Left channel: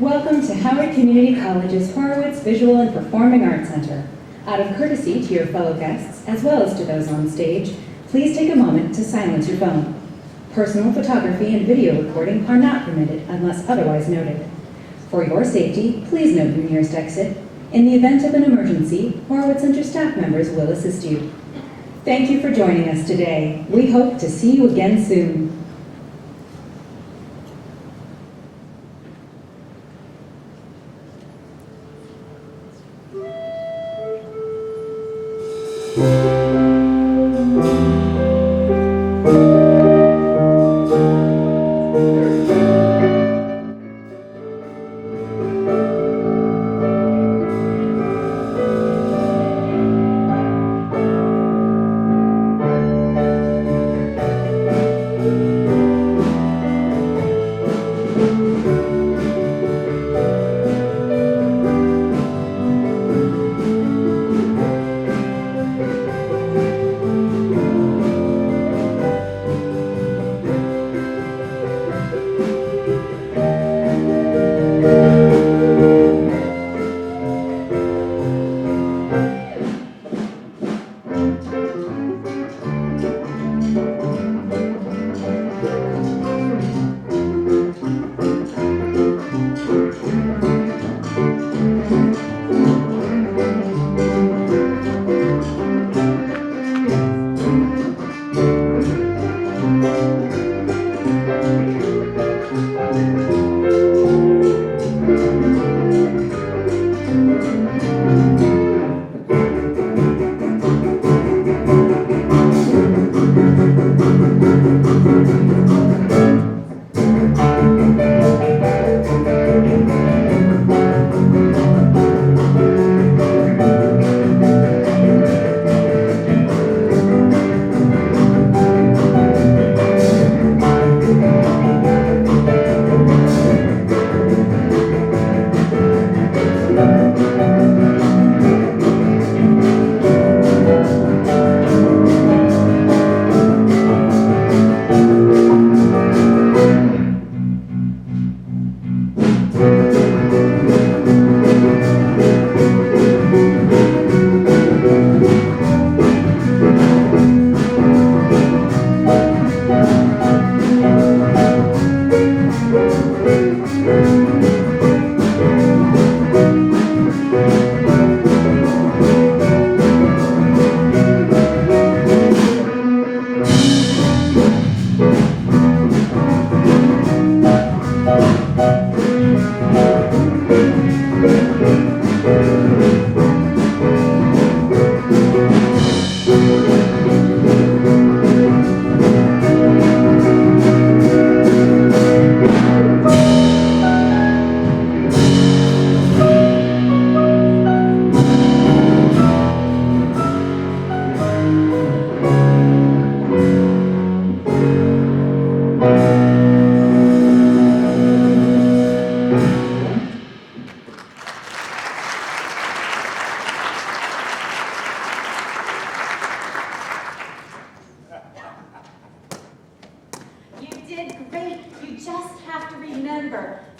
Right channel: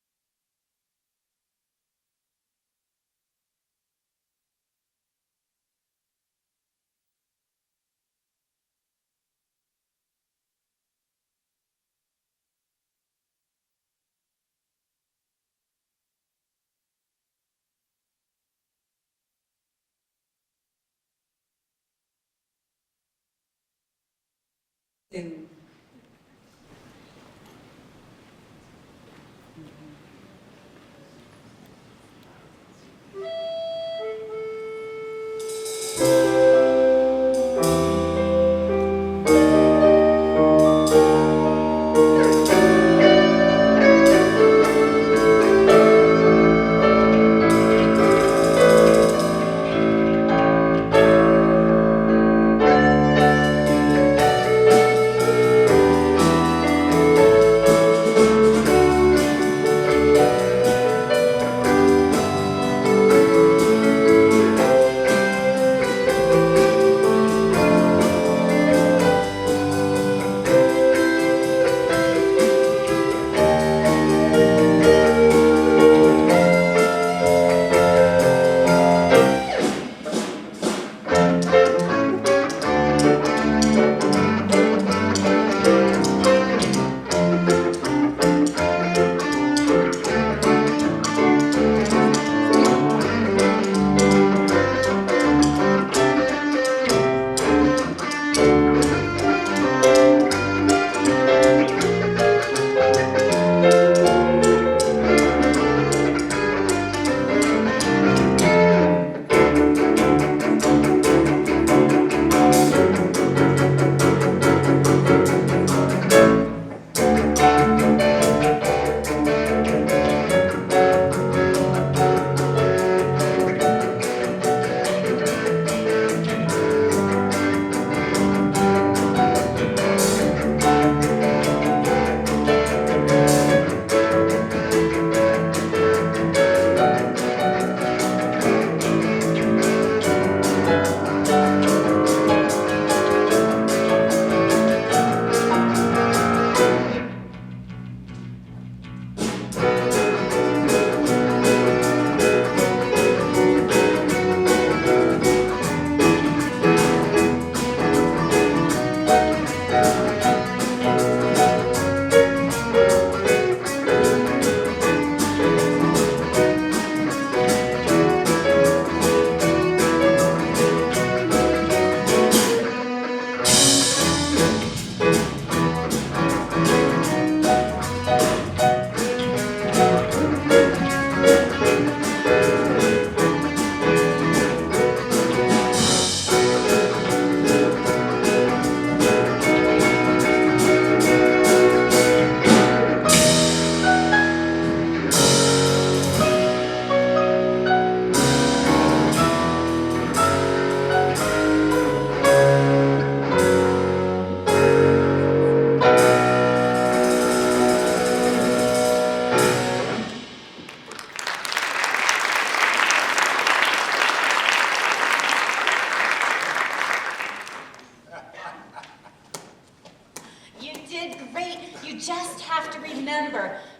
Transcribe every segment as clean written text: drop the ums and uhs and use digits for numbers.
Welcome to Howard Community College's Horowitz Visual and Performing Arts Center. Out of courtesy to your fellow guests, as well as to those on stage, please take a moment to silence your phone. Personal photography and video recording are not permitted unless otherwise noted. For your safety, please note your nearest exit. In the event of an emergency, Horowitz Center staff members will assist you. Thank you for joining us today. We hope to see you again soon.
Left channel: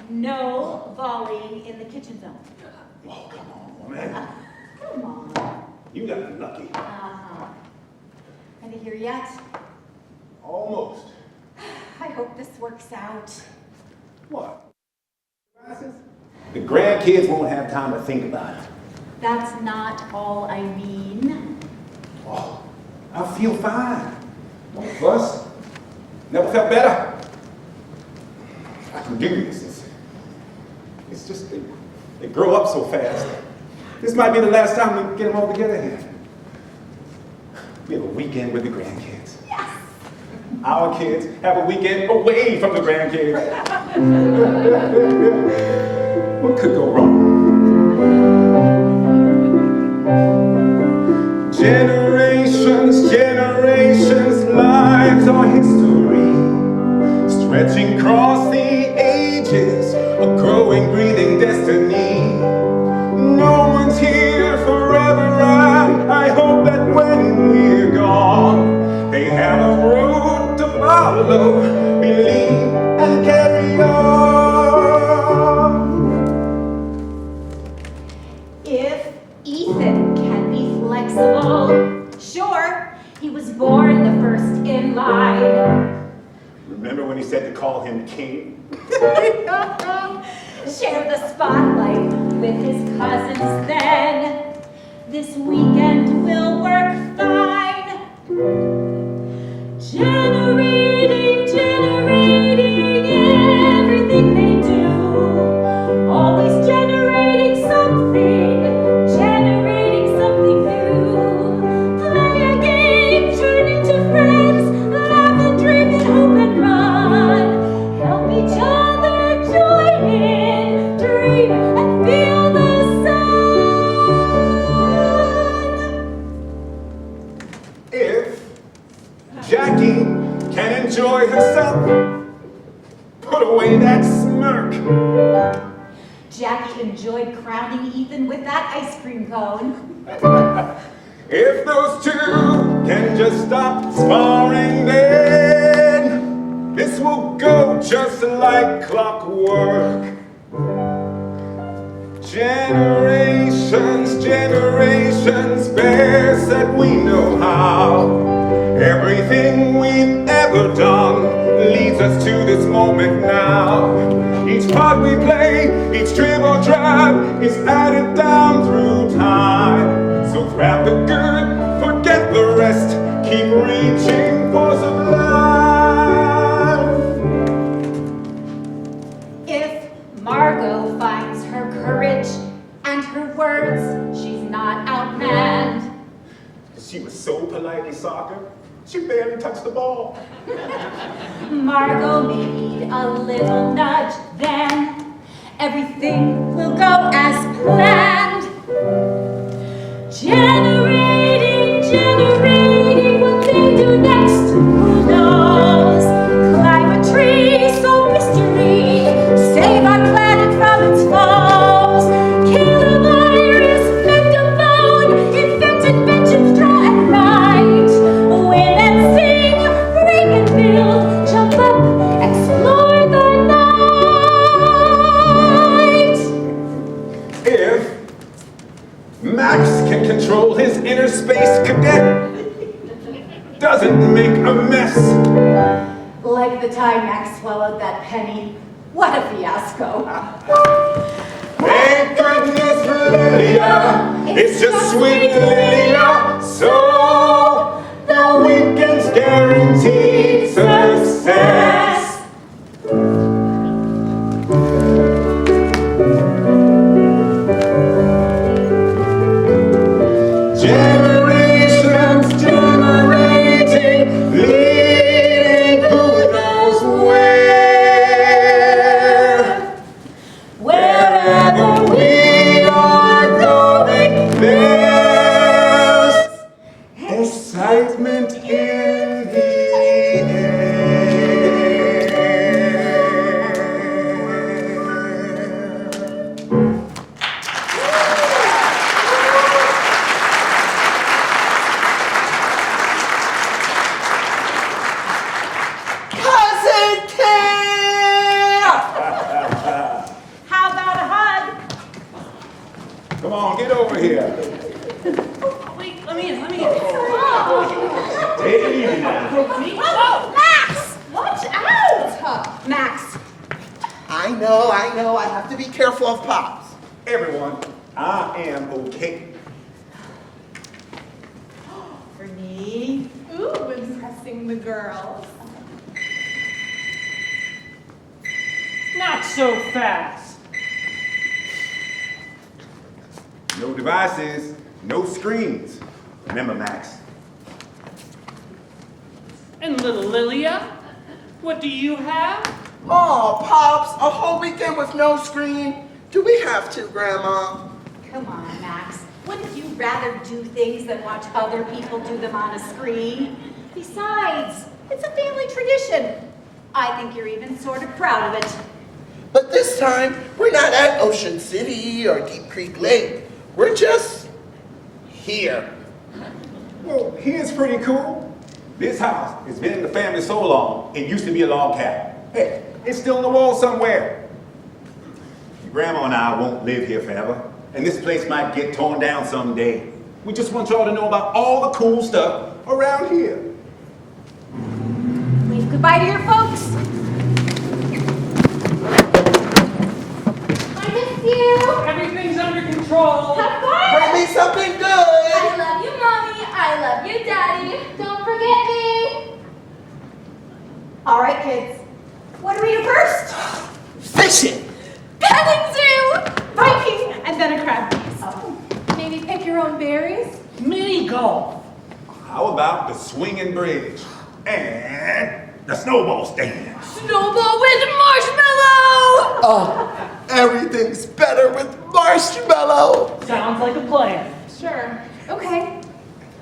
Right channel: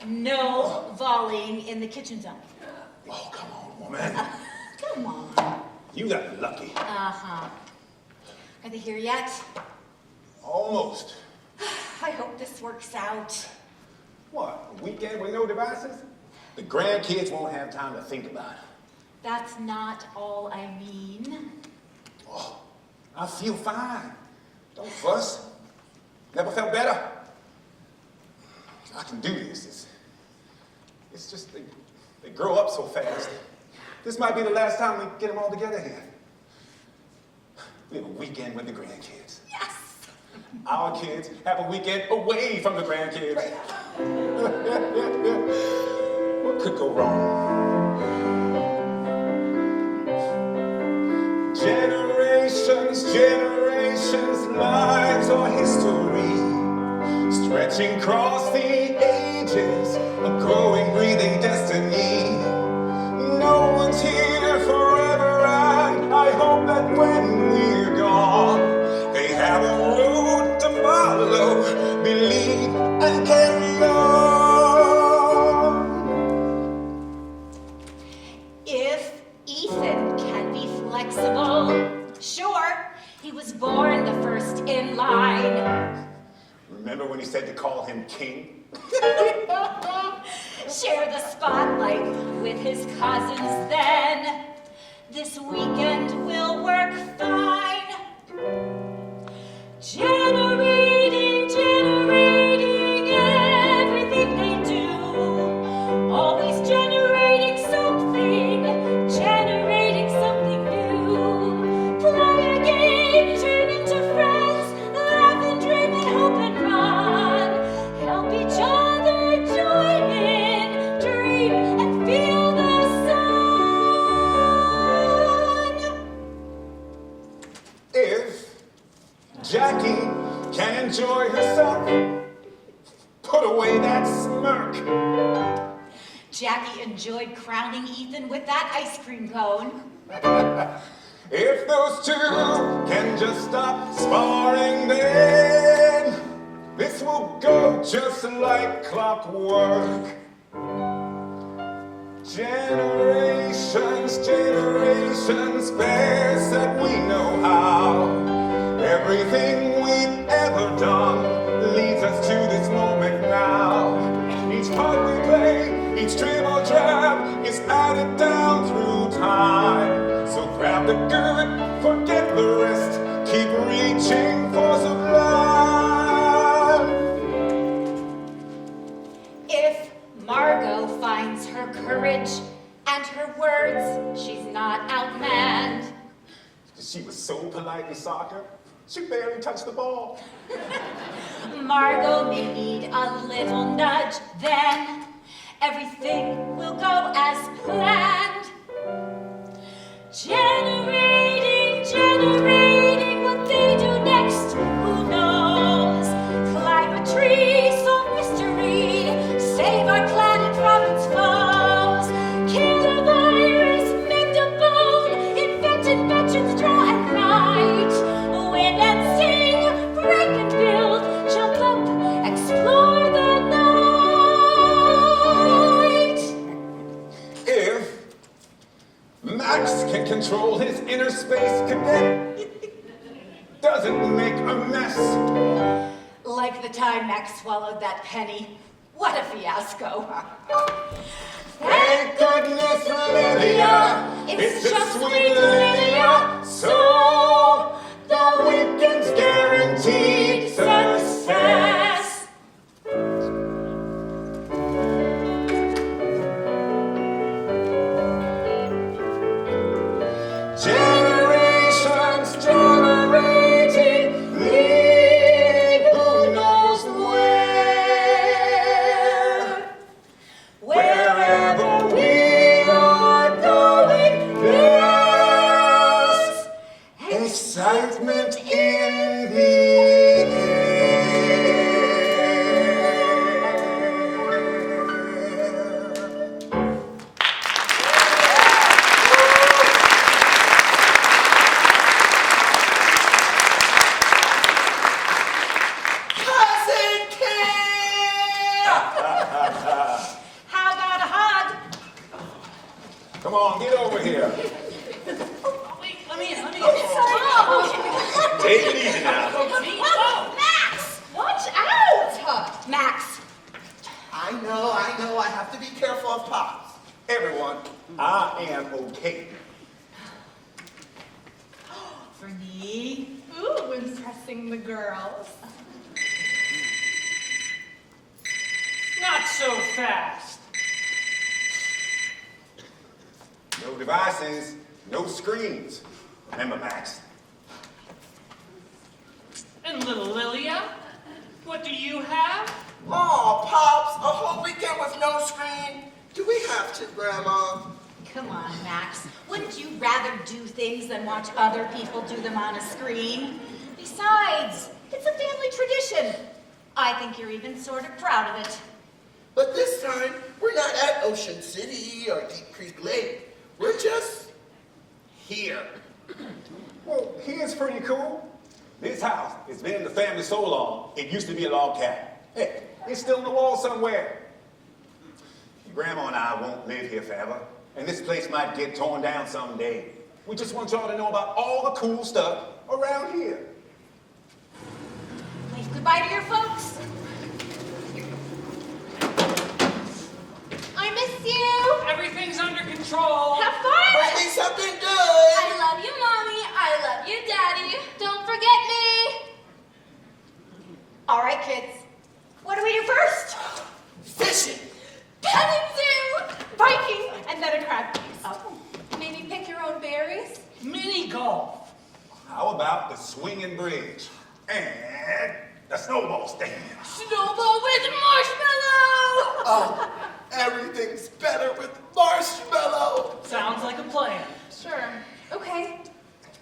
No volleying in the kitchen zone. Oh, come on, woman. Come on. You got lucky. Uh-huh. Are they here yet? Almost. I hope this works out. What, a weekend with no devices? The grandkids won't have time to think about it. That's not all I mean. Oh, I feel fine. No fuss. Never felt better. I can do this. It's just they grow up so fast. This might be the last time we get them all together here. We have a weekend with the grandkids. Yes! Our kids have a weekend away from the grandkids. What could go wrong? Generations, lives are history, stretching across the ages, a growing, breathing destiny. No one's here forever, and I hope that when we're gone, they have a road to follow, believe and carry on. Remember when he said to call him king? Share the spotlight with his cousins then. This weekend will work fine. Generating everything they do. Always generating something new. Play a game, turn into friends, laugh and drink and hope and run. Help each other join in, dream and feel the sun. If Jackie can enjoy herself, put away that smirk. Jackie enjoyed crowning Ethan with that ice cream cone. If those two can just stop sparring, then this will go just like clockwork. Generations bear said we know how. Everything we've ever done leads us to this moment now. Each part we play, each dream or drive is added down through time. So grab the good, forget the rest, keep reaching for sublime. If Margot finds her courage and her words, she's not outmanned. She was so polite in soccer, she barely touched the ball. Margot may need a little nudge, then everything will go as planned. Generating what they do next, who knows? Climb a tree, solve mystery, save our planet from its foes. Kill a virus, mend a bone, invent inventions, draw and write. Win and sing, break and build, jump up, explore the night. If Max can control his inner space cadet, doesn't make a mess. Like the time Max swallowed that penny. What a fiasco. Thank goodness for Lilia, it's just sweet Lilia. So the weekend's guaranteed success. Generations generating, leading who knows where. Wherever we are going, there's excitement in the air. Cousin Camp! How about a hug? Come on, get over here. Wait, let me in. Take it easy now. Oh, Max! Watch out! Max, I know, I have to be careful of Pops. Everyone, I am okay. Bernie. Ooh, impressing the girls. Not so fast. No devices, no screens. Remember, Max. And little Lilia, what do you have? Oh, Pops, a whole weekend with no screen? Do we have to, Grandma? Come on, Max. Wouldn't you rather do things than watch other people do them on a screen? Besides, it's a family tradition. I think you're even sort of proud of it. But this time, we're not at Ocean City or Deep Creek Lake. We're just here. Well, here's pretty cool. This house has been in the family so long, it used to be a log cabin. Hey, it's still in the wall somewhere. Your grandma and I won't live here forever, and this place might get torn down someday. We just want y'all to know about all the cool stuff around here. Wave goodbye to your folks. Patrol. Have fun! Bring me something good. I love you, Mommy. I love you, Daddy. Don't forget me. All right, kids. What do we do first? Fishing. Petting zoo! Biking! And then a crab race. Oh. Maybe pick your own berries? Mini golf. How about the swinging bridge and the snowball stand? Snowball with marshmallow! Oh, everything's better with marshmallow. Sounds like a plan. Sure. Okay.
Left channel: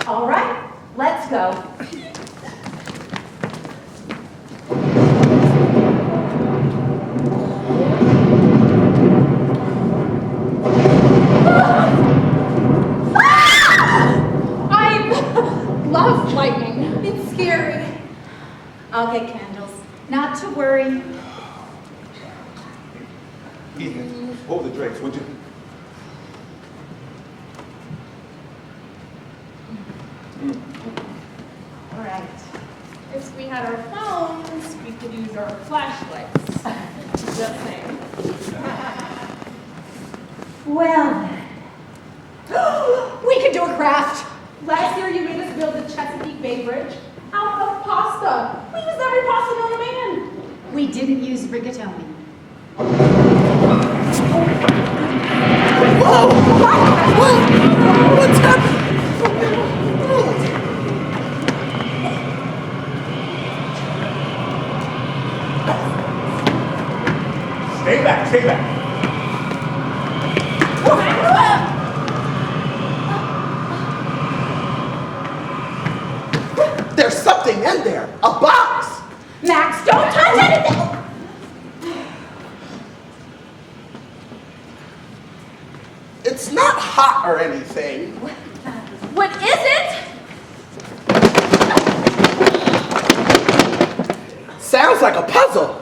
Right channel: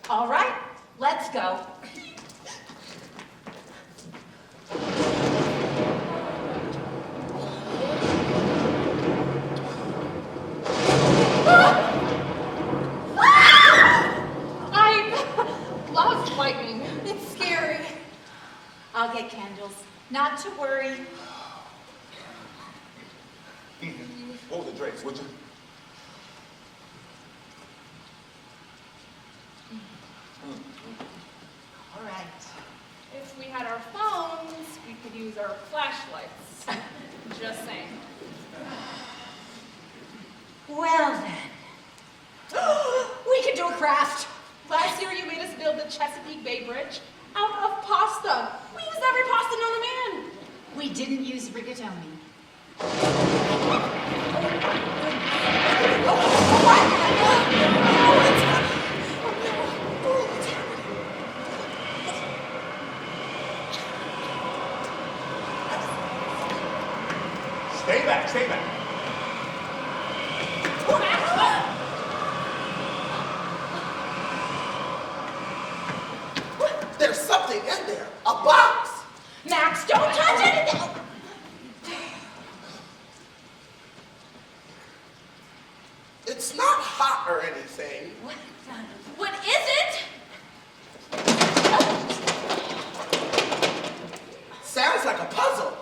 All right. Let's go. I love lightning. It's scary. I'll get candles. Not to worry. Ethan, hold the drinks, would you? All right. If we had our phones, we could use our flashlights. Just saying. Well then. We could do a craft. Last year you made us build the Chesapeake Bay Bridge out of pasta. We used every pasta known to man. We didn't use rigatoni. What's happening? Stay back, stay back. There's something in there. A box. Max, don't touch anything! It's not hot or anything. What is it? Sounds like a puzzle.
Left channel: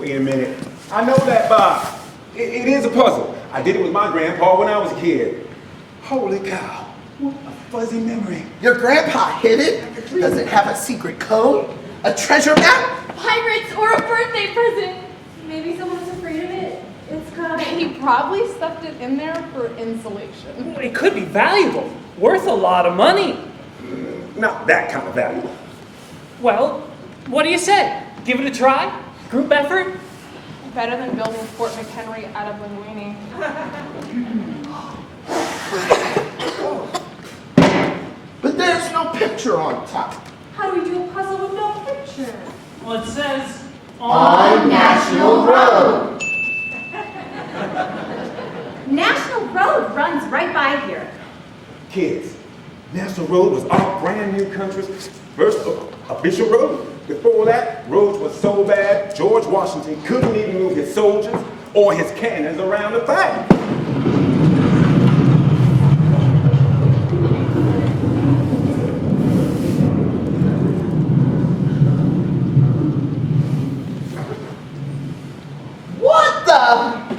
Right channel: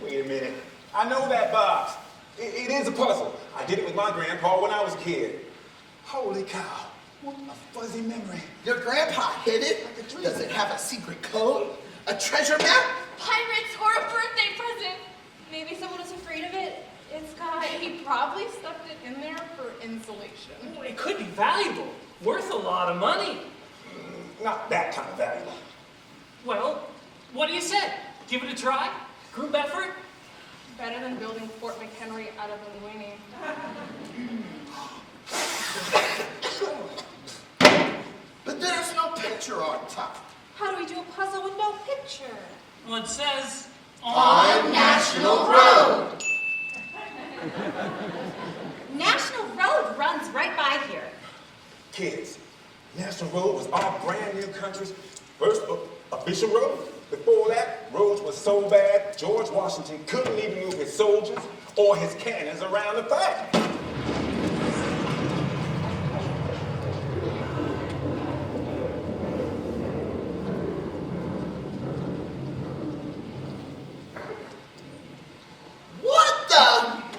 Wait a minute. I know that box. It is a puzzle. I did it with my grandpa when I was a kid. Holy cow. What a fuzzy memory. Your grandpa hid it. Does it have a secret code? A treasure map? Pirates or a birthday present. Maybe someone was afraid of it. It's got He probably stuffed it in there for insulation. It could be valuable. Worth a lot of money. Not that kind of value. Well, what do you say? Give it a try? Group effort? Better than building Fort McHenry out of linguine. But there's no picture on top. How do we do a puzzle with no picture? Well, it says On National Road. National Road runs right by here. Kids, National Road was our brand new country's first official road. Before that, roads were so bad, George Washington couldn't even move his soldiers or his cannons around the fight. What the?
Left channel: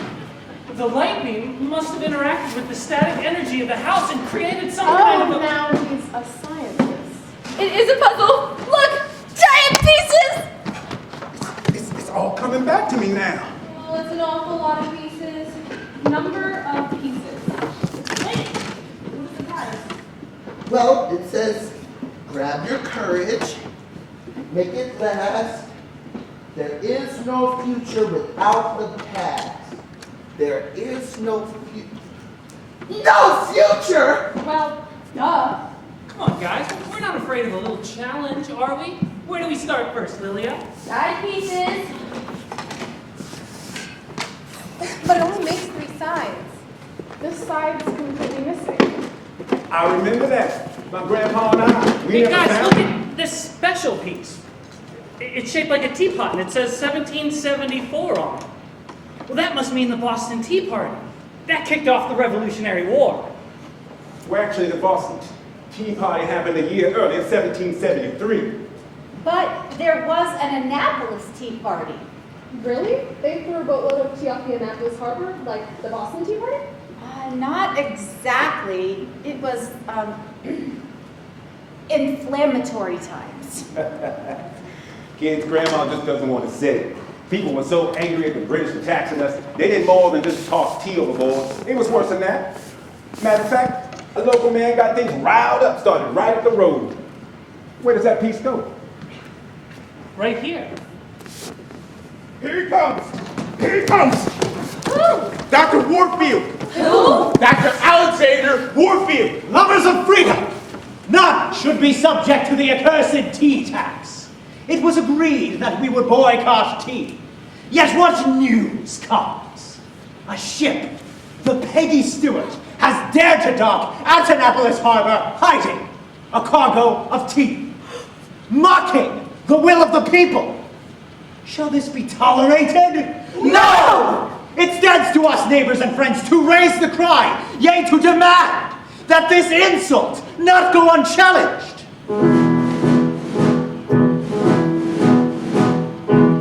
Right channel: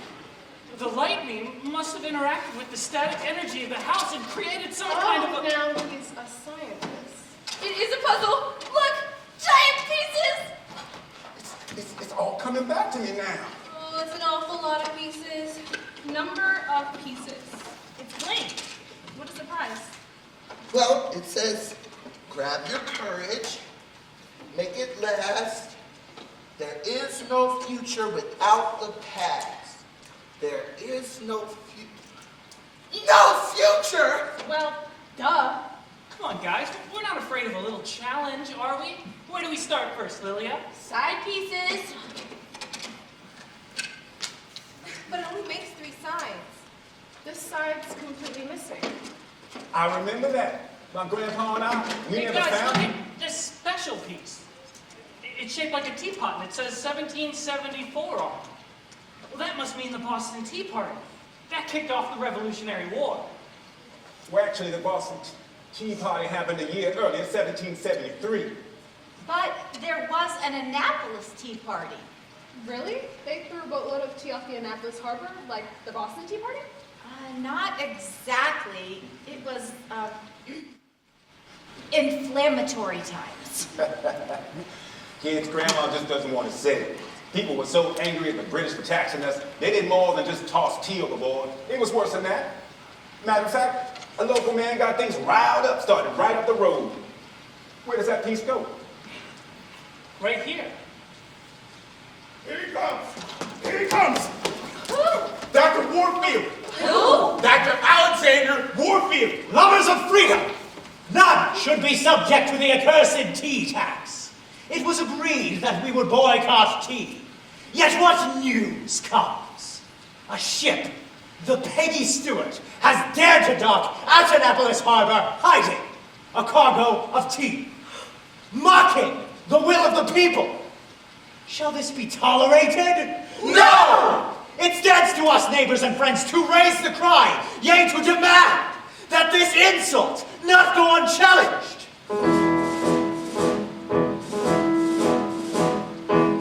the lightning must have interacted with the static energy of the house and created some kind of Oh, a... now he's a scientist. It is a puzzle. Look, giant pieces. It's all coming back to me now. Oh, it's an awful lot of pieces. Number of pieces. Wait, what is the prize? Well, it says, grab your courage, make it last. There is no future without the past. There is no future! Well, duh. Come on, guys. We're not afraid of a little challenge, are we? Where do we start first, Lilia? Side pieces. But it only makes 3 sides. This side's completely missing. I remember that. My grandpa and I, we Hey, never guys, found look at this special piece. It's shaped like a teapot, and it says 1774 on it. Well, that must mean the Boston Tea Party. That kicked off the Revolutionary War. Well, actually, the Boston Tea Party happened a year earlier, 1773. But there was an Annapolis Tea Party. Really? They threw a boatload of tea off the Annapolis Harbor, like the Boston Tea Party? Not exactly. It was, inflammatory times. Kids, grandma just doesn't want to say it. People were so angry at the British for taxing us, they did more than just toss tea overboard. It was worse than that. Matter of fact, a local man got things riled up, started right up the road. Where does that piece go? Right here. Here he comes! Here he comes! Dr. Warfield! Who? Dr. Alexander Warfield! Lovers of freedom! None should be subject to the accursed tea tax. It was agreed that we would boycott tea. Yet what news comes? A ship, the Peggy Stewart, has dared to dock at Annapolis Harbor, hiding a cargo of tea, mocking the will of the people. Shall this be tolerated? No! It stands to us, neighbors and friends, to raise the cry, yea, to demand that this insult not go unchallenged.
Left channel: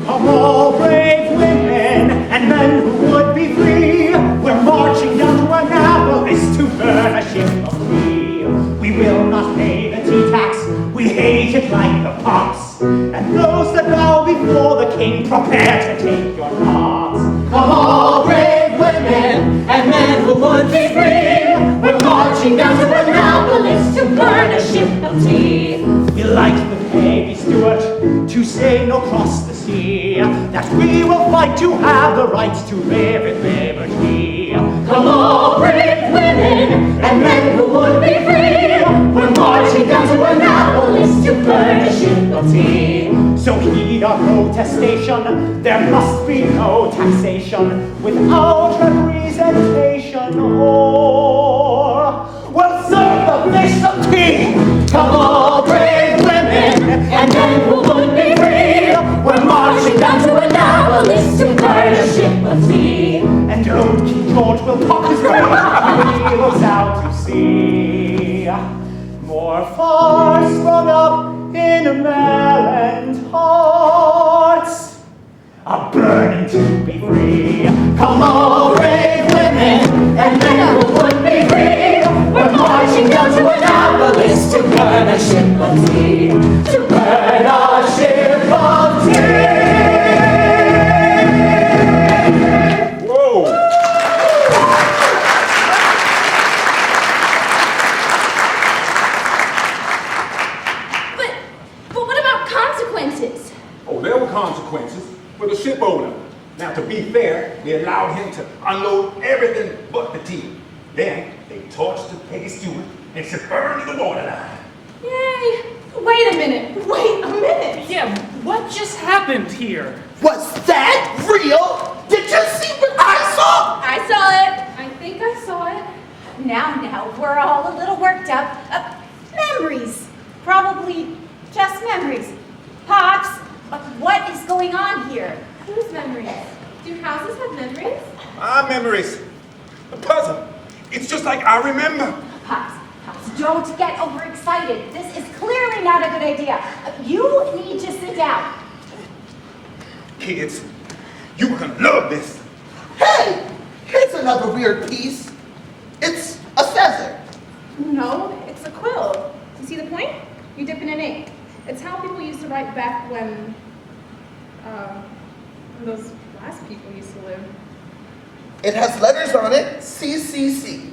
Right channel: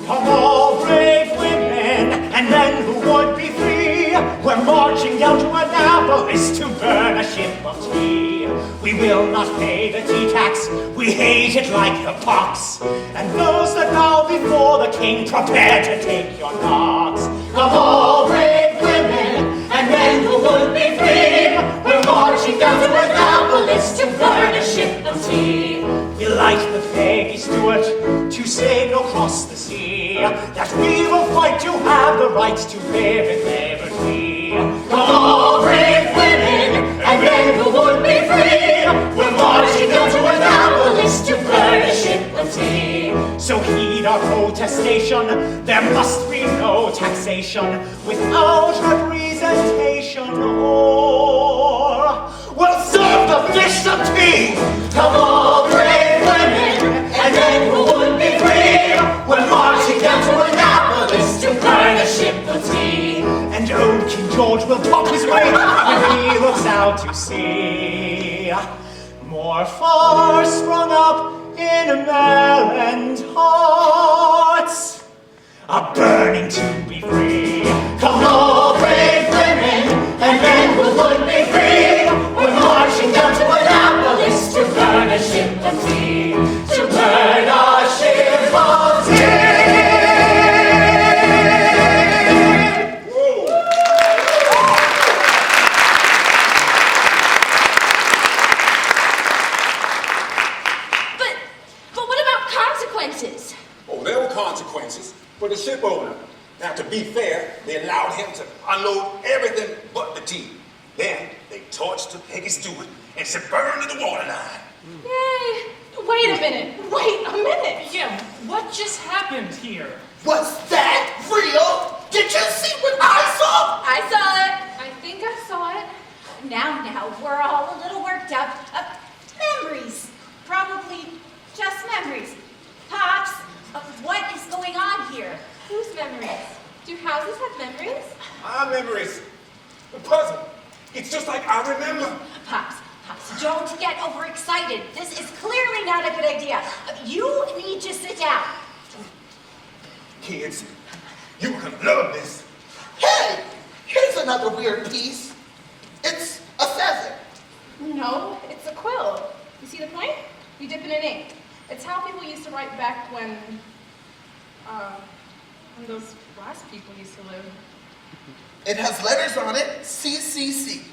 Come all brave women and men who would be free. We're marching down to Annapolis to burn a ship of tea. We will not pay the tea tax, we hate it like the pox. And those that bow before the king prepare to take your knocks. Come all brave women and men who would be free. We're marching down to Annapolis to burn a ship of tea. You like the Peggy Stewart to sail across the sea, that we will fight to have the rights to live in liberty. Come all brave women and men who would be free. We're marching down to Annapolis to burn a ship of tea. So heed our protestation, there must be no taxation without representation, or we'll serve the fish the tea. Come all brave women and men who would be free. We're marching down to Annapolis to burn a ship of tea. And old King George will talk his way when he looks out to sea. More far sprung up in Maryland hearts, are burning to be free. Come all brave women and men who would be free. We're marching down to Annapolis to burn a ship of tea. To burn a ship of tea. Whoa! But what about consequences? Oh, there were consequences for the ship owner. Now, to be fair, they allowed him to unload everything but the tea. Then, they torched the Peggy Stewart and she burned to the waterline. Yay! Wait a minute. Wait a minute. Yeah, what just happened here? Was that real? Did you see what I saw? I saw it. I think I saw it. Now, we're all a little worked up. Memories. Probably just memories. Pops, what is going on here? Whose memories? Do houses have memories? My memories. A puzzle. It's just like I remember. Pops, don't get overexcited. This is clearly not a good idea. You need to sit down. Kids, you're gonna love this. Hey, here's another weird piece. It's a feather. No, it's a quill. You see the point? You dip it in ink. It's how people used to write back when those last people used to live. It has letters on it, CCC.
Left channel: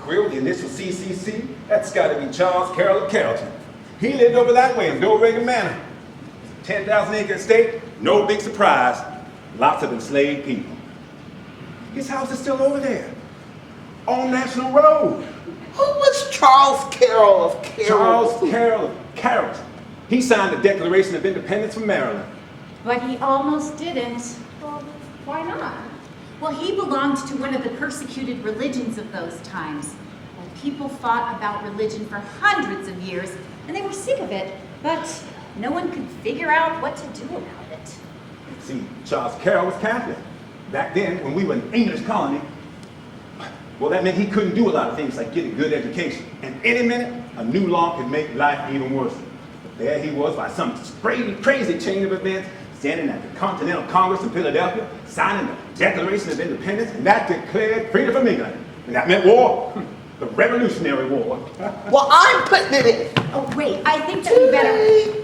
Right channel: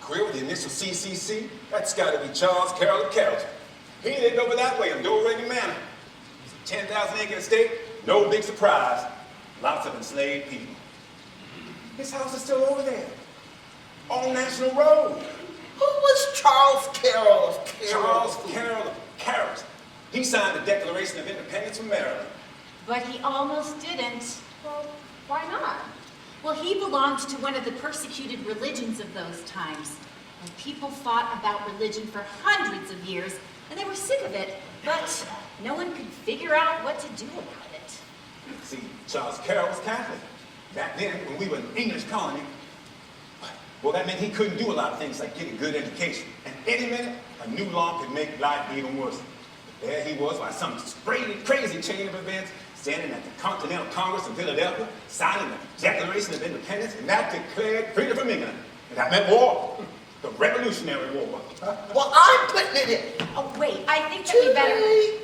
Quill, the initial CCC, that's gotta be Charles Carroll of Carrollton. He lived over that way in Dorega Manor. 10,000-acre estate, no big surprise. Lots of enslaved people. His house is still over there, on National Road. Who was Charles Carroll of Carroll? Charles Carroll of Carrollton. He signed the Declaration of Independence from Maryland. But he almost didn't. Well, why not? Well, he belonged to one of the persecuted religions of those times. And people fought about religion for hundreds of years, and they were sick of it, but no one could figure out what to do about it. See, Charles Carroll was Catholic. Back then, when we were an English colony, well, that meant he couldn't do a lot of things like get a good education. And any minute, a new law could make life even worse. But there he was, by some crazy chain of events, standing at the Continental Congress in Philadelphia, signing the Declaration of Independence, and that declared freedom from England. And that meant war, the Revolutionary War. Well, I'm putting it in. Oh, wait, I think that we better...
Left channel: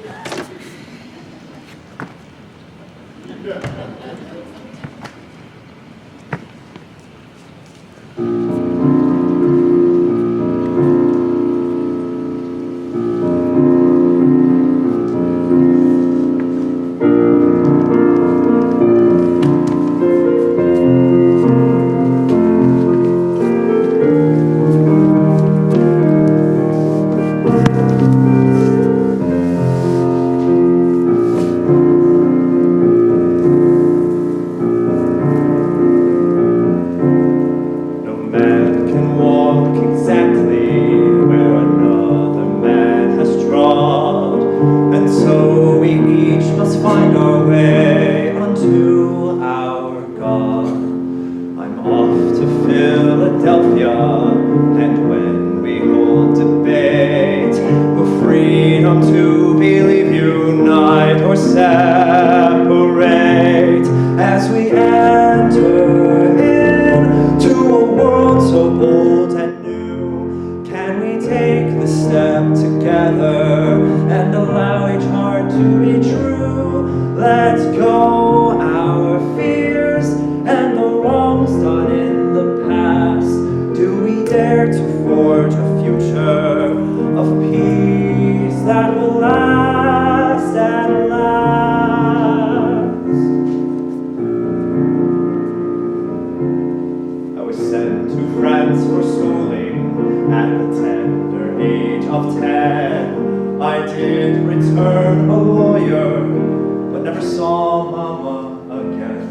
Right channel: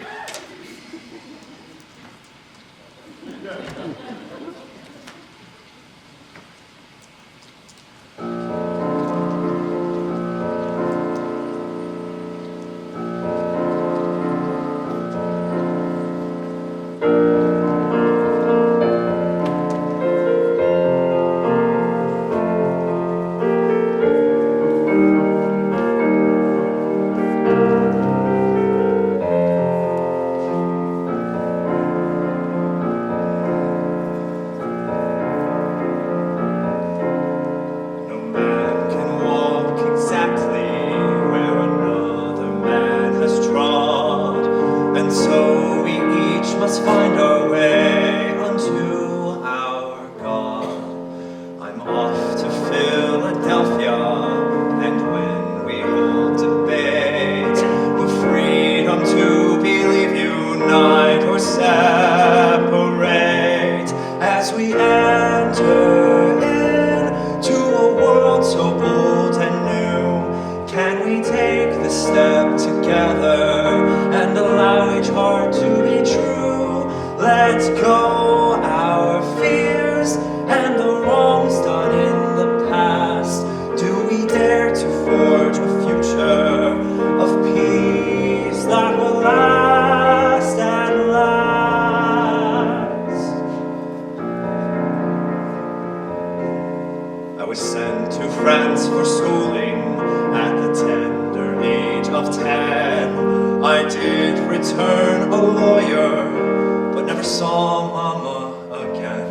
mama again.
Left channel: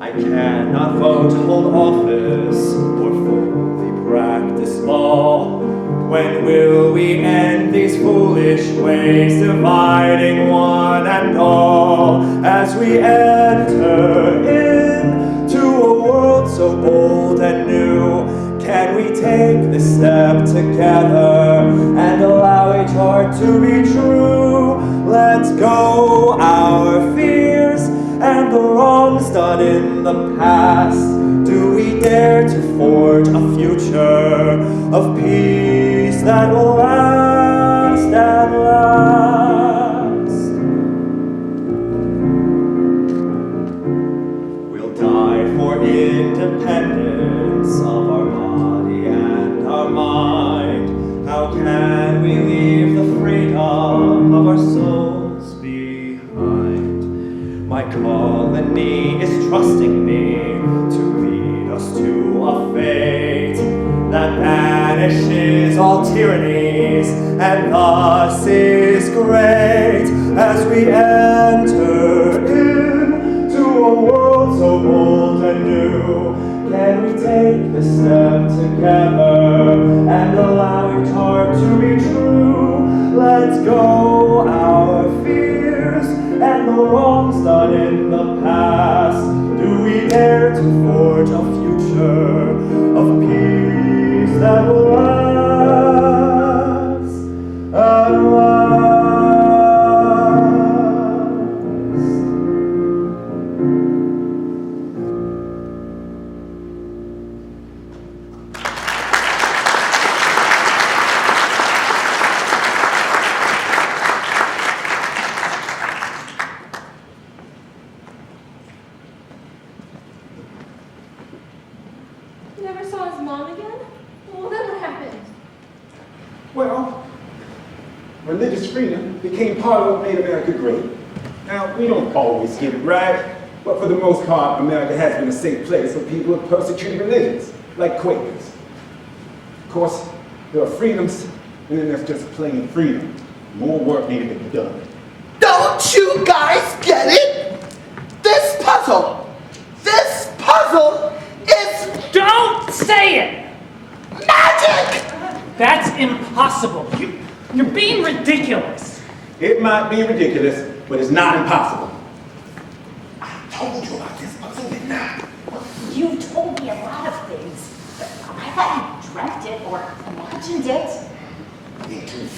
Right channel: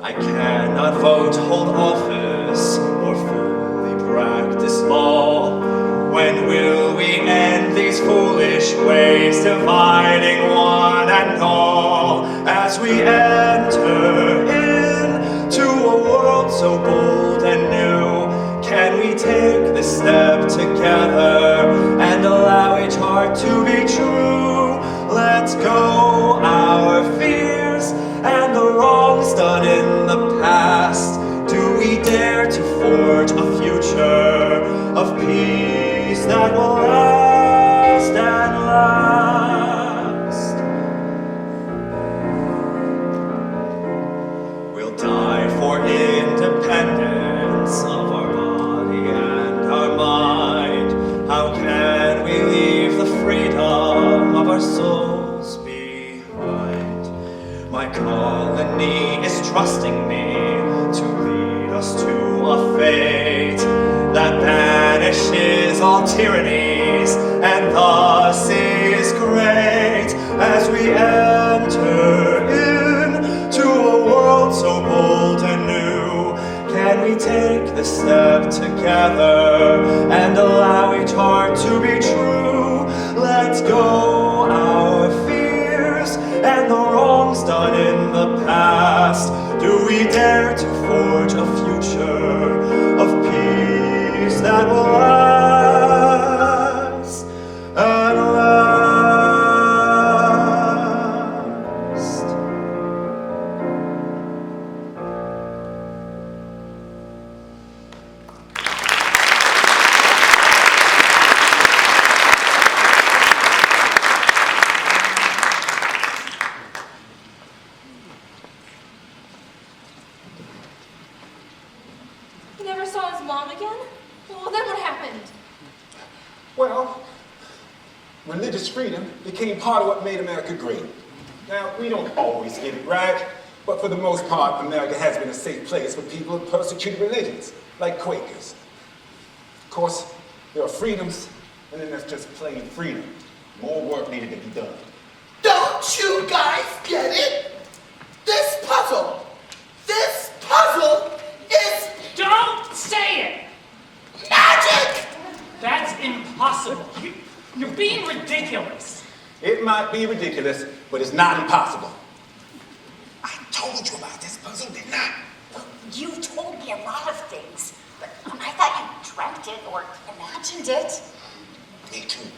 I cannot vote, hold office, or fully practice law. When will we end these foolish ways, dividing one and all? As we enter into a world so bold and new, can we take this step together and allow each heart to be true? Let's go our fears and the wrongs done in the past. Do we dare to forge a future of peace that will last and last? We'll die for independence of our body and our mind. How can we leave the freedom of our souls behind? My colony is trusting me to lead us to a fate that banishes all tyrannies and thus is great. As we enter into a world so bold and new, can we take this step together and allow each heart to be true? Let's go our fears and the wrongs done in the past. Do we dare to forge a future of peace that will last and last? You never saw his mom again? Well, then what happened? Well, religious freedom became part of what made America great. Now, we don't always get it right, but for the most part, America has been a safe place for people of persecuted religions, like Quakers. Of course, there are freedoms, and then there's just plain freedom. More work needed to be done. Don't you guys get it? This puzzle is Don't say it! magic! That's impossible. You're being ridiculous. It might be ridiculous, but it's not impossible. I told you about this puzzle, didn't I? You told me a lot of things, but I thought you dreamt it or imagined it. Me too.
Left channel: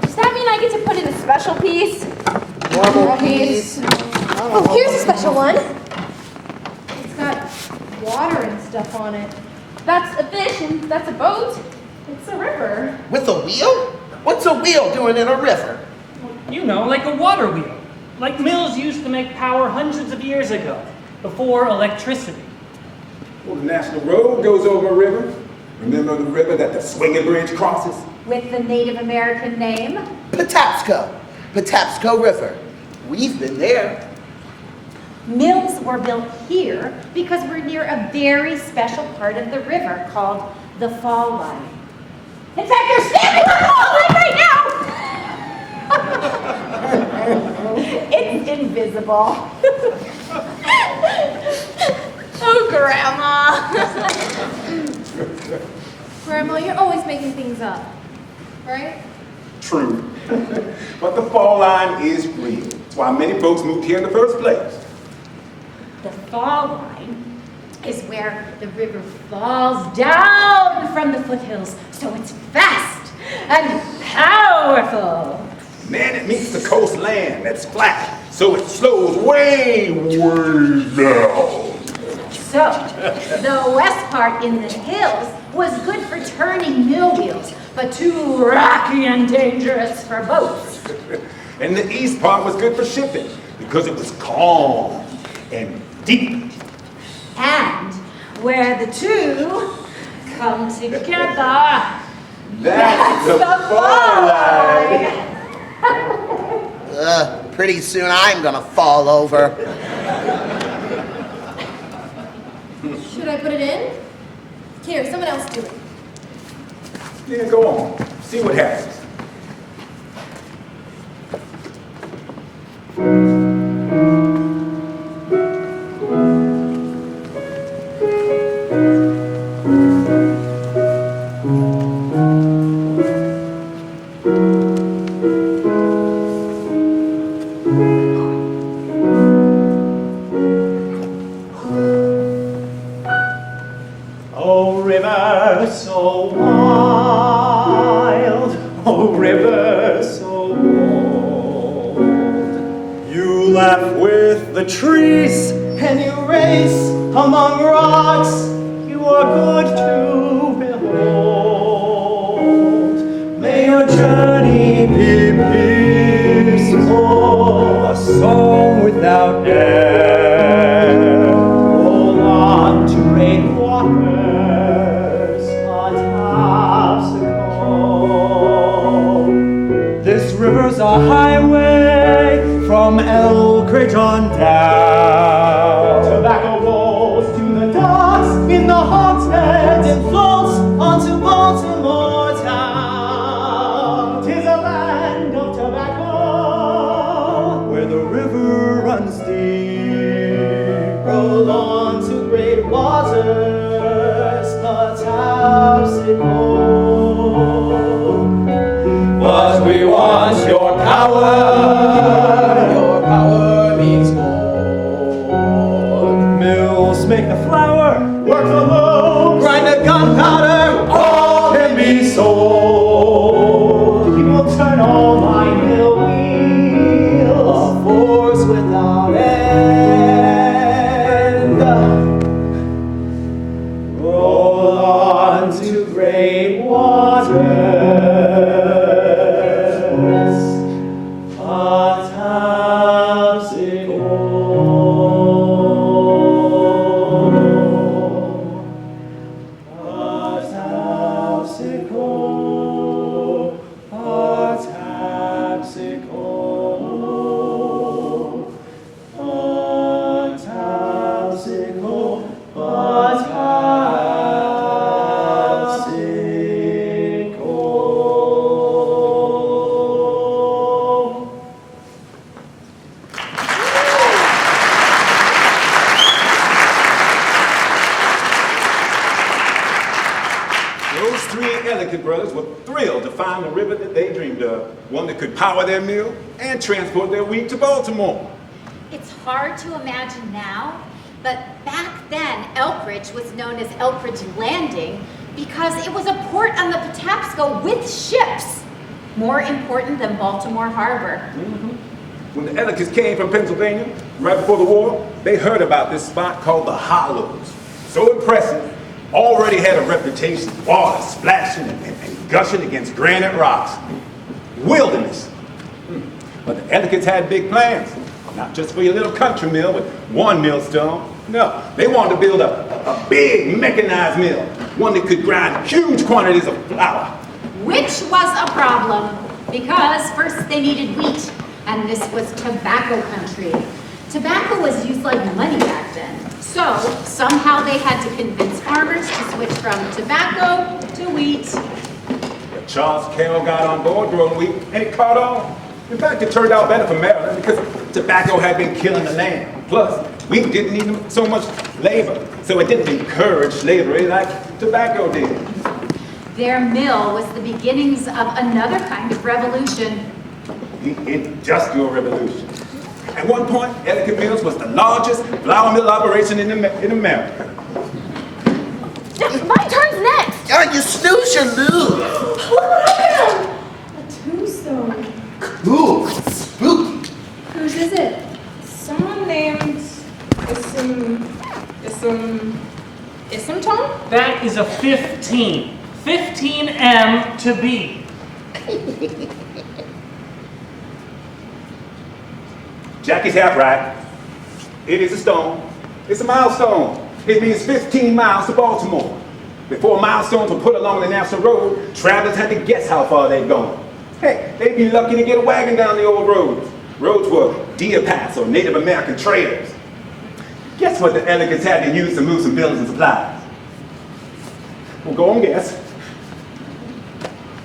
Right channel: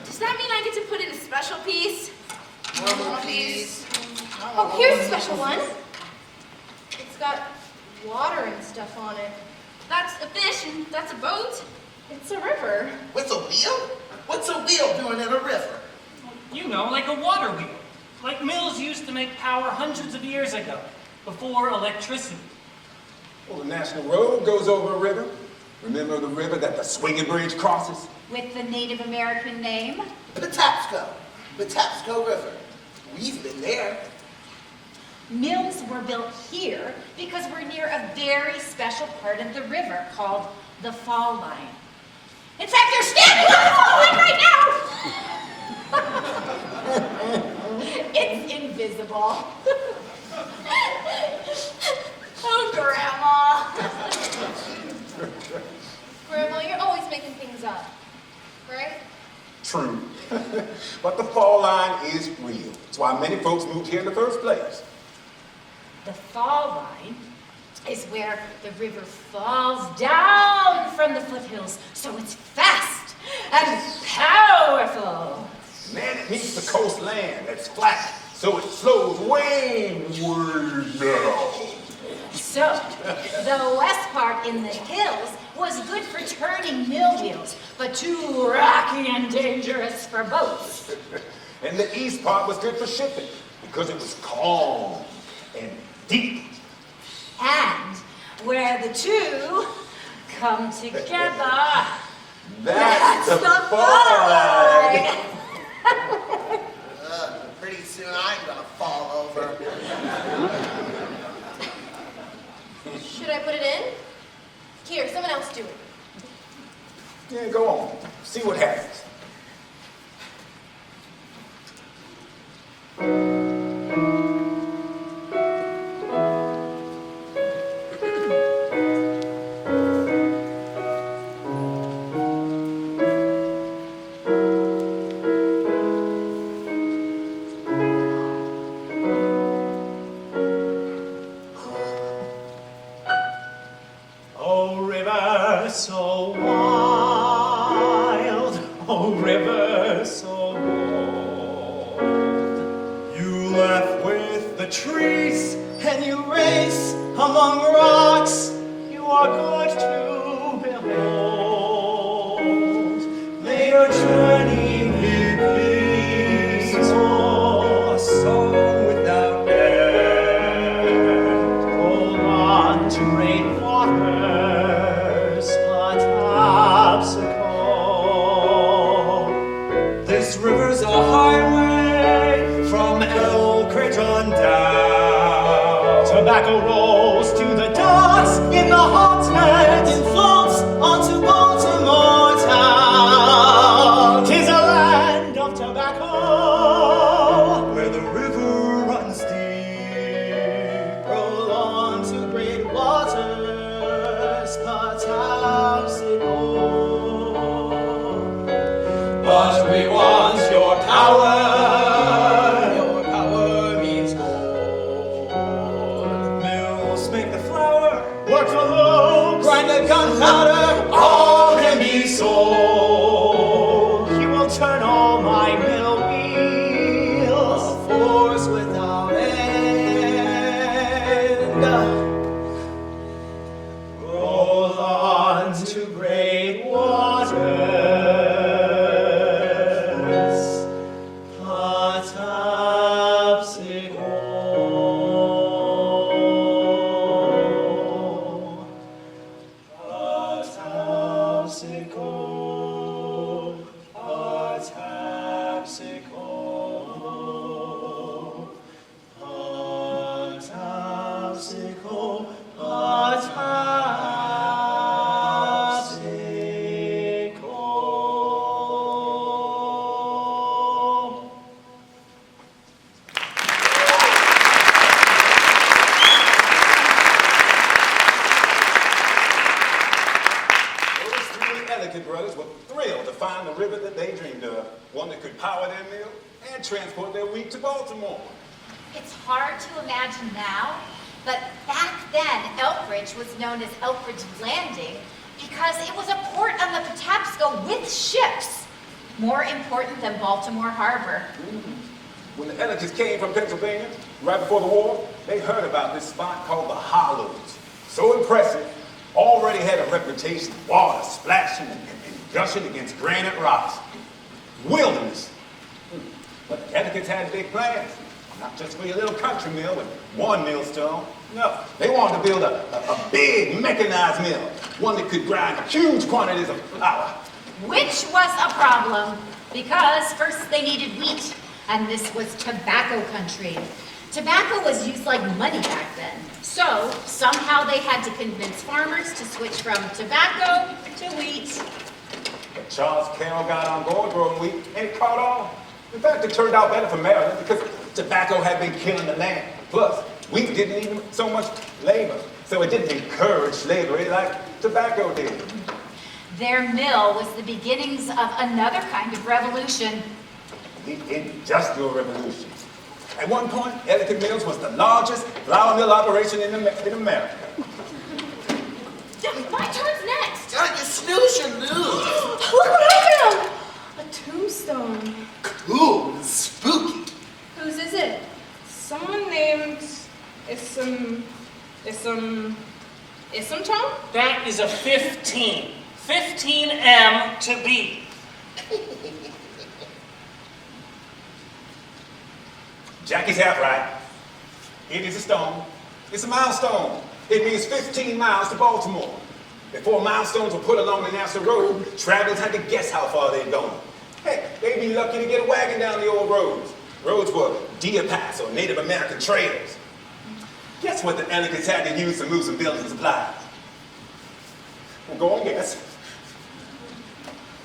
Does that mean I get to put in a special piece? Normal piece. Oh, here's a special one. It's got water and stuff on it. That's a fish and that's a boat. It's a river. With a wheel? What's a wheel doing in a river? You know, like a water wheel. Like mills used to make power hundreds of years ago, before electricity. Well, the National Road goes over a river. Remember the river that the swinging bridge crosses? With the Native American name? Patapsco River. We've been there. Mills were built here because we're near a very special part of the river called the Fall Line. In fact, they're standing on the Fall Line right now! It's invisible. Oh, Grandma. Grandma, you're always making things up, right? True. But the fall line is real. That's why many folks moved here in the first place. The Fall Line is where the river falls down from the foothills, so it's fast and powerful. Then it meets the coastline that's flat, so it slows way down. So, the west part in the hills was good for turning mill wheels, but too rocky and dangerous for boats. And the east part was good for shipping, because it was calm and deep. And where the two come together, That's the fall line. Pretty soon I'm gonna fall over. Should I put it in? Here, someone else do it. Yeah, go on. See what happens. laugh with the trees, and you race among rocks. You are good to behold. May your journey be peaceful, a song without end. Roll on to great waters, a topsicle. This river's a highway from Elkridge on down. Tobacco rolls to the docks in the haunted and floats onto Baltimore town. 'Tis a land of tobacco where the river runs deep. Roll on to great waters, the topsicle. But we want your power. Your power means gold. Mills make the flour, work the loaves, grind the gunpowder, all can be sold. He will turn all my mill wheels, a force without end. Roll on to great waters. Those three Ellicott brothers were thrilled to find the river that they dreamed of, one that could power their mill and transport their wheat to Baltimore. It's hard to imagine now, but back then Elkridge was known as Elkridge Landing because it was a port on the Patapsco with ships, more important than Baltimore Harbor. When the Ellicotts came from Pennsylvania, right before the war, they heard about this spot called the Hollows. So impressive, already had a reputation, water splashing and gushing against granite rocks. Wilderness. But the Ellicotts had big plans, not just for your little country mill with one millstone. No, they wanted to build a big mechanized mill, one that could grind huge quantities of flour. Which was a problem, because first they needed wheat, and this was tobacco country. Tobacco was used like money back then. So somehow they had to convince farmers to switch from tobacco to wheat. But Charles Carroll got on board growing wheat and it caught on. In fact, it turned out better for Maryland because tobacco had been killing the land. Plus, wheat didn't need so much labor, so it didn't encourage slavery like tobacco did. Their mill was the beginnings of another kind of revolution. The Industrial Revolution. At one point, Ellicott Mills was the largest flour mill operation in America. My turn's next. Yeah, you snooze, you lose. Look what I found. A tombstone. Cool, spooky. Whose is it? Someone named Ism Tom? That is a 15. 15M to be. Jackie's half right. It is a stone. It's a milestone. It means 15 miles to Baltimore. Before milestones were put along the national road, travelers had to guess how far they'd gone. Hey, they'd be lucky to get a wagon down the old roads. Roads were deer paths or Native American trails. Guess what the Ellicotts had to use to move some buildings and supplies? Well, go and guess.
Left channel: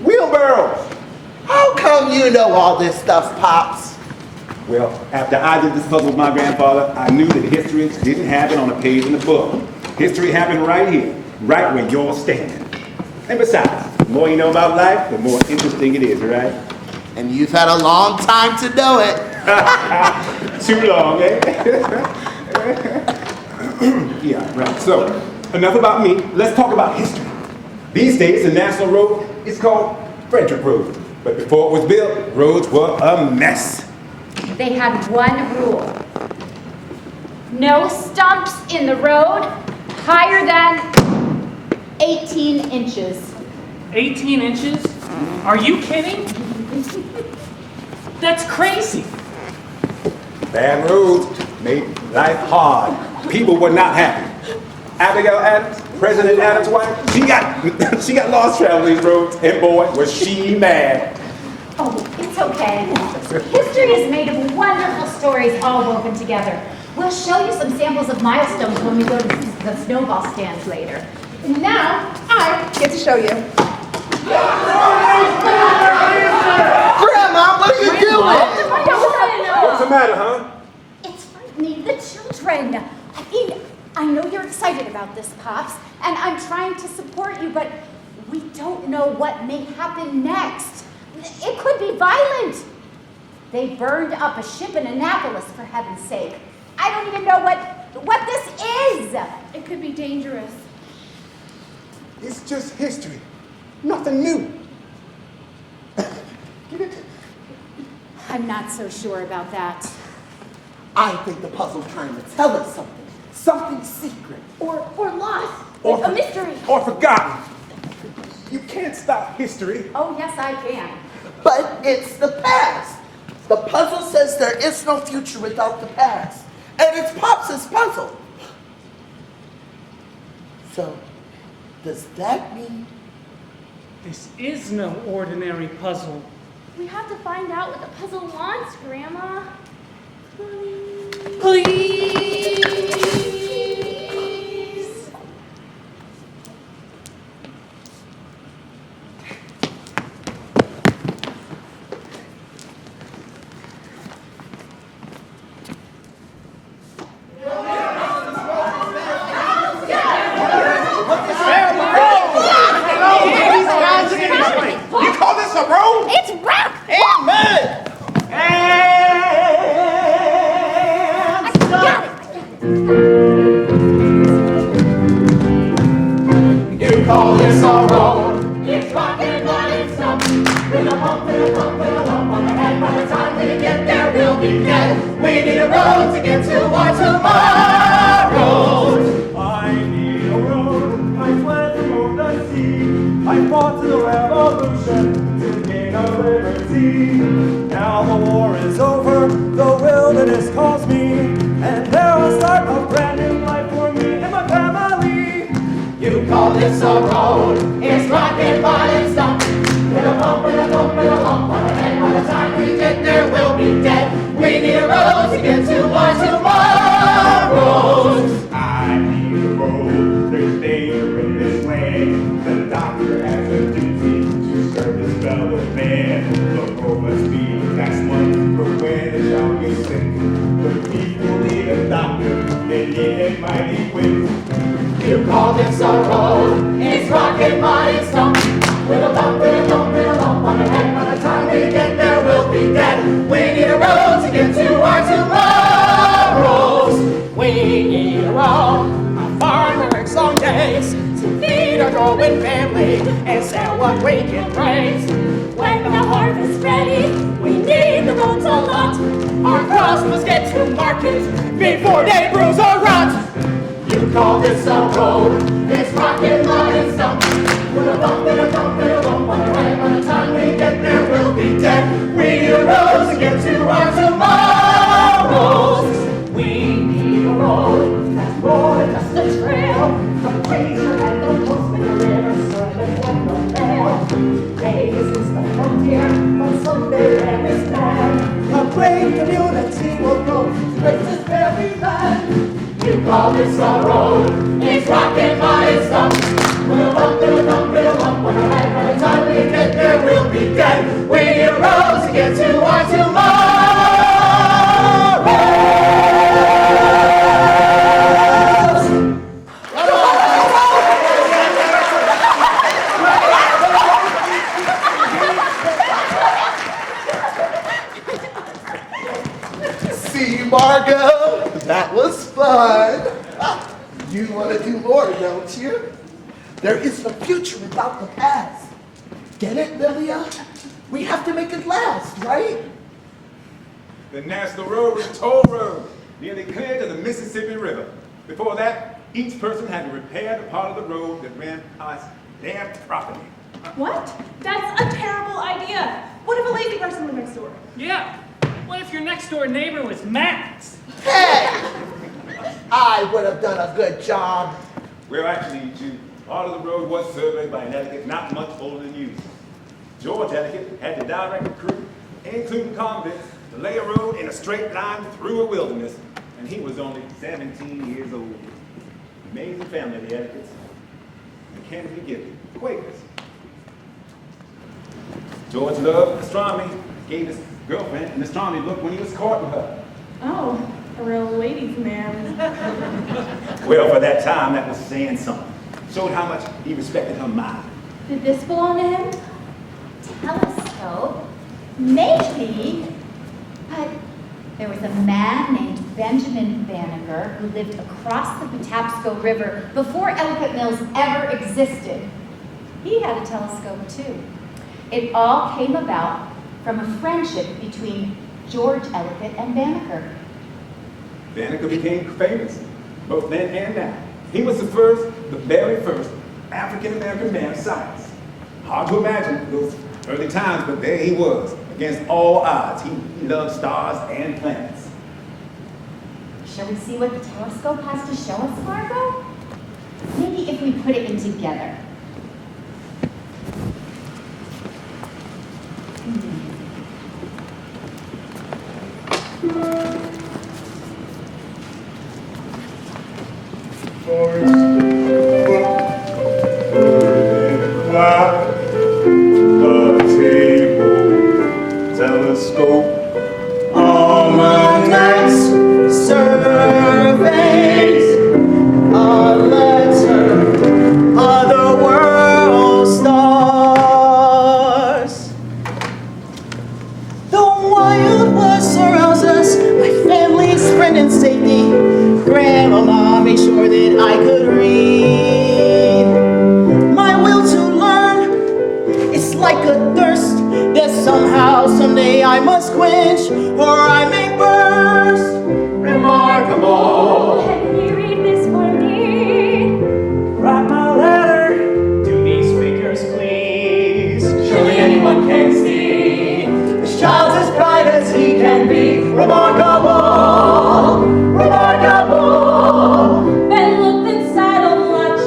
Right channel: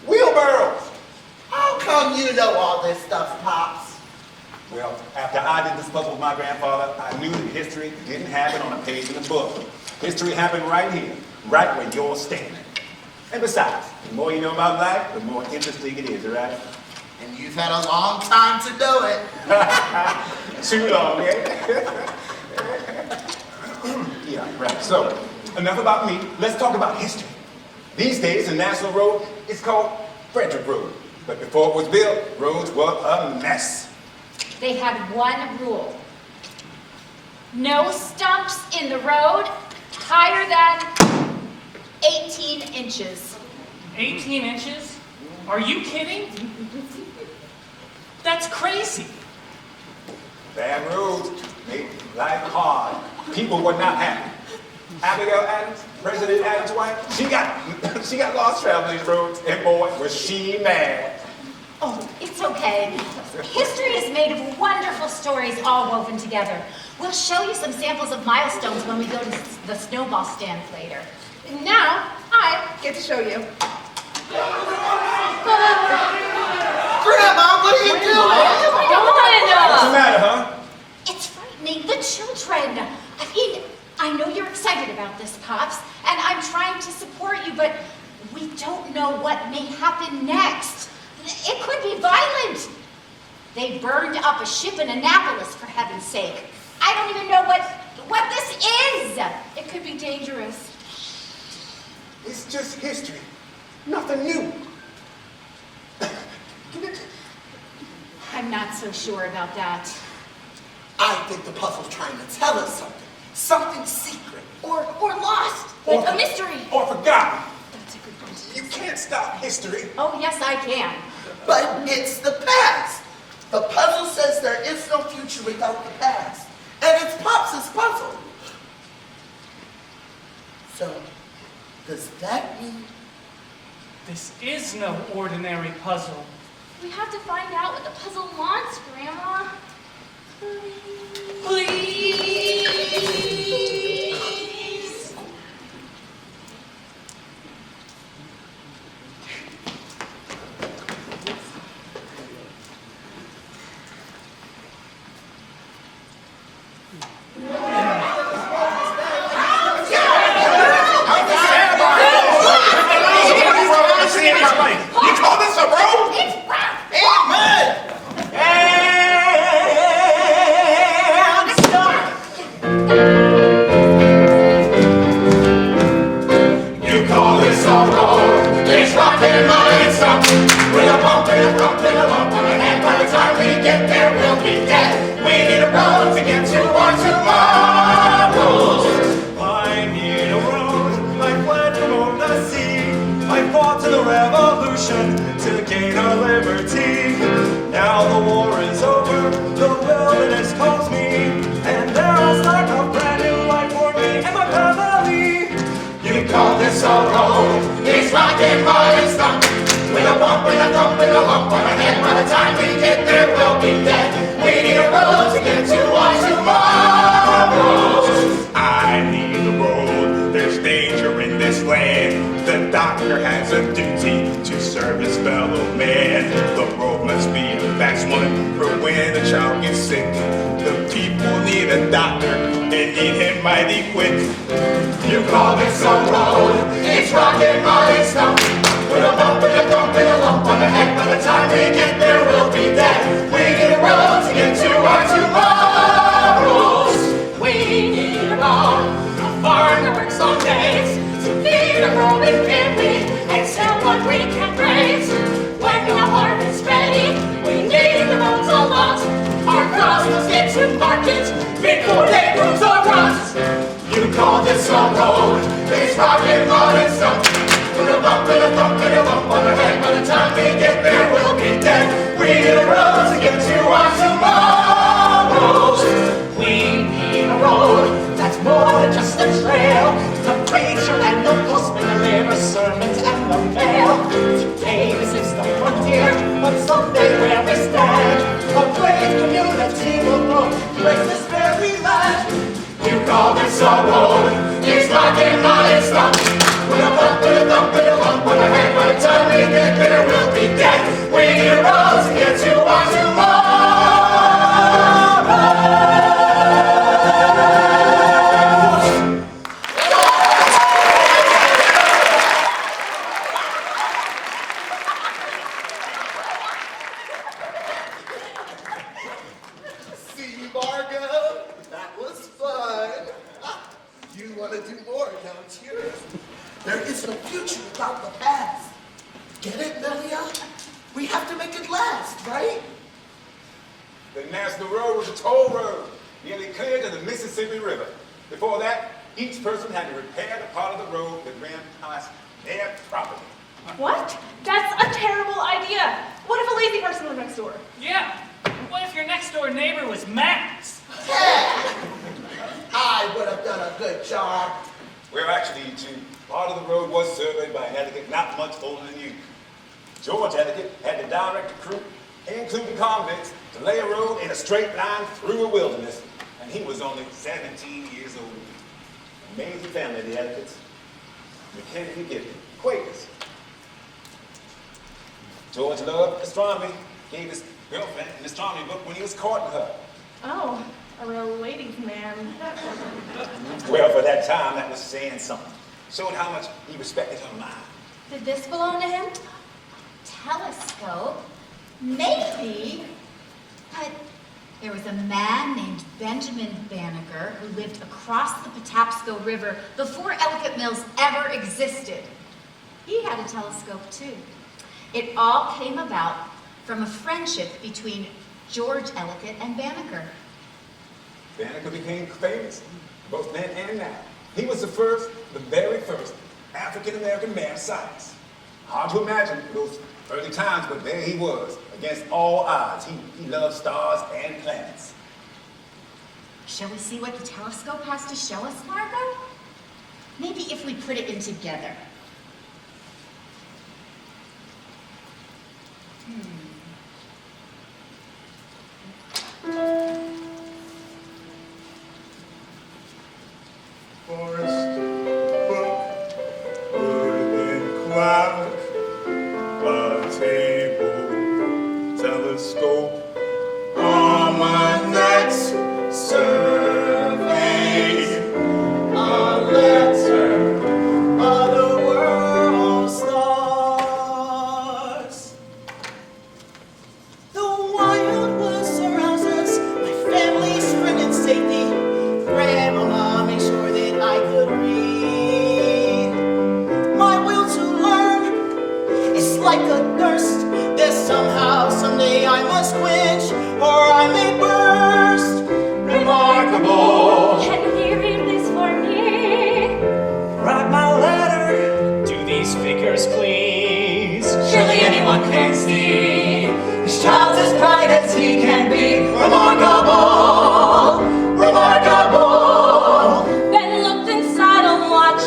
Wheelbarrows! How come you know all this stuff, Pops? Well, after I did this puzzle with my grandfather, I knew that history didn't happen on a page in the book. History happened right here, right where you're standing. And besides, the more you know about life, the more interesting it is, right? And you've had a long time to know it. Too long, eh? Yeah, right. So, enough about me. Let's talk about history. These days, the national road is called Frederick Road. But before it was built, roads were a mess. They had one rule. No stumps in the road higher than 18 inches. 18 inches? Are you kidding? That's crazy. Bad roads made life hard. People were not happy. Abigail Adams, President Adams' wife, she got lost traveling these roads, and boy, was she mad. Oh, it's okay. History is made of wonderful stories all woven together. We'll show you some samples of milestones when we go to the snowball stands later. And now, I get to show you. Grandma, what are you doing? What's the matter, huh? It's frightening the children. I mean, I know you're excited about this, Pops, and I'm trying to support you, but we don't know what may happen next. It could be violent. They burned up a ship in Annapolis, for heaven's sake. I don't even know what this is. It could be dangerous. It's just history. Nothing new. I'm not so sure about that. I think the puzzle's trying to tell us something. Something secret. Or lost. Or- A mystery. Or forgotten. You can't stop history. Oh, yes, I can. But it's the past. The puzzle says there is no future without the past. And it's Pops' puzzle. So, does that mean This is no ordinary puzzle. We have to find out what the puzzle wants, Grandma. Please! You call this a road? It's rough. You call this a road? It's rockin' on its up. With a bump and a thump and a lump on the head. By the time we get there, we'll be dead. We need a road to get to our tomorrows. I need a road, I fled from the sea. I fought to the revolution to gain our liberty. Now the war is over, the wilderness calls me, and there are psychopathic life for me and my family. You call this a road? It's rockin' by its top. With a bump and a thump and a lump on our head. By the time we get there, we'll be dead. We need a road to get to our tomorrows. I need a road, there's danger in this land. The doctor has a duty to serve his fellow man. The road must be a fast one for when a child gets sick. The people need a doctor, they need him mighty quick. You call this a road? It's rockin' by its top. With a bump and a thump and a lump on the head. By the time we get there, we'll be dead. We need a road to get to our tomorrows. We need a road. A farmer works some days to feed a growing family and sell what we can raise. When the harvest's ready, we need the roads a lot. Our crops must get to market before they bruise or rust. You call this a road? It's rockin' on its own. With a bump and a thump and a lump on our head. By the time we get there, we'll be dead. We need a road to get to our tomorrows. We need a road that's more than just a trail. The preacher and the postman deliver sermons at the bell. Today this is the frontier, but someday where we stand, a brave community will grow with this very land. You call this a road? It's rockin' on its top. With a bump and a thump and a lump on our head. By the time we get there, we'll be dead. We need a road to get to our tomorrows. See, Margot? That was fun. You want to do more, don't you? There is no future without the past. Get it, Lilia? We have to make it last, right? the National Road was a toll road, nearly clear to the Mississippi River. Before that, each person had to repair the part of the road that ran past their property. What? That's a terrible idea. What if a lazy person lived next door? Yeah. What if your next door neighbor was Max? Hey! I would have done a good job. Well, actually, Eugene, part of the road was surveyed by an etiquette not much older than you. George Etiquette had to direct the crew, including convicts, to lay a road in a straight line through a wilderness, and he was only 17 years old. Amazing family, the Etiquettes. The Kennedy Gibbon, Quakers. George loved astronomy, gave his girlfriend an astronomy book when he was courting her. Oh, a real ladies' man. Well, for that time, that was saying something. Showed how much he respected her mind. Did this belong to him? Telescope? Maybe. But there was a man named Benjamin Banneker who lived across the Patapsco River before Ellicott Mills ever existed. He had a telescope too. It all came about from a friendship between George Ellicott and Banneker. Banneker became famous, both then and now. He was the very first African-American man of science. Hard to imagine those early times, but there he was, against all odds. He loved stars and planets. Shall we see what the telescope has to show us, Margot? Maybe if we put it in together. Forest, in cloud, a table, telescope, almanacs, surveys, a letter, other world stars. The wild west surrounds us, my family's friend and safety. Grandmama made sure that I could read. My will to learn is like a thirst that somehow, someday I must quench, or I may burst. Remarkable. Can you read this for me? Write my letter to these speakers, please. Surely anyone can see this child's as bright as he can be. Remarkable, remarkable. Ben looked inside on watch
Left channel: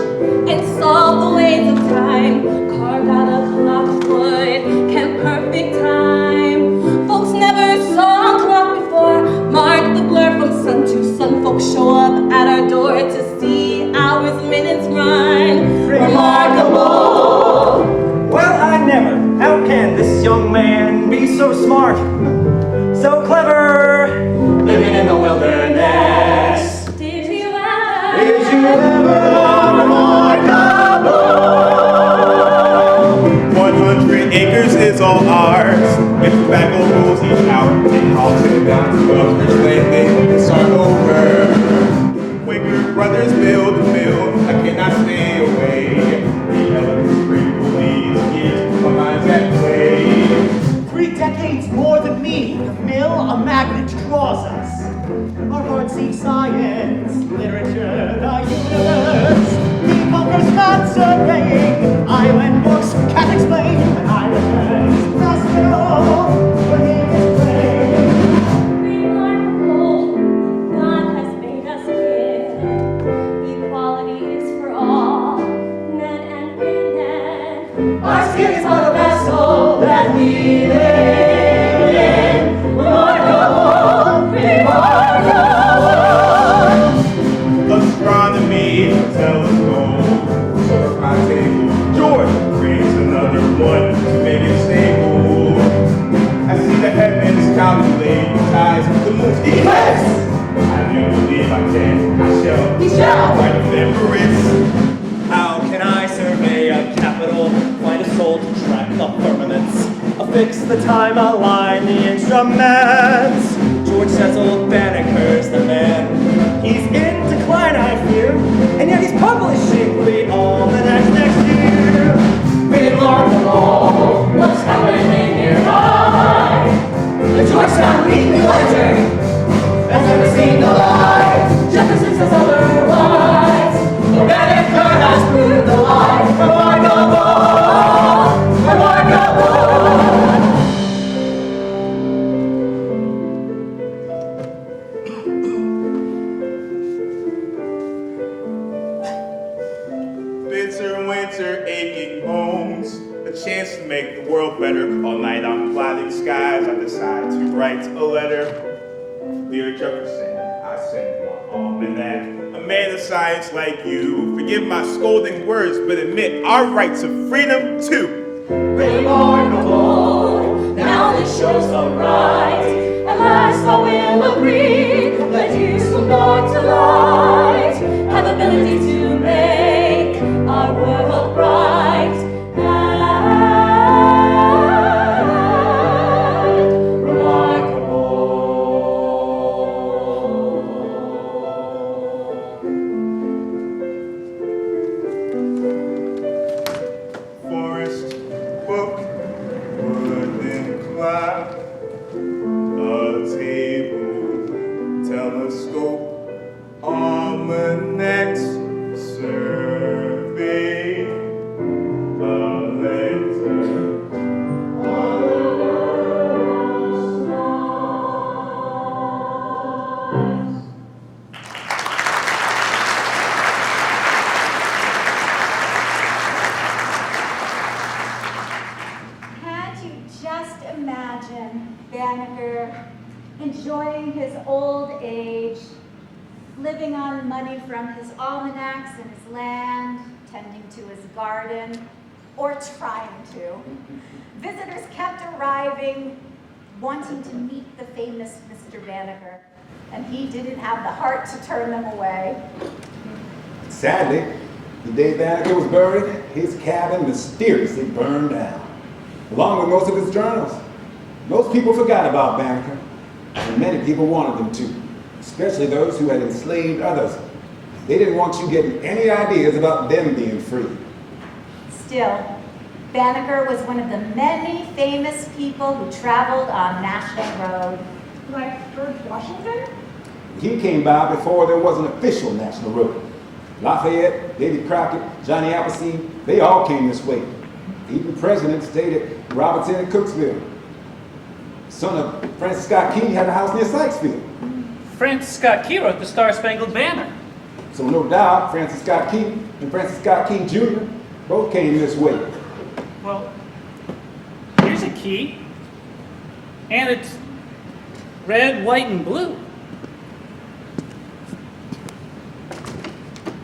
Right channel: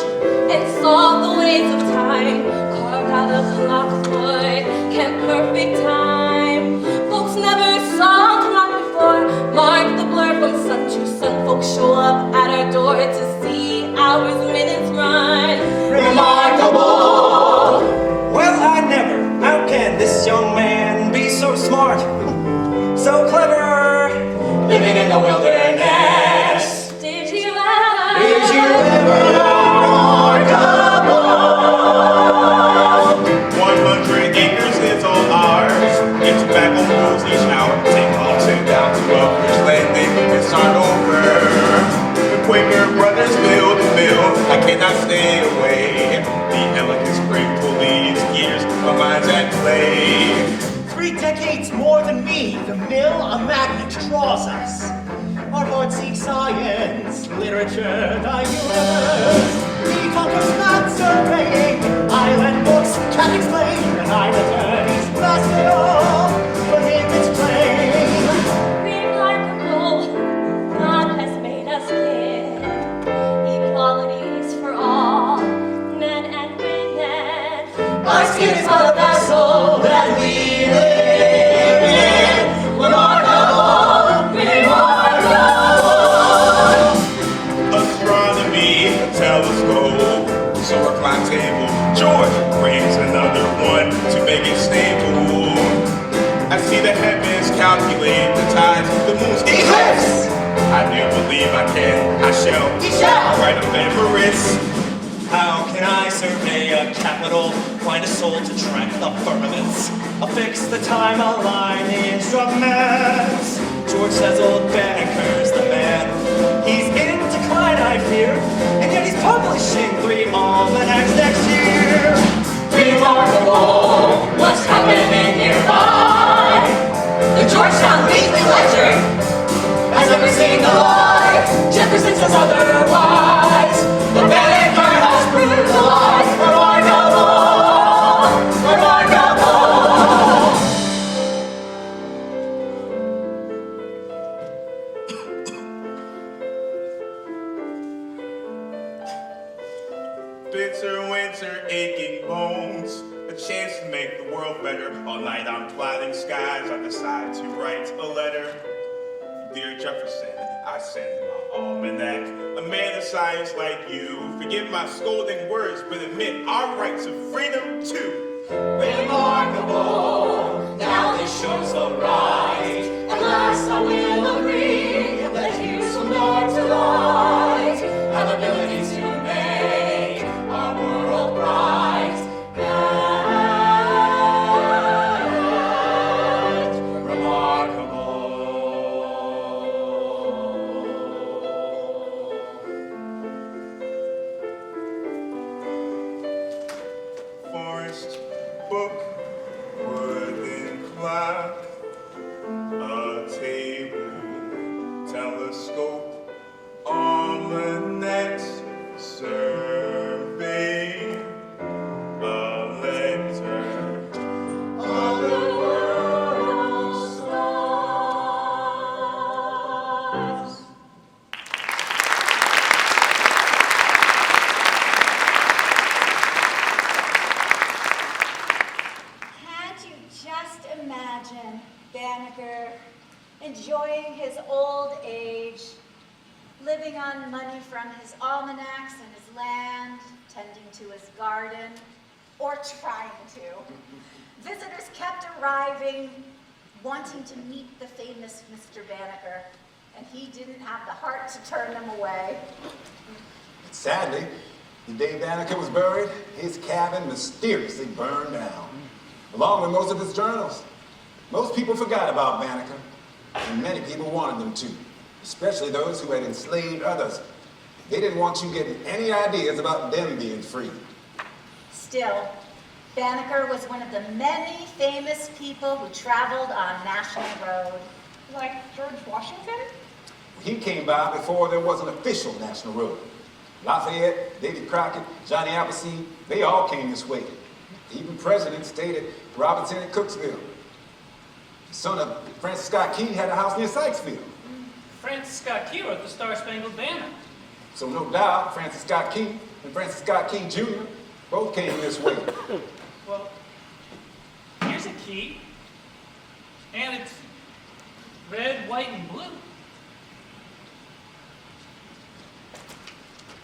and saw the ways of time. Carved out a clock, boy, kept perfect time. Folks never saw a clock before. Mark the blur from sun to sun. Folks show up at our door to see hours, minutes run. Remarkable. Well, I never. How can this young man be so smart, so clever, living in the wilderness? Did you ever? Did you ever? Remarkable. 100 acres is all ours. In tobacco grows each hour. Take Halton down to a landing and start over. The Quaker brothers build a mill. I cannot stay away. The elegance bring leaves years my mind's at play. 3 decades more than me. The mill, a magnet draws us. Our hearts seek science, literature, diverse. We conquer Scots surveying, island books can explain. When I return, he's hospital, for him it's plain. Remarkable, God has made us live. Equality is for all, men and women. Our skin is not a vessel that we live in. Remarkable, remarkable. Astronomy, a telescope, silver clock table. George brings another one to make it stable. I see the heavens calculate the tides, the moon's eclipse. I do believe I can, I shall, he shall write a remembrance. How can I survey a capital, find a soul to track the permanence, affix the time, align the instruments? George Cecil Banneker's the man. He's in decline, I fear, and yet he's publishing 3 almanacs next year. Remarkable, what's happening nearby? The George shall meet the ledger. Has ever seen the light, Jefferson says otherwise. The Banneker has brutalized remarkable, remarkable. Bitter winter, aching bones, a chance to make the world better. All night on clouded skies, I decide to write a letter. Dear Jefferson, I send you my almanac. A man of science like you, forgive my scolding words, but admit our right to freedom too. Remarkable, now this shows a rise. At last I will agree that you so born to light have ability to make our world bright and remarkable. Forest, book, woodland cloud, a table, telescope, almanac, survey, a letter. All the world's lost. Can't you just imagine Banneker enjoying his old age, living on money from his almanacs and his land, tending to his garden, or trying to? Visitors kept arriving, wanting to meet the famous Mr. Banneker, and he didn't have the heart to turn them away. Sadly, the day Banneker was buried, his cabin mysteriously burned down, along with most of his journals. Most people forgot about Banneker, and many people wanted them to, especially those who had enslaved others. They didn't want you getting any ideas about them being free. Still, Banneker was one of the many famous people who traveled on National Road. Like George Washington? He came by before there was an official national road. Lafayette, Davy Crockett, Johnny Appleseed, they all came this way. Even presidents stayed at Robertson and Cooksville. Son of Francis Scott Key had a house near Sykesville. Francis Scott Key wrote the Star-Spangled Banner. So no doubt, Francis Scott Key and Francis Scott Key Jr. both came this way. Well, here's a key, and it's red, white, and blue.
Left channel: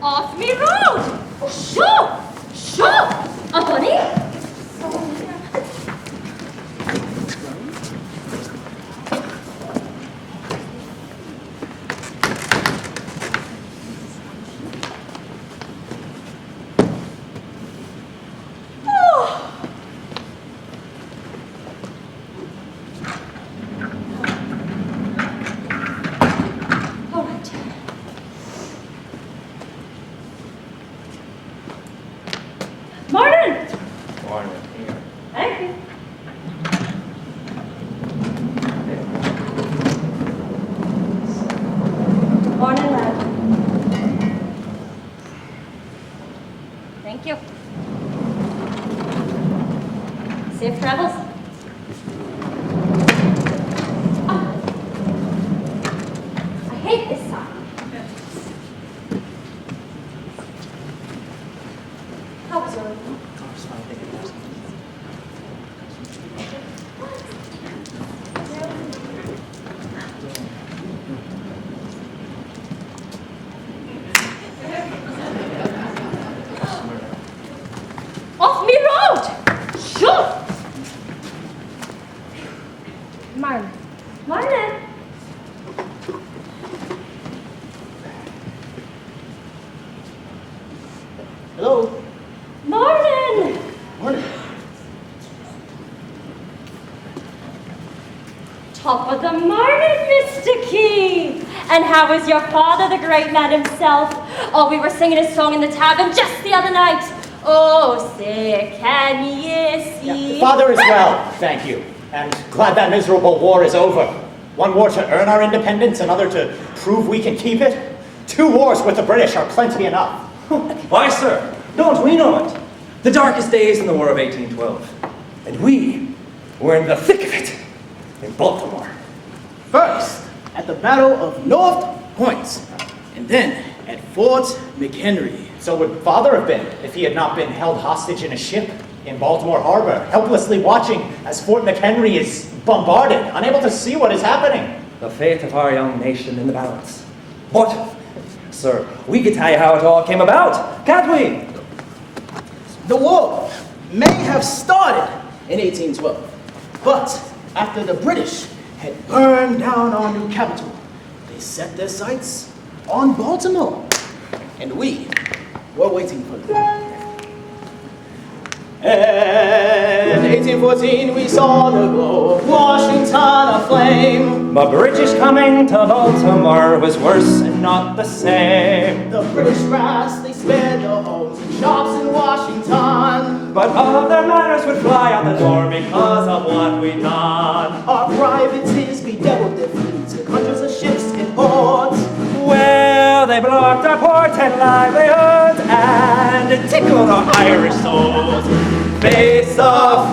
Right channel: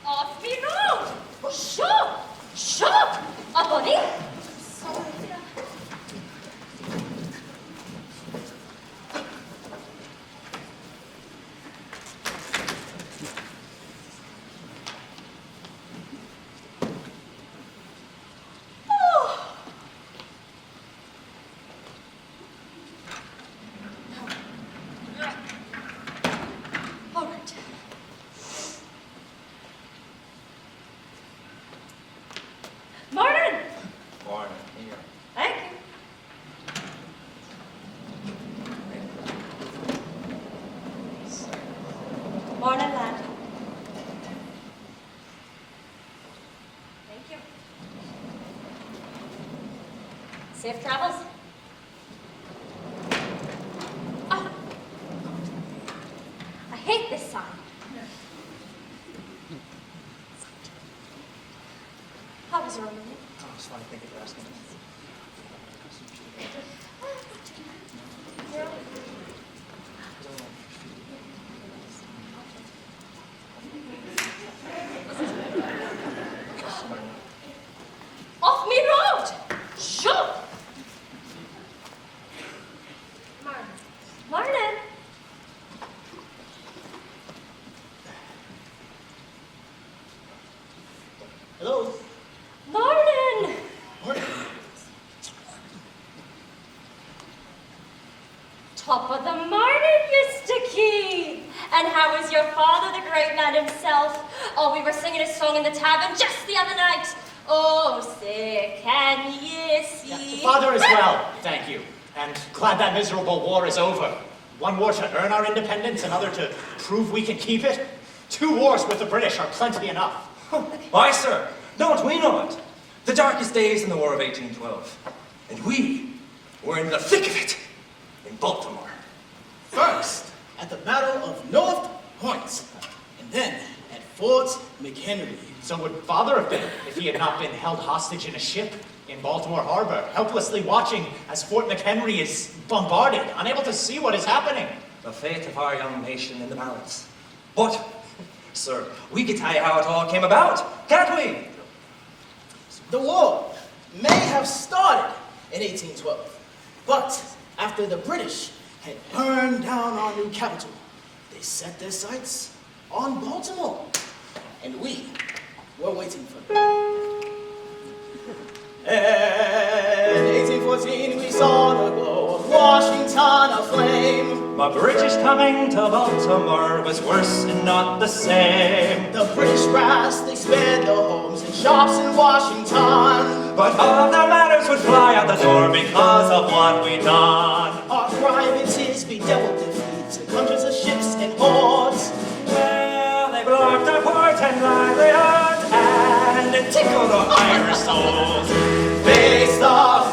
Off me road! Shoo! Shoo! A bunny? Martin! Thank you. Morning, lad. Thank you. Safe travels. Ah. I hate this song. How was your evening? Off me road! Shoot! Martin. Martin! Hello? Martin! Morning. Top of the morning, Mr. Key! And how is your father, the great man himself? Oh, we were singing his song in the tavern just the other night. Oh, say, can ye see? The father is well, thank you. and glad that miserable war is over. One war to earn our independence, another to prove we can keep it. 2 wars with the British are plenty enough. Why, sir, don't we know it? The darkest days in the War of 1812. And we were in the thick of it in Baltimore. First, at the Battle of North Point, and then at Fort McHenry. So would Father have been if he had not been held hostage in a ship in Baltimore Harbor, helplessly watching as Fort McHenry is bombarded, unable to see what is happening. The fate of our young nation in the balance. What? Sir, we can tell you how it all came about, can't we? The war may have started in 1812, but after the British had burned down our new capital, they set their sights on Baltimore, and we were waiting for them. And 1814 we saw the glow of Washington aflame. The British coming to Baltimore was worse and not the same. The British brass, they spared their homes and shops in Washington. But other matters would fly out the door because of what we done. Our privateers bedeviled their fleets and hundreds of ships and ports. Well, they blew up their ports and livelihoods and it tickled our Irish souls. Face the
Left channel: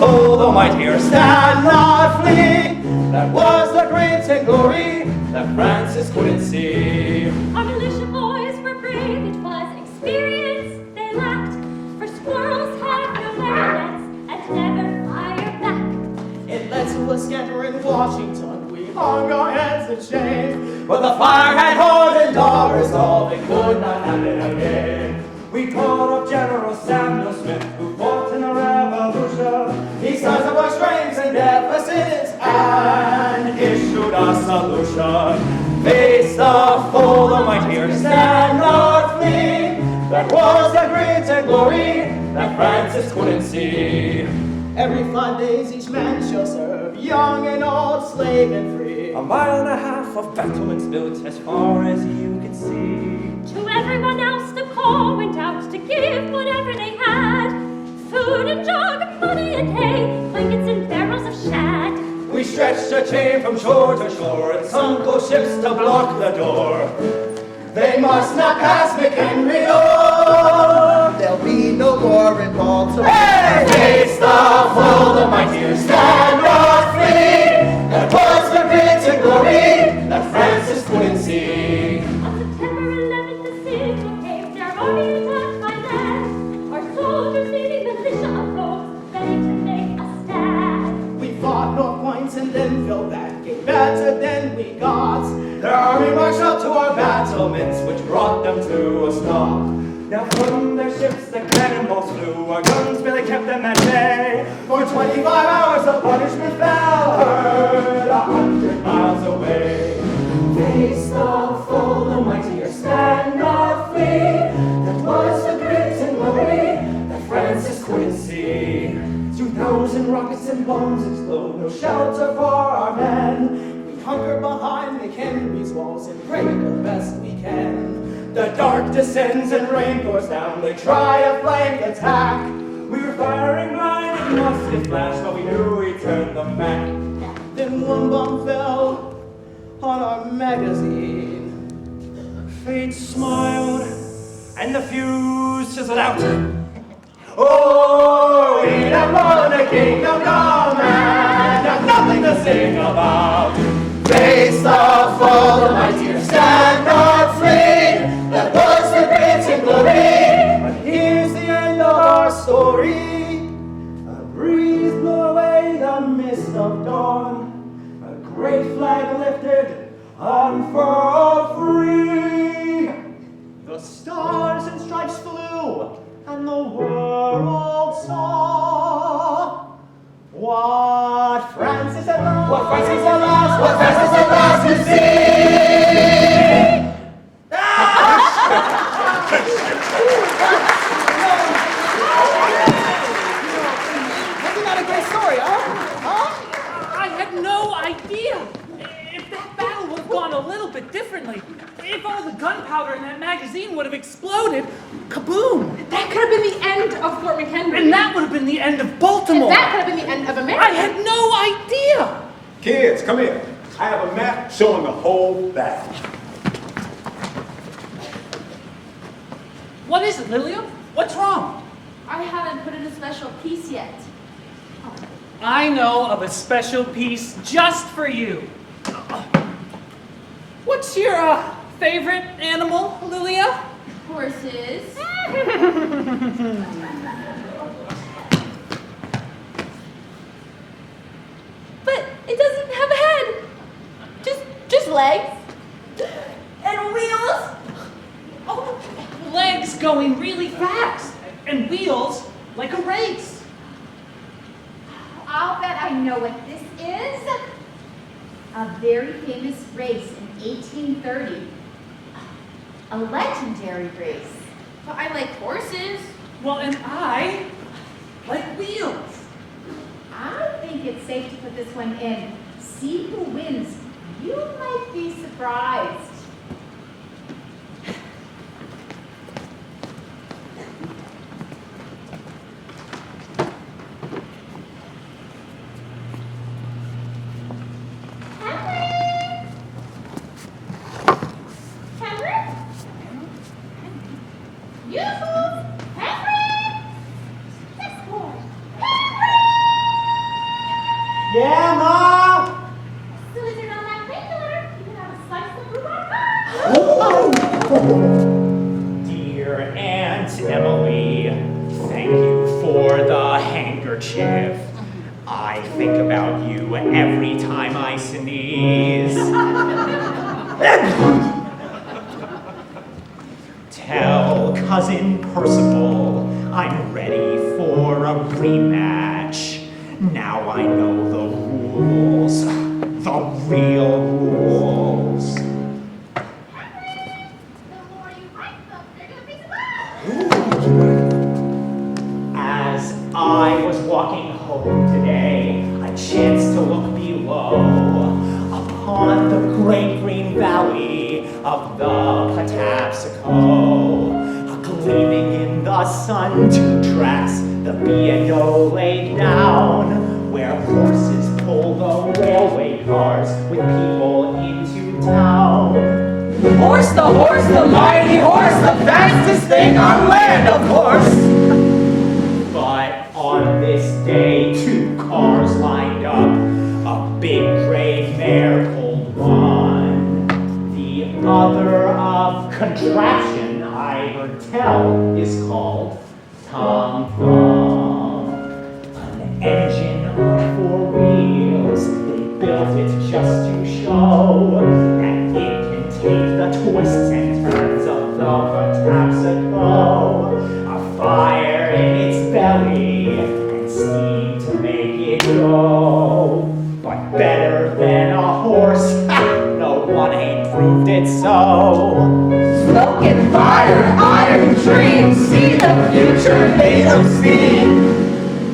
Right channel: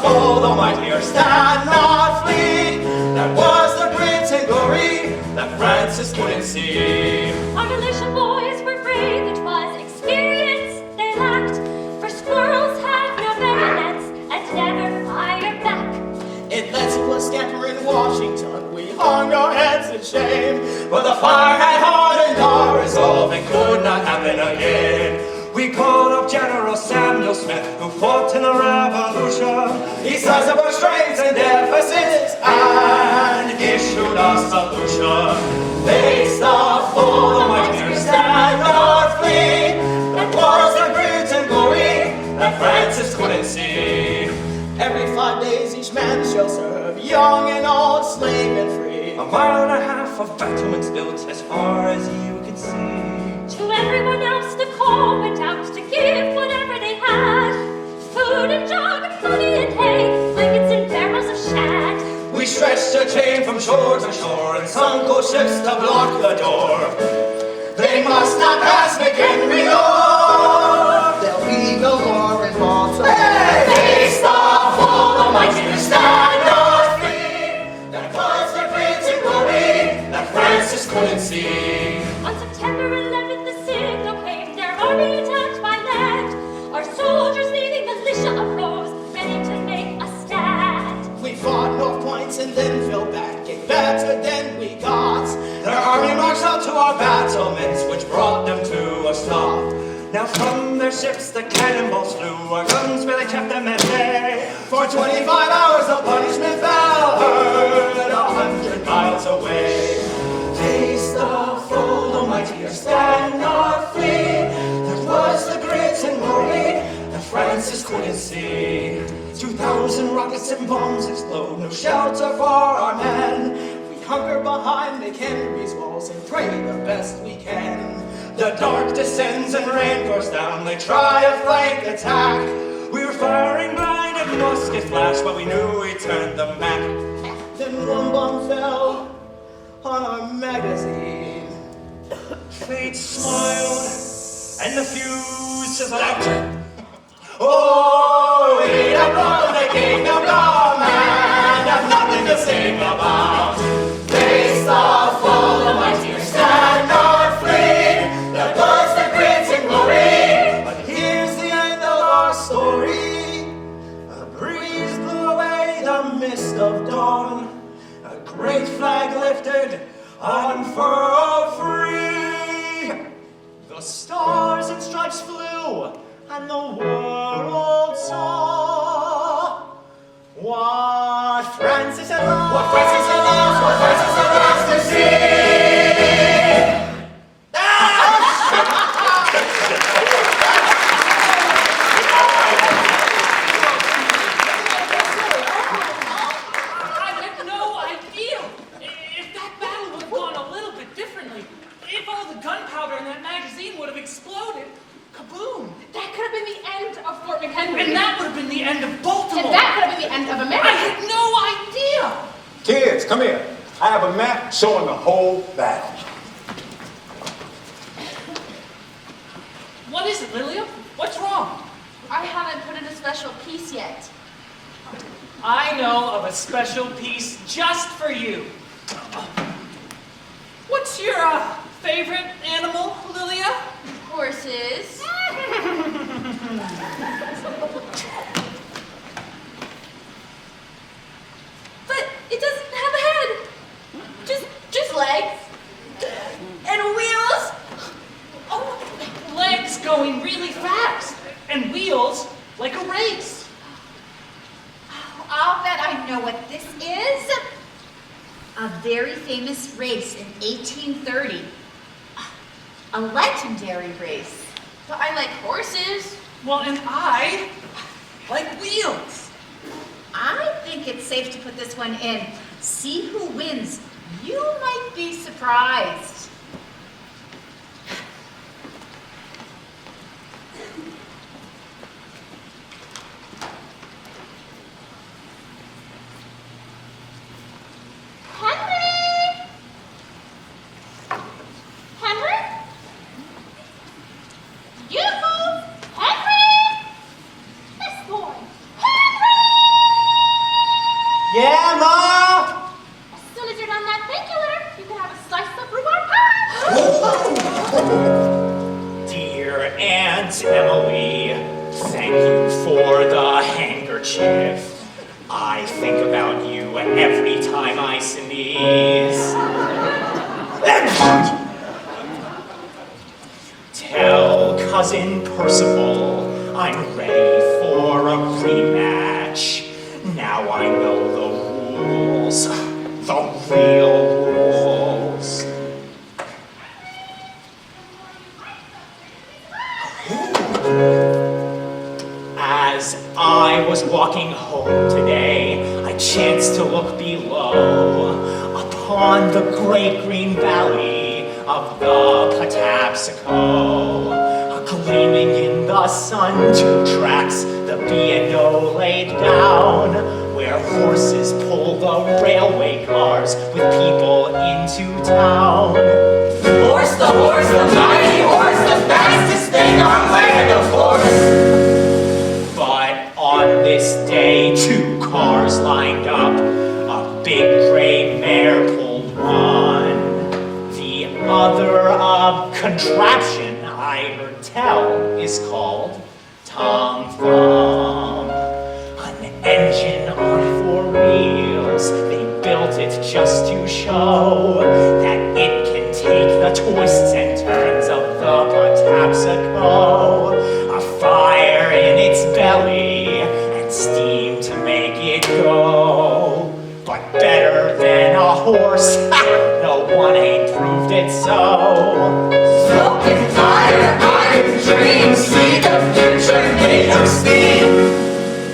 foe, the mightier stand not flee. That was the great and glory that Francis couldn't see. Our militia boys were brave, it was experience they lacked. For squirrels had no bayonets and never fired back. It led to a scamper in Washington. We hung our heads in shame. But the fire had hardened our resolve, it could not happen again. We called up General Samuel Smith, who fought in the Revolution. He sized up our strengths and deficits and issued a solution. Face the foe, the mightier stand not flee. That was the grit and glory that Francis couldn't see. Every 5 days each man shall serve, young and old, slave and free. 1.5 miles of battlements built as far as you can see. To everyone else the call went out to give whatever they had. Food and jug and money and hay, blankets and barrels of shad. We stretched a chain from shore to shore and sunk those ships to block the door. They must not pass McHenry Lord. There'll be no war in Baltimore. Hey! Face the foe, the mightier stand not free. That was the grit and glory that Francis couldn't see. On September 11th the signal came, their army attacked by land. Our soldiers leading militia arose, ready to make a stand. We fought North Point and then fell back, it better than we got. Their army marched up to our battlements, which brought them to a stop. Now from their ships the cannonballs flew, our guns really kept them at bay. For 25 hours the punishment fell, heard 100 miles away. Face the foe, the mightier stand not free. That was the grit and glory that Francis couldn't see. 2,000 rockets and bombs explode, no shelter for our men. We hunker behind McHenry's walls and pray the best we can. The dark descends and rain pours down, they try a flank attack. We were firing line and muskets flash, but we knew we turned them back. Then one bomb fell on our magazine. Fate smiled, and the fuse just out. Oh, we have won the kingdom come and have nothing to sing about. Face the foe, the mightier stand not free. That was the grit and glory. But here's the end of our story. A breeze blew away the mist of dawn. A great flag lifted, unfurled free. The stars and stripes flew, and the world saw what Francis had lost, what Francis had lost, what Francis had lost to see. I had no idea. If that battle would have gone a little bit differently, if all the gunpowder in that magazine would have exploded, kaboom! That could have been the end of Fort McHenry. And that would have been the end of Baltimore. And that could have been the end of America. I had no idea. Kids, come here. I have a map showing the whole battle. What is it, Lilia? What's wrong? I haven't put in a special piece yet. I know of a special piece just for you. What's your favorite animal, Lilia? Horses. But it doesn't have a head. Just legs. And wheels. Oh, legs going really fast, and wheels like a race. I'll bet I know what this is. A very famous race in 1830. A legendary race. But I like horses. Well, and I like wheels. I think it's safe to put this one in. See who wins. You might be surprised. Yeah, Ma? As soon as you're done that painkiller, you can have a slice of rhubarb pie. Dear Aunt Emily, thank you for the handkerchief. I think about you every time I sneeze. Tell Cousin Percival I'm ready for a rematch. Now I know the rules, the real rules. As I was walking home today, I chanced to look below upon the great green valley of the Patapsco. Gleaming in the sun, two tracks the B&O laid down, where horses pull the railway cars with people into town. Horse, the mighty horse, the fastest thing on land, of course. But on this day, two cars lined up. A big gray mare pulled one, the other a contraption I heard tell is called Tom Thumb. An engine on four wheels, they built it just to show that it can take the twists and turns of the Patapsco. A fire in its belly and steam to make it go. But better than a horse, no one ain't proved it so. Smoke and fire, iron dreams, see the future in your speed.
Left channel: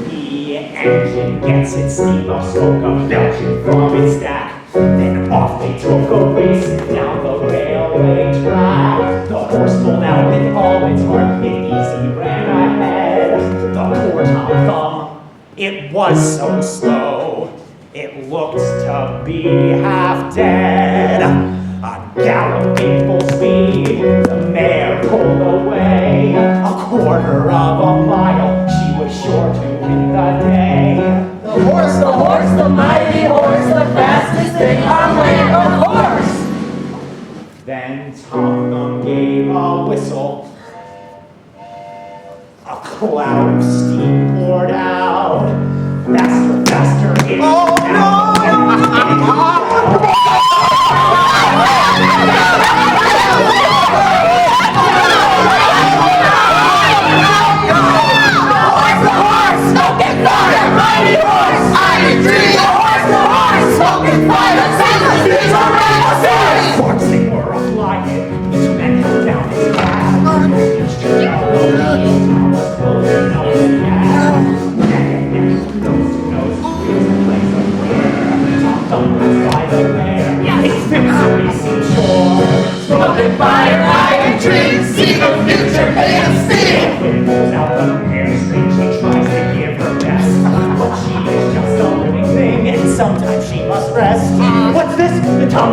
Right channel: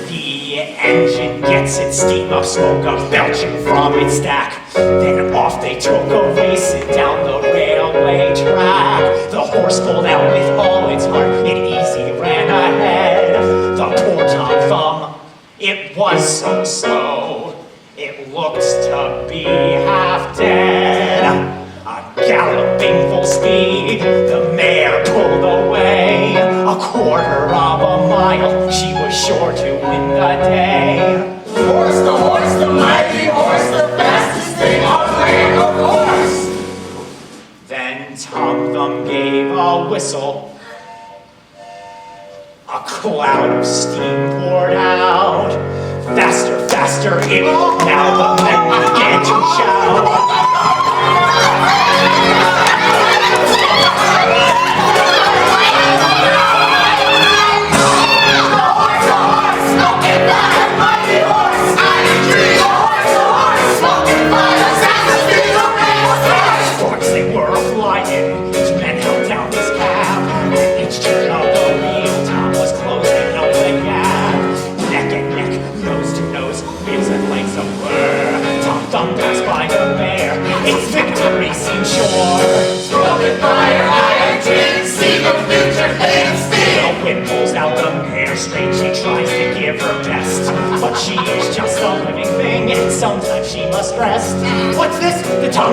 The engine gets its steam of smoke up belching from its stack. Then off they took a racing down the railway track. The horse pulled out with all its heart, it easy ran ahead. The poor Tom Thumb, it was so. It looked to be half dead. Galloping full speed, the mare pulled away. A quarter of a mile, she was sure to win the day. The horse, the mighty horse, the fastest thing on land, of course. Then Tom Thumb gave a whistle. A cloud of steam poured out. Faster, faster, it now the men began to shout. Once they were flying, each man held down his cab. Each turn of the wheel, Tom was closing up the gap. Neck and neck, nose to nose, ribs and legs of bird.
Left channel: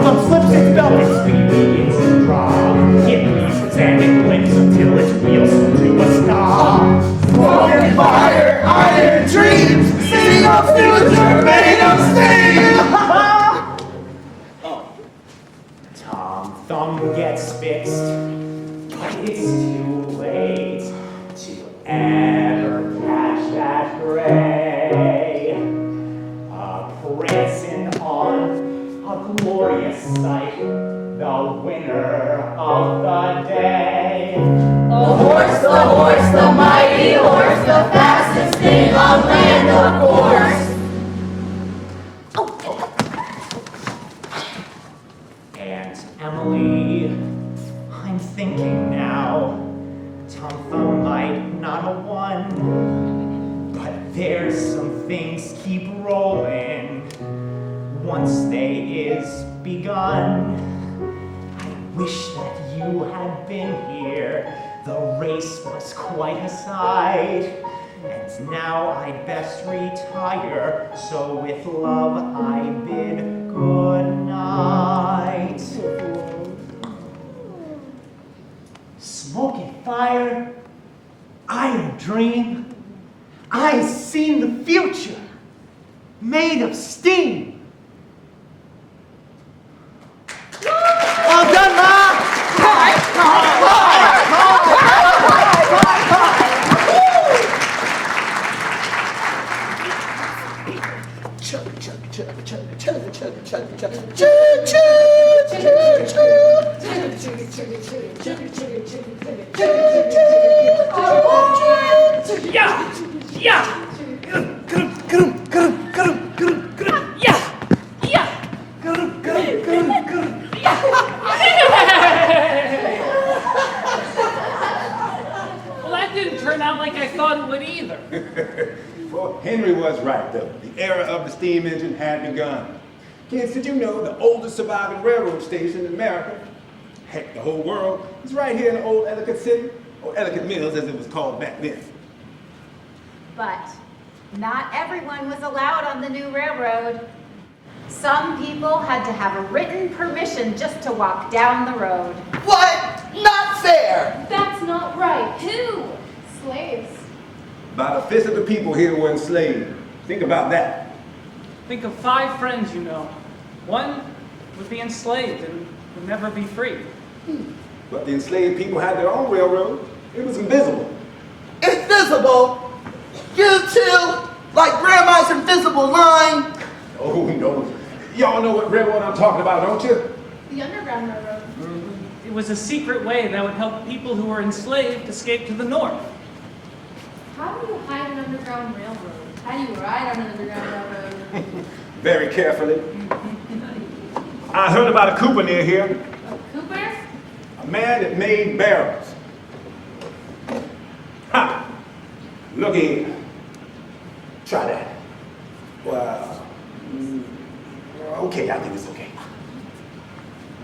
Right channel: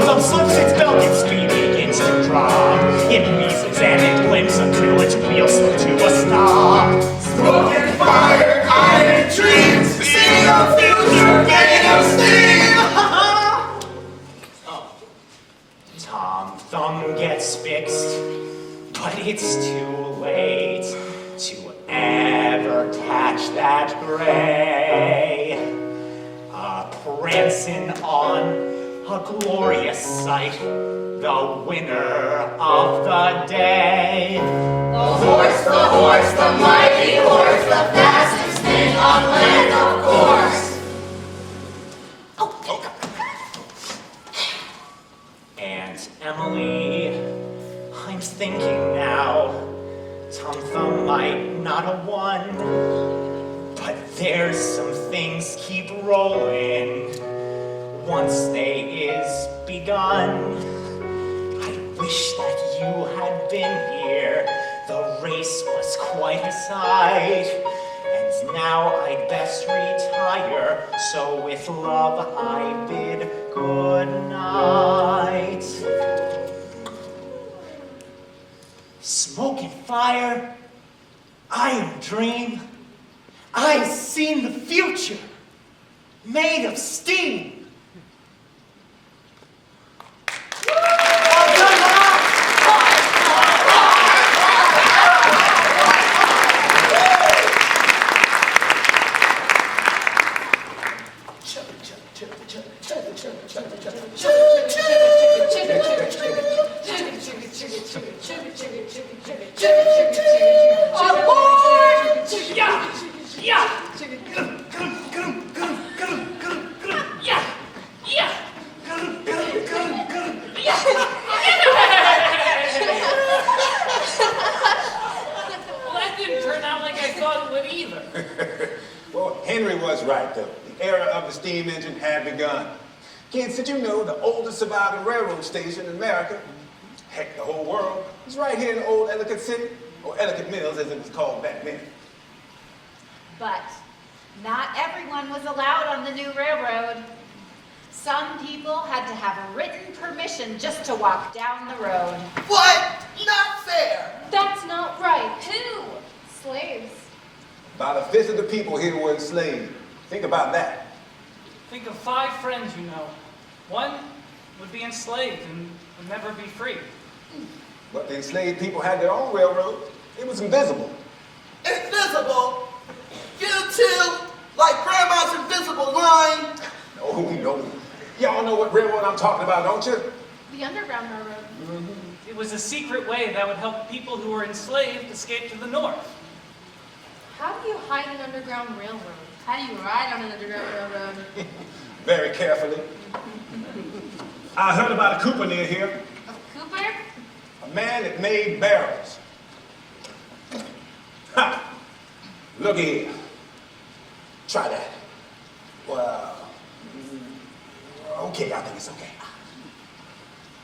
of substance bellies we begin to drop. It reasons and it blinks until its wheels come to a stop. Smoke and fire, iron dreams, seeing a future made of steam. Oh, Tom Thumb gets fixed, but it's too late to ever catch that gray. Prancing on a glorious sight, the winner of the day. The horse, the mighty horse, the fastest thing on land, of course. And Emily, I'm thinking now, Tom Thumb might not have won, but there's some things keep rolling once they is begun. I wish that you had been here, the race was quite a sight. And now I'd best retire, so with love I bid good night. Smoke and fire, iron dream, I've seen the future, made of steam. Yeah! Yeah! Well, that didn't turn out like I thought it would either. Well, Henry was right, though. The era of the steam engine had begun. Kids, did you know the oldest surviving railroad station in America, heck, the whole world, was right here in Old Ellicott City, or Ellicott Mills as it was called back then. But not everyone was allowed on the new railroad. Some people had to have a written permission just to walk down the road. What? Not fair. That's not right. Who? Slaves. About a fifth of the people here were enslaved. Think about that. Think of 5 friends you know. One would be enslaved and would never be free. But the enslaved people had their own railroad. It was invisible. Invisible? You two, like Grandma's invisible line. Oh, no. Y'all know what railroad I'm talking about, don't you? The Underground Railroad. It was a secret way that would help people who were enslaved escape to the north. How do you hide an underground railroad? How do you ride on an underground railroad? Very carefully. I heard about a Cooper near here. Oh, Cooper? A man that made barrels. Ha! Look here. Try that. Wow. Okay, I think it's okay.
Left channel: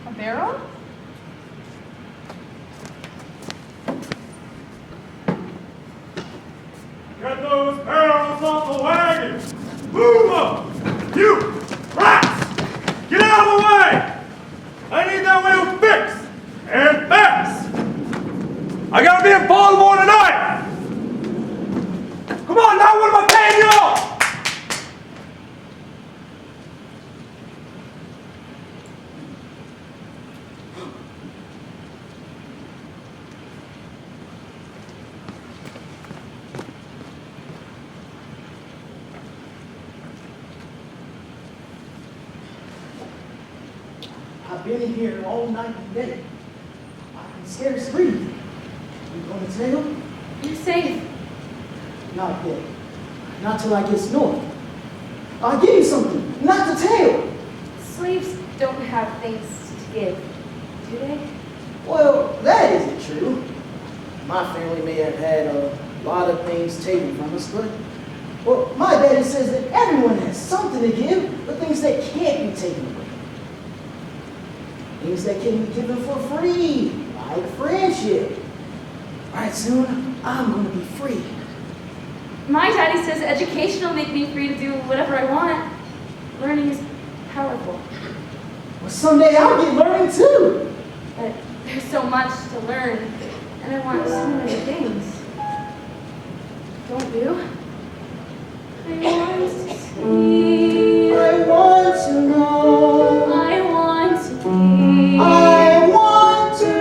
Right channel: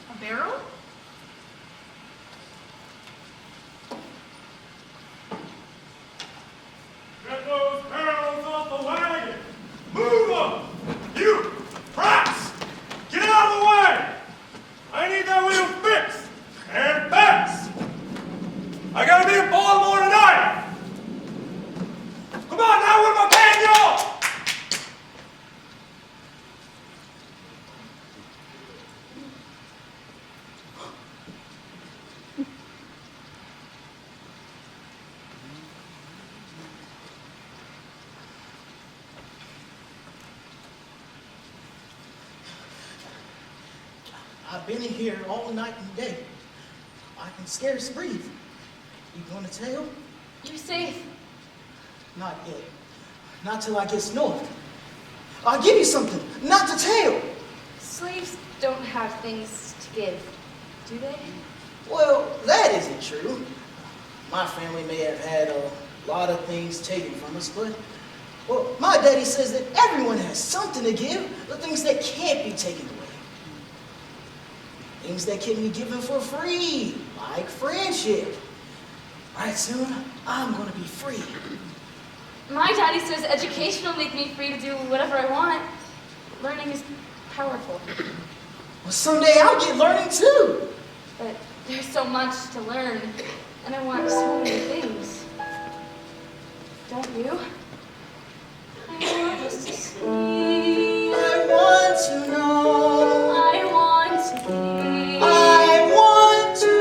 A barrel? Get those barrels off the wagon! Move them! You! Rats! Get out of the way! I need that wheel fixed! And fast! I gotta be in Baltimore tonight! Come on, now what am I paying you off? I've been in here all night and day. I can scarce breathe. You gonna tell? You're safe. Not yet. Not till I get north. I'll give you something, not to tell. Slaves don't have things to give, do they? Well, that isn't true. My family may have had a lot of things taken from us, but well, my daddy says that everyone has something to give, but things that can't be taken away. Things that can be given for free, like friendship. Right soon, I'm gonna be free. My daddy says education will make me free to do whatever I want. Learning is powerful. Well, someday I'll get learning too. But there's so much to learn, and I want so many things. Don't you? I want to see. I want to know. I want to be. I want to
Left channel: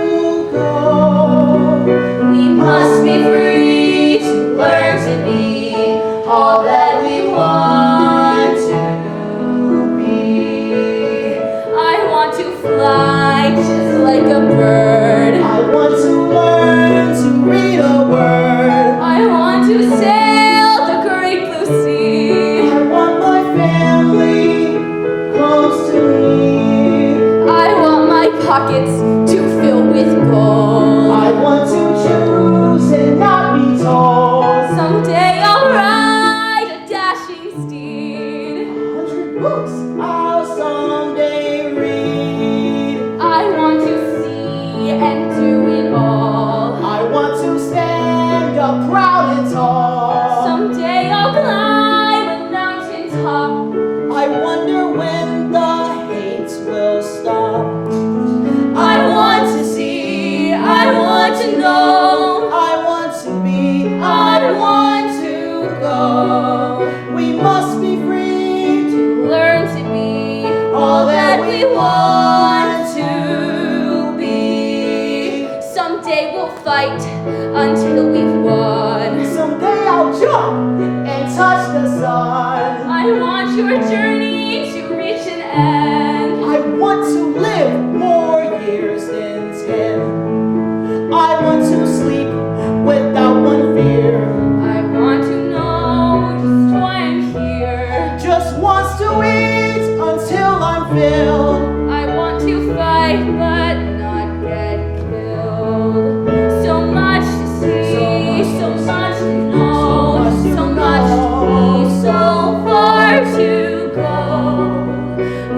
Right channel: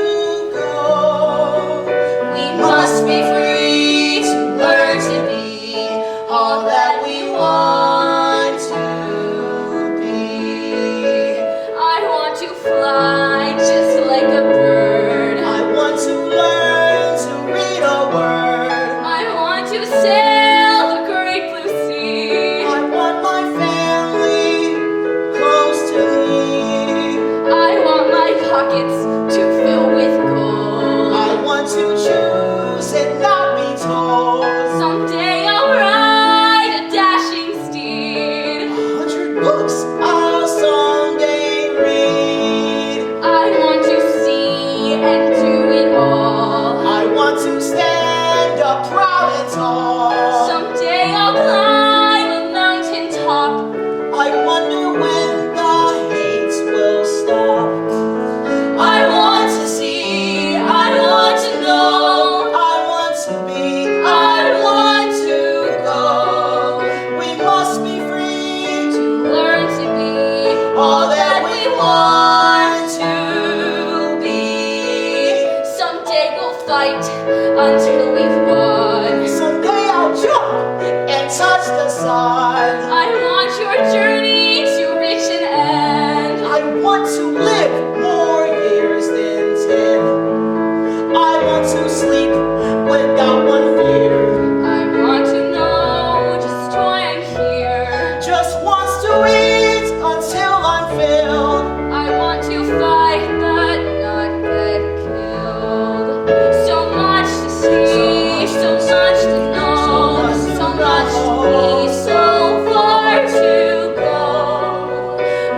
go. We must be free to learn to be all that we want to be. I want to fly just like a bird. I want to learn to read a word. I want to sail the great blue sea. I want my family close to me. I want my pockets to fill with gold. I want to choose and not be told. Someday I'll ride a dashing steed. 100 books I'll someday read. I want to see and do it all. I want to stand up proud and tall. Someday I'll climb a mountain top. I wonder when the hate will stop. I want to see, I want to know, I want to be, I want to go. we must be free To learn to be all that we want to be. Someday we'll fight until we've won. Someday I'll jump and touch the sun. I want your journey to reach an end. I want to live more years than 10. I want to sleep without one fear. I want to know just why I'm here. Just wants to eat until I'm filled. I want to fight but not get killed. So much to see, so much to know, so much to be, so far to go.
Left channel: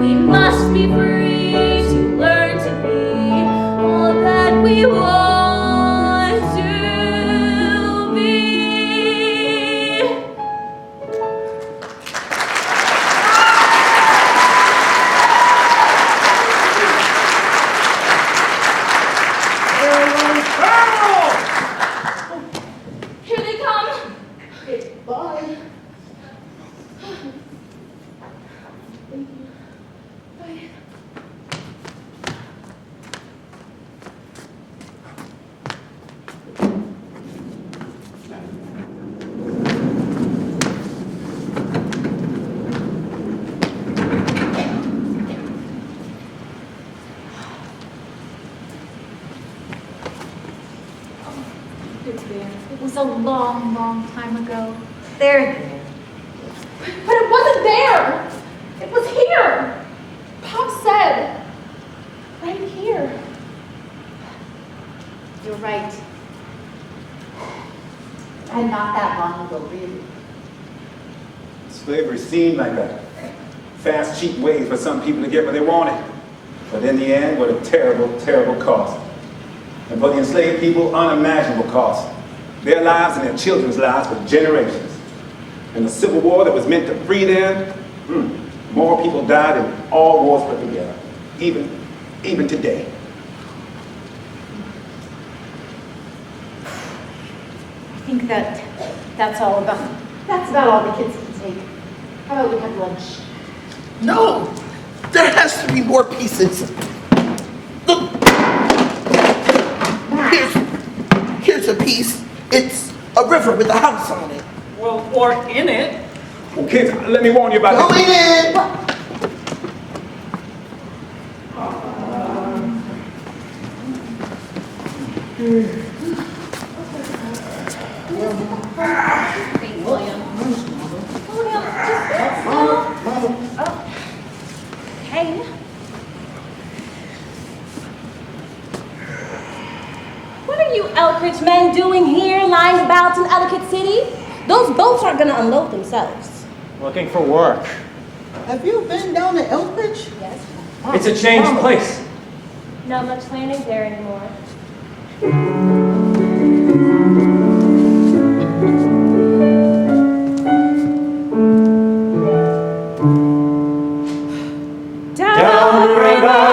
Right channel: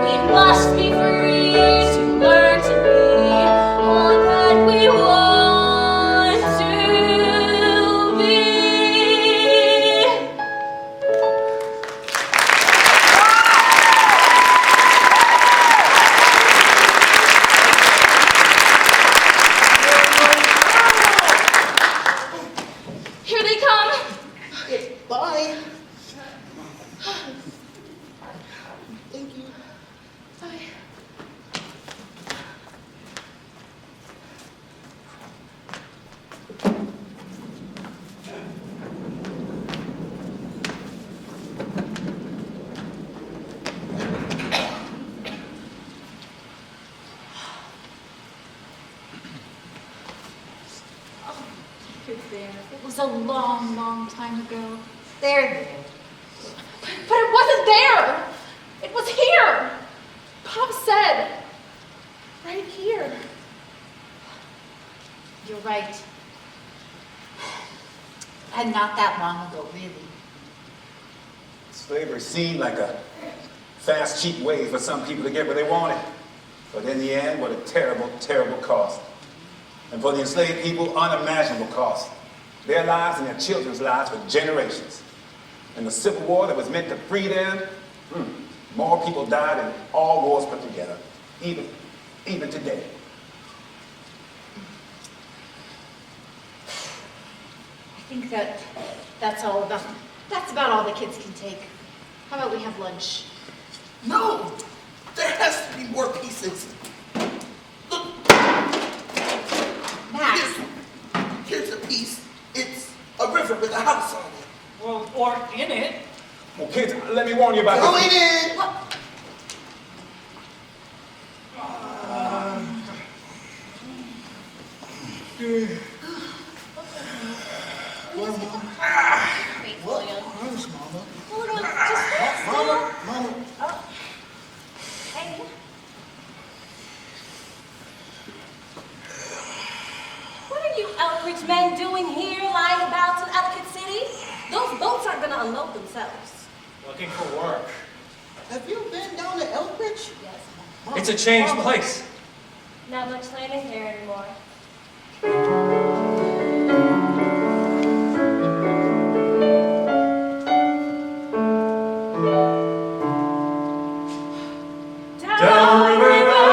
We must be free to learn to be all that we want to be. Here they come. Bye. Thank you. It was a long, long time ago. They're there. But it wasn't there. It was here. Pop said, right here. You're right. And not that long ago, really. Slavery seemed like a fast, cheap way for some people to get what they wanted. But in the end, what a terrible, terrible cost. And for the enslaved people, unimaginable cost. Their lives and their children's lives for generations. And the Civil War that was meant to free them, more people died than all wars put together, even today. I think that's about all the kids can take. How about we have lunch? No, there has to be more pieces. Look, here's a piece. It's a river with a house on it. Well, or in it. Well, kids, let me warn you about Go this. in. Hey. What are you Elkridge men doing here, lying about in Ellicott City? Those boats aren't gonna unload themselves. Looking for work. Have you been down to Elkridge? Yes. It's a changed place. Not much landing there anymore. Down the river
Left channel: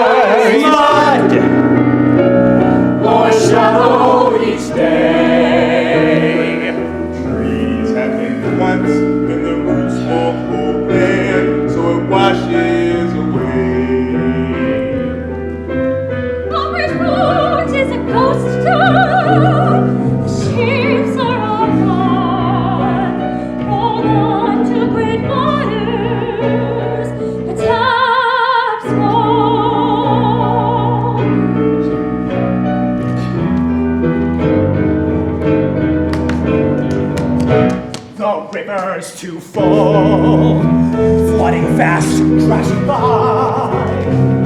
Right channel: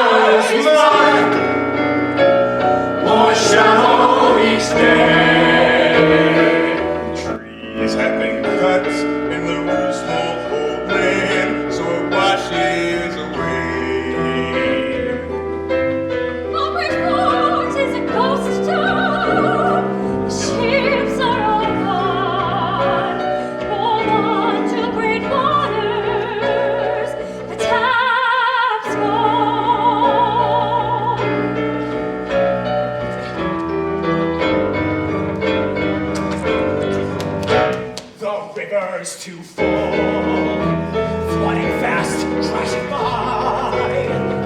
starts to fall, flooding fast, crashing by.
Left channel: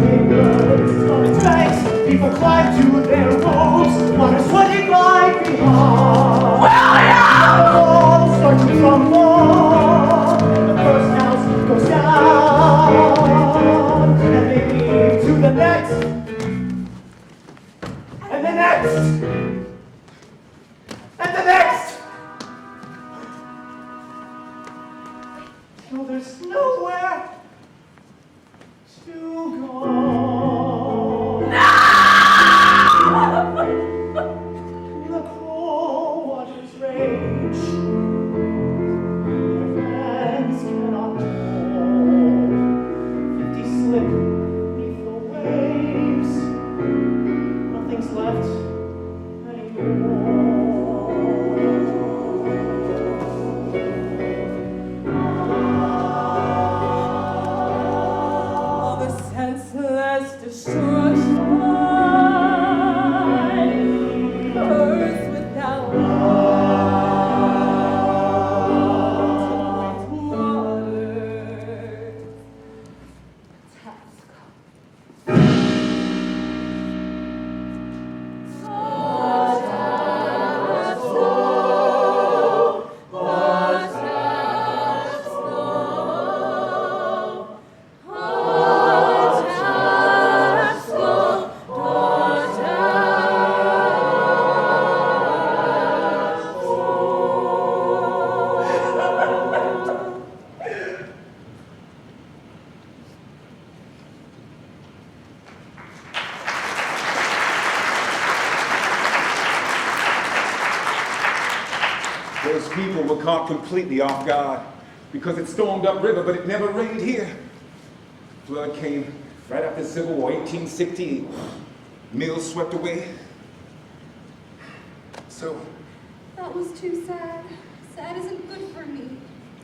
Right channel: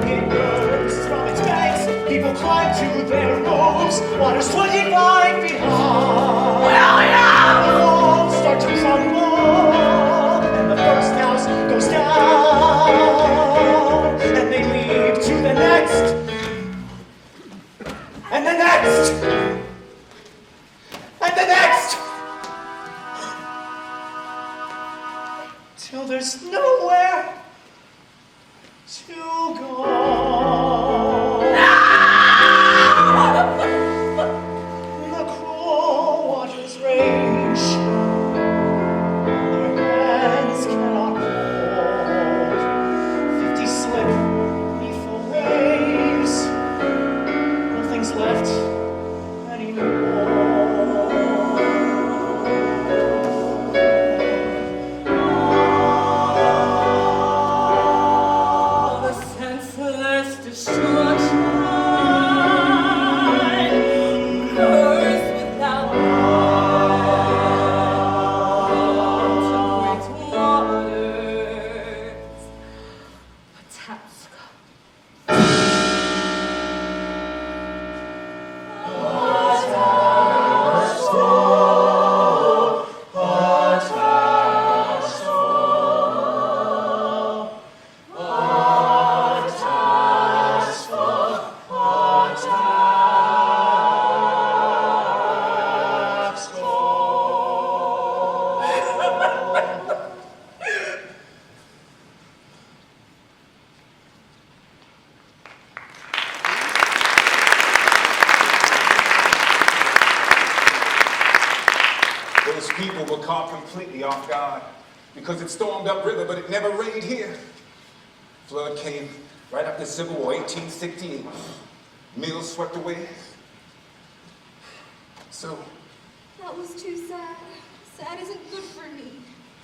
It burns from its banks, people climb to their roofs, water's sweating right behind. The walls start to crumble, and the first house goes down, and they leave to the next, and the next, and the next, till there's nowhere to go. The cruel waters rage, their hands cannot hold. 50 slip beneath the waves, nothing's left anymore. The senseless destruction, curse without end, great waters, taps. Those people were caught completely off guard because it stormed upriver, but it never rained here. Flood came right after the Civil War, 1816. Mills swept away. So, That was too sad. Sad isn't good for me.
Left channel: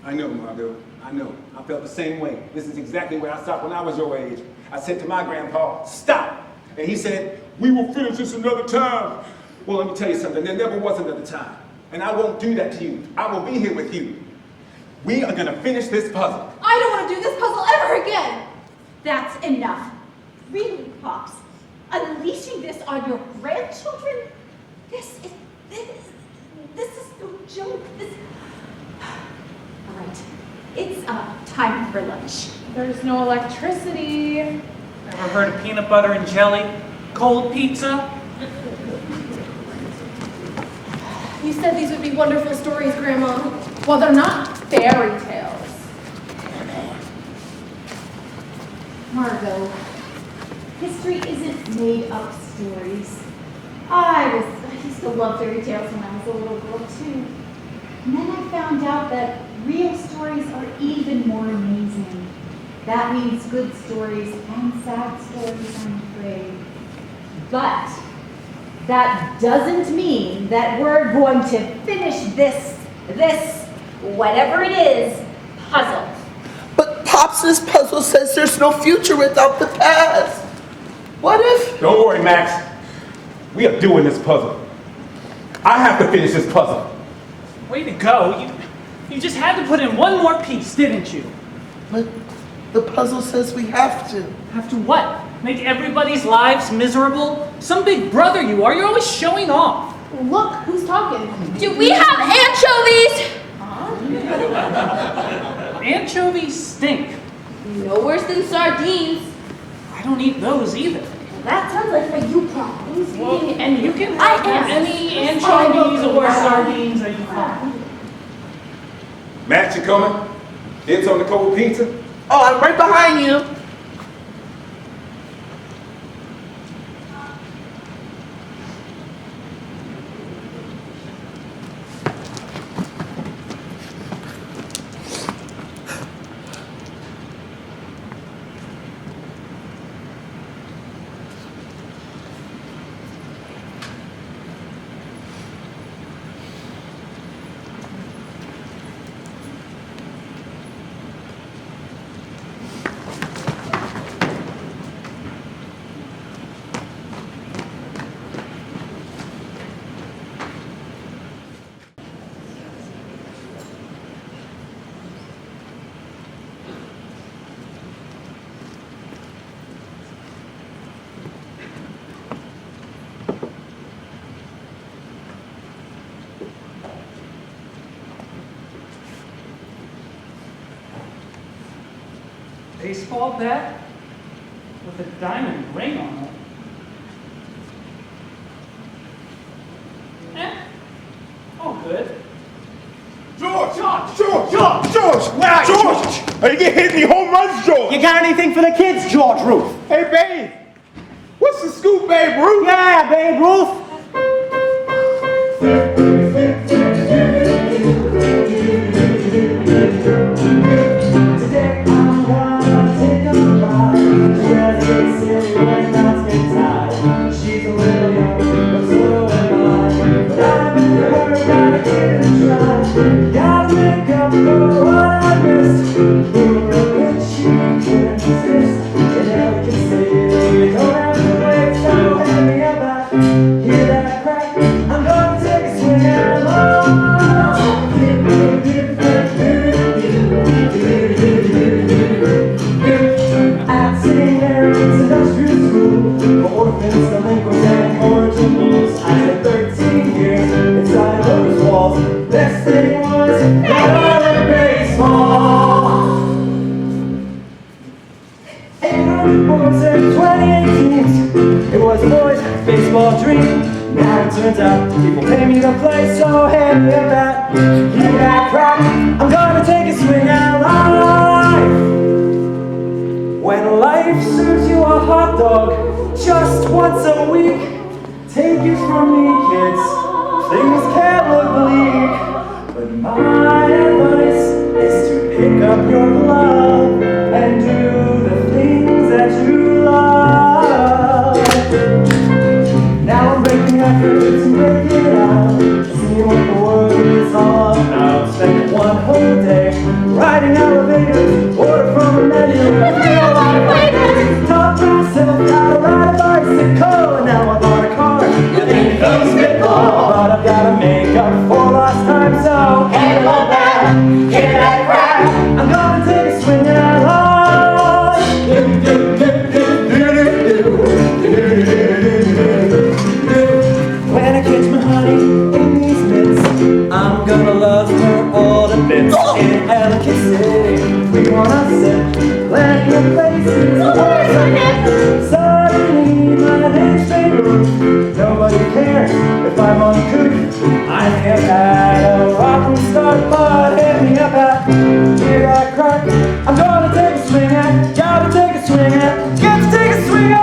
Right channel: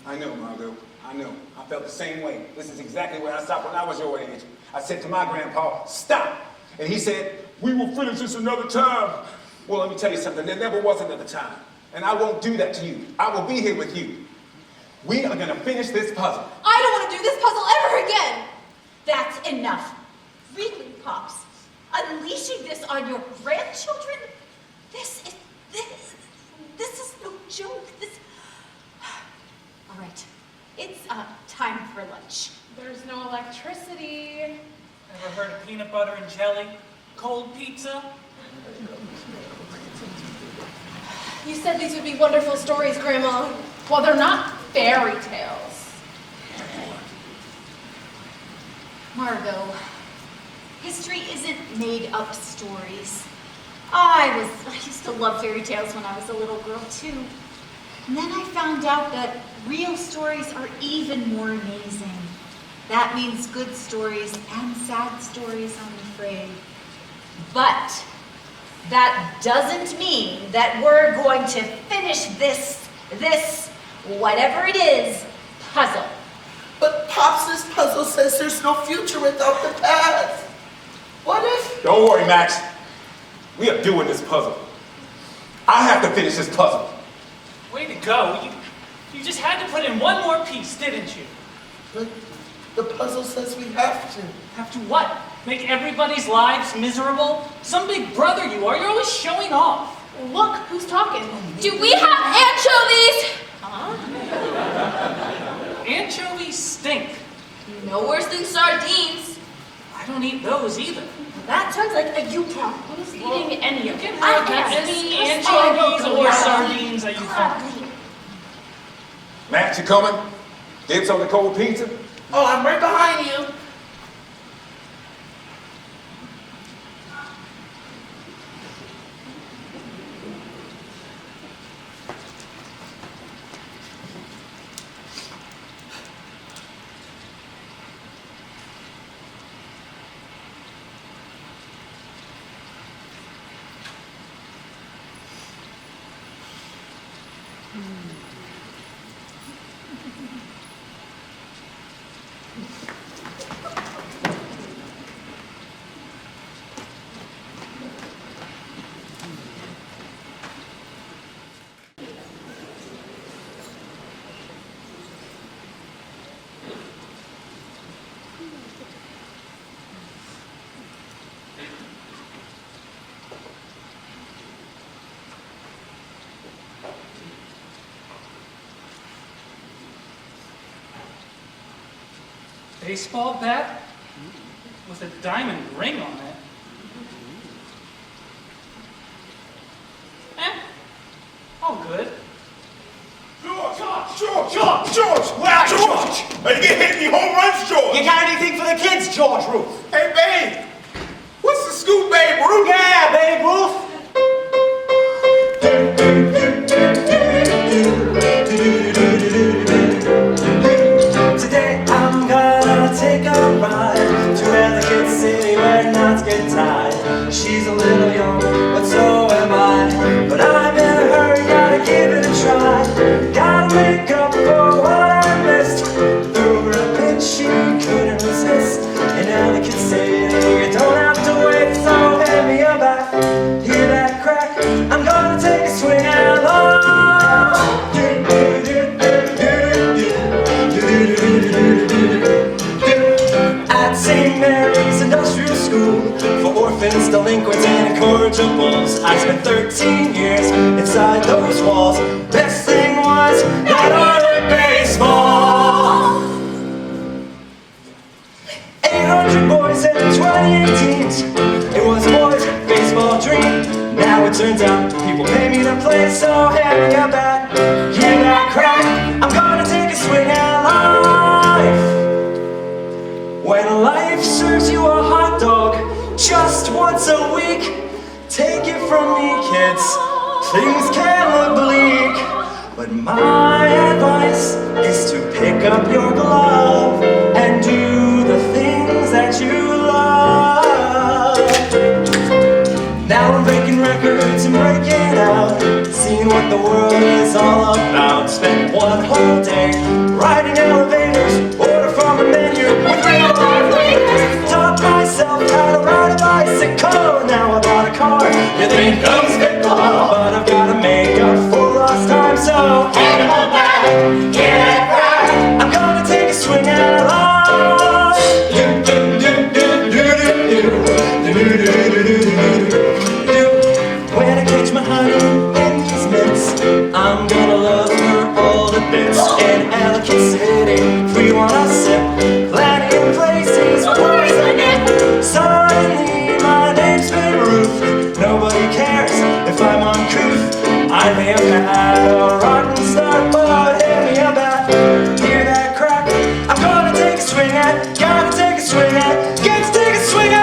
I know, Margot, I know. I felt the same way. This is exactly where I stopped when I was your age. I said to my grandpa, stop. And he said, we will finish this another time. Well, let me tell you something. There never was another time. And I won't do that to you. I will be here with you. We are going to finish this puzzle. I don't want to do this puzzle ever again. That's enough. Really, Pops. Unleashing this on your grandchildren? This is no joke. All right. It's time for lunch. There's no electricity. Ever heard of peanut butter and jelly? Cold pizza? You said these would be wonderful stories, Grandma. Well, they're not fairy tales. Margot, history isn't made up stories. I used to love fairy tales when I was a little girl too. And then I found out that real stories are even more amazing. That means good stories and sad stories, I'm afraid. But that doesn't mean that we're going to finish this, whatever it is, puzzle. But Pops' puzzle says there's no future without the past. What if? Don't worry, Max. We are doing this puzzle. I have to finish this puzzle. Way to go. You just had to put in one more piece, didn't you? But the puzzle says we have to. Have to what? Make everybody's lives miserable? Some big brother you are. You're always showing off. Look, who's talking? Do we have anchovies? Anchovies stink. No worse than sardines. I don't eat those either. That sounds like you can. And you can I have am. any anchovies or sardines that you want. Max, you coming? Dibs on the cold pizza? Oh, I'm right behind you. baseball bat with a diamond ring on it. Oh, good. George! Where are you? George! Are you hitting me home runs, George? You got anything for the kids, George Ruth? Hey, Babe! What's the scoop, Babe Ruth? Yeah, Babe Ruth. Today I'm gonna take a ride to Ellicott City where nights get tied. She's a little young, but so am I. But I'm in a hurry, gotta give it a try. Gotta make up for what I missed. Through a bitch she couldn't resist. In Ellicott City, you don't have to wait, so hand me a bat. Hear that crack? I'm gonna take a swing at love. At St. Mary's Industrial School for orphans, delinquents, and incorrigibles, I spent 13 years inside those walls. Best thing was that I learned baseball. 800 boys and 28 teams. It was a boys' baseball dream. Now it turns out people pay me to play, so hand me a bat. Hear that crack? I'm gonna take a swing at life. When life serves you a hot dog just once a week, take it from me, kids, things can look bleak. But my advice is to pick up your glove and do the things that you love. Now I'm breaking records and breaking out, seeing what the world is all about. Spent one whole day riding elevators, order from a menu. Taught myself how to ride a bicycle, and now I buy a car. It ain't no spitball, but I've gotta make up for lost time, so hand me a bat, get that crack. I'm gonna take a swing at life. When I catch my honey in these mitts, I'm gonna love her all the bits. In Ellicott City, free when I sip, glad to get places where I get. Suddenly my name's Babe Ruth. Nobody cares if I'm uncouth. I may have had a rotten start, but hit me a bat. Hear that crack? I'm gonna take a swing at, gotta take a swing at, gotta take a swing at.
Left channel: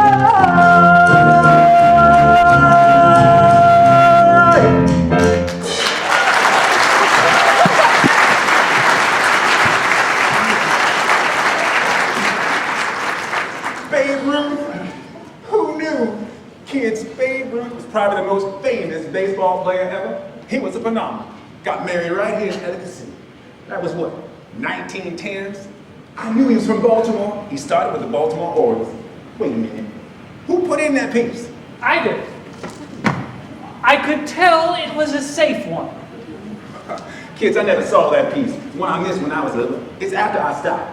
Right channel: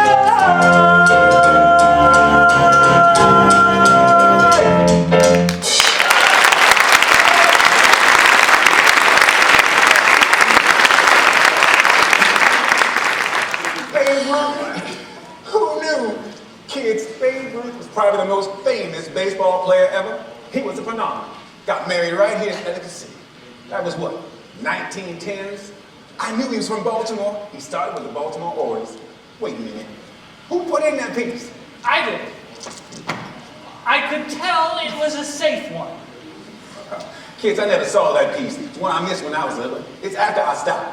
Babe Ruth? Who knew? Kids, Babe Ruth was probably the most famous baseball player ever. He was a phenomenon. Got married right here in Ellicott City. That was what, 1910s? I knew he was from Baltimore. He started with the Baltimore Orioles. Wait a minute. Who put in that piece? I did. I could tell it was a safe one. Kids, I never saw that piece. It's one I missed when I was little. It's after I stopped.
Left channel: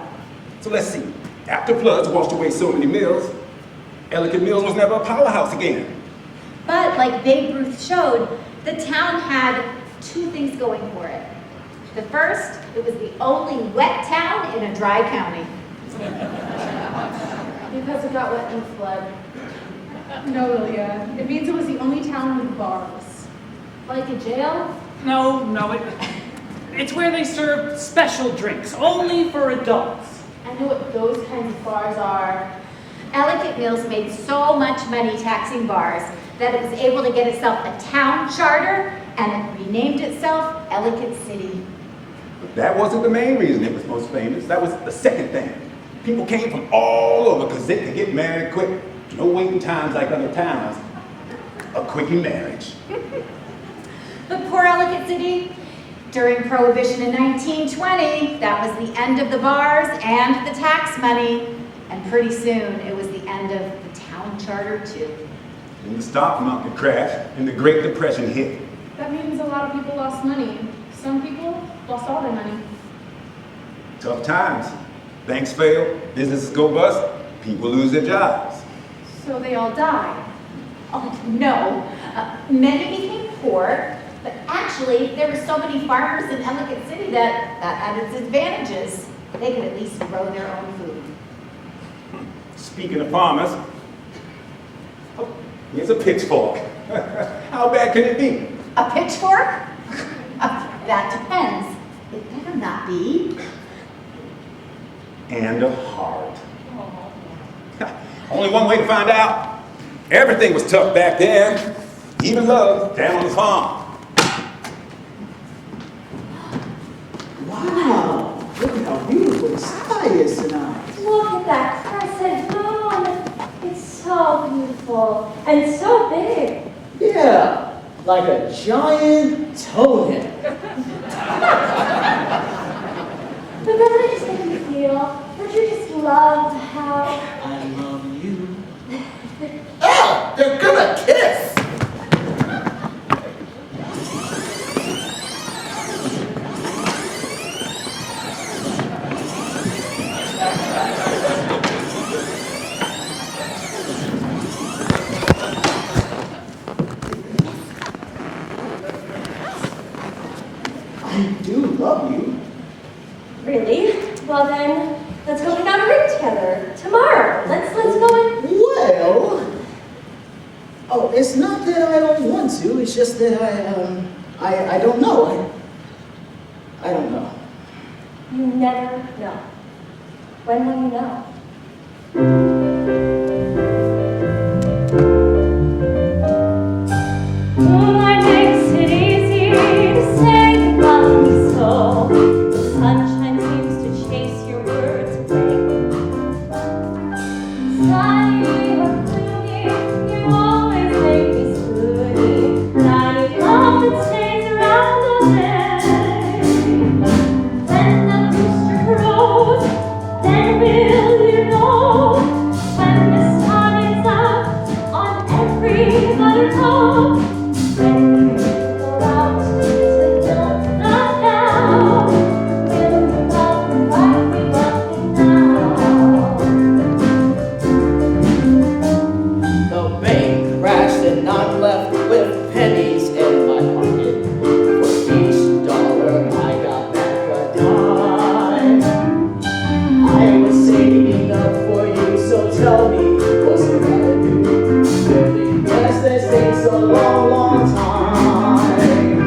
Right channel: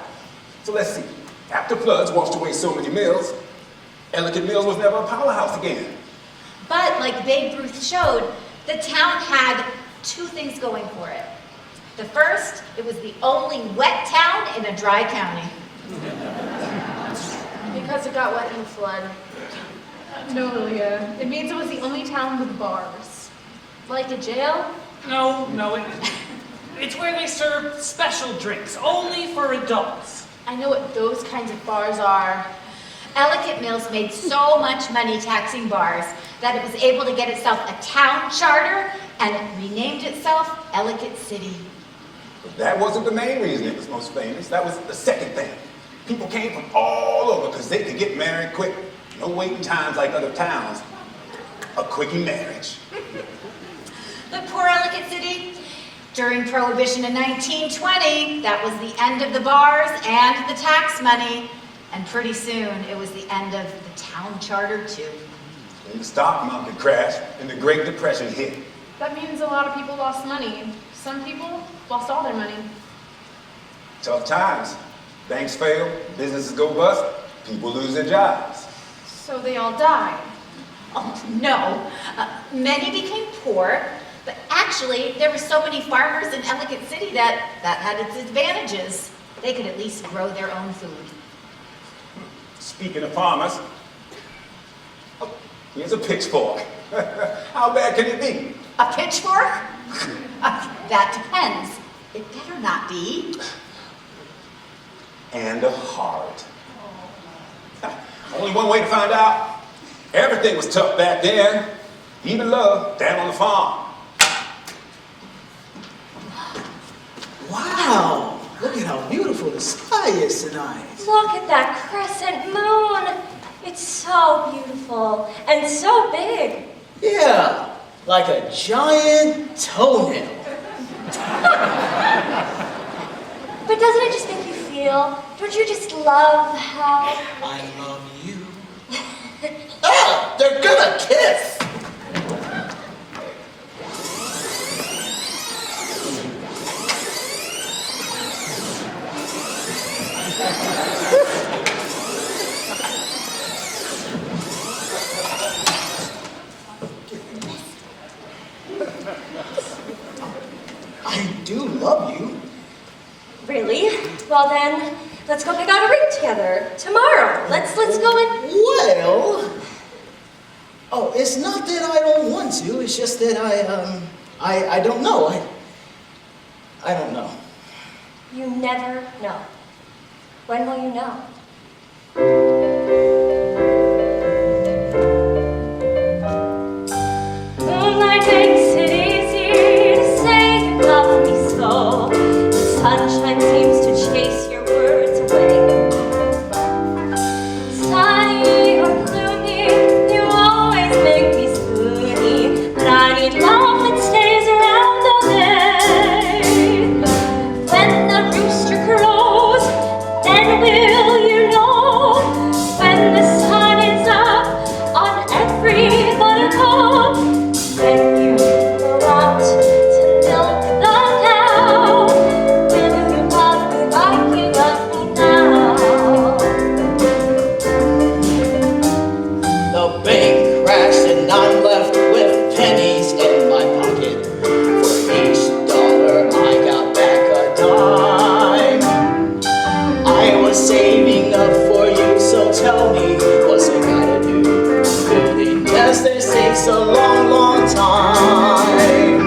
So let's see. After floods washed away so many mills, Ellicott Mills was never a powerhouse again. But like Babe Ruth showed, the town had two things going for it. The first, it was the only wet town in a dry county. Because it got wet in the flood. No, Lilia. It means it was the only town with bars. Like a jail? No, it's where they serve special drinks, only for adults. I know what those kinds of bars are. Ellicott Mills made so much money taxing bars that it was able to get itself a town charter and it renamed itself Ellicott City. But that wasn't the main reason it was most famous. That was the second thing. People came from all over because they could get married quick. No waiting times like other towns. A quickie marriage. But poor Ellicott City, during Prohibition in 1920, that was the end of the bars and the tax money. And pretty soon, it was the end of the town charter, too. And the stock market crashed and the Great Depression hit. That means a lot of people lost money. Some people lost all their money. Tough times. Banks fail, businesses go bust, people lose their jobs. So they all died. Oh, no. Many became poor, but actually, there were so many farmers in Ellicott City that had its advantages. They could at least grow their own food. Speaking of farmers, oh, here's a pitchfork. How bad can it be? A pitchfork? That depends. It better not be. And a heart. Only one way to find out. Everything was tough back then. Even love down on the farm. Wow, look at how beautiful the sky is tonight. Look at that crescent moon. It's so beautiful and so big. Yeah, like a giant toenail. But doesn't it just make you feel? Don't you just love how... I love you. Ah, they're gonna kiss. I do love you. Really? Well then, let's go pick out a ring together. Tomorrow. Let's go and... Well, oh, it's not that I don't want to. It's just that I don't know. I don't know. You never know. When will you know? Moonlight makes it easy to say you love me so. The sunshine seems to chase your words away. Sunny or gloomy, you always make me spoony. But I need love that stays around all day. When the rooster crows, then will you know? When the sun is up on every buttercup. When you go out to milk the cow, will you love me like you love me now? The bank crashed and I'm left with pennies in my pocket. For each dollar I got back a dime. I was saving up for you, so tell me what's I gotta do? Building nests that takes a long, long time.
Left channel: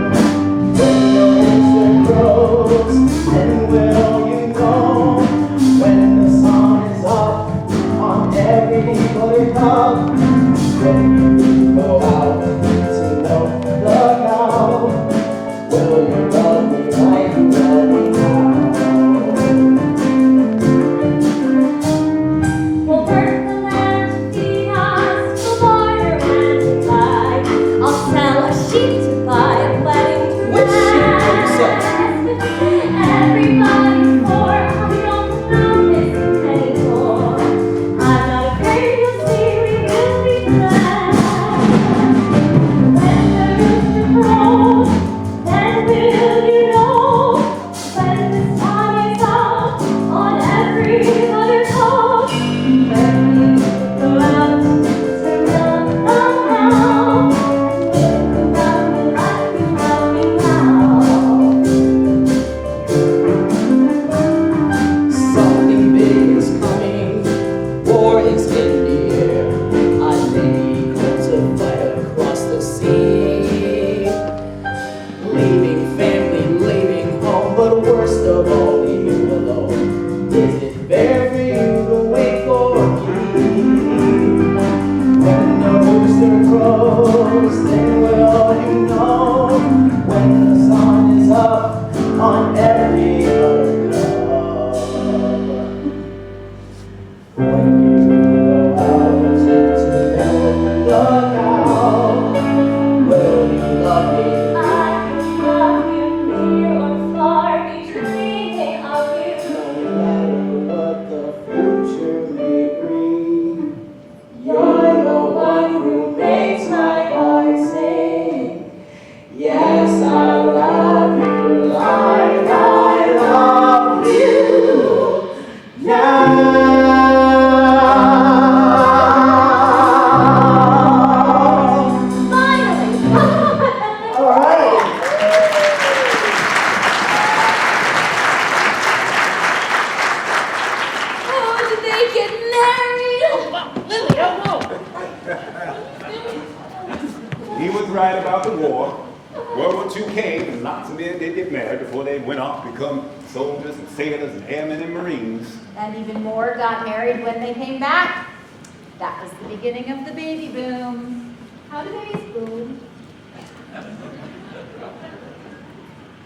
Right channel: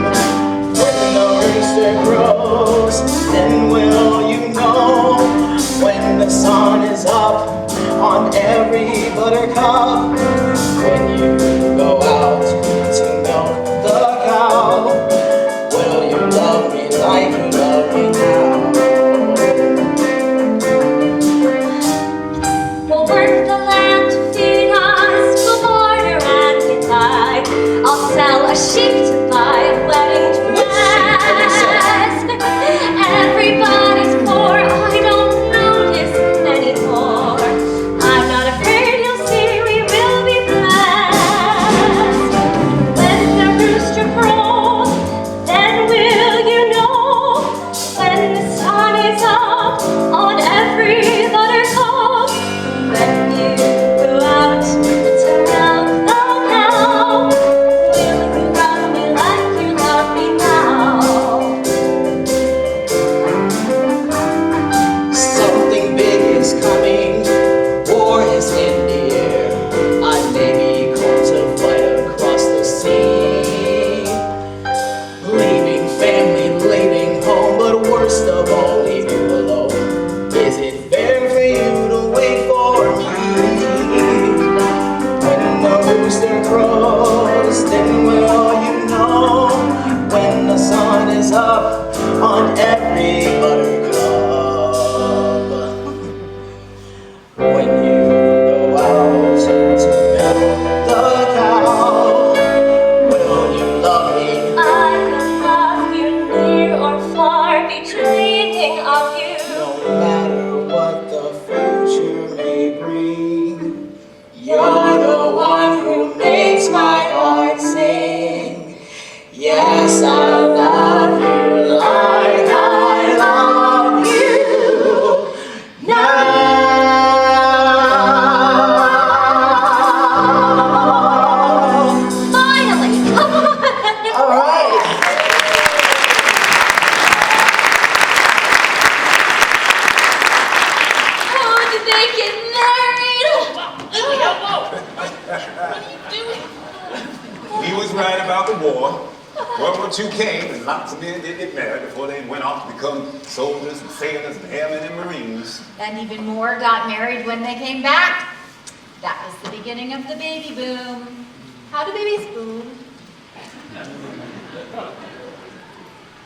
When the rooster grows, then will you know? When the sun is up on every buttercup. When you go out to milk the cow, will you love me like you love me now? We'll work the land to feed us, we'll barter and we die. I'll sell a sheep to buy a wedding dress. Everybody's poor, I don't notice anymore. I'm not afraid, you'll see we will be He was right about the war. World War II came, and lots of men did get married before they went off to become soldiers and sailors and airmen and Marines. And even more got married when they came back. That was the beginning of the baby boom. How do babies boom?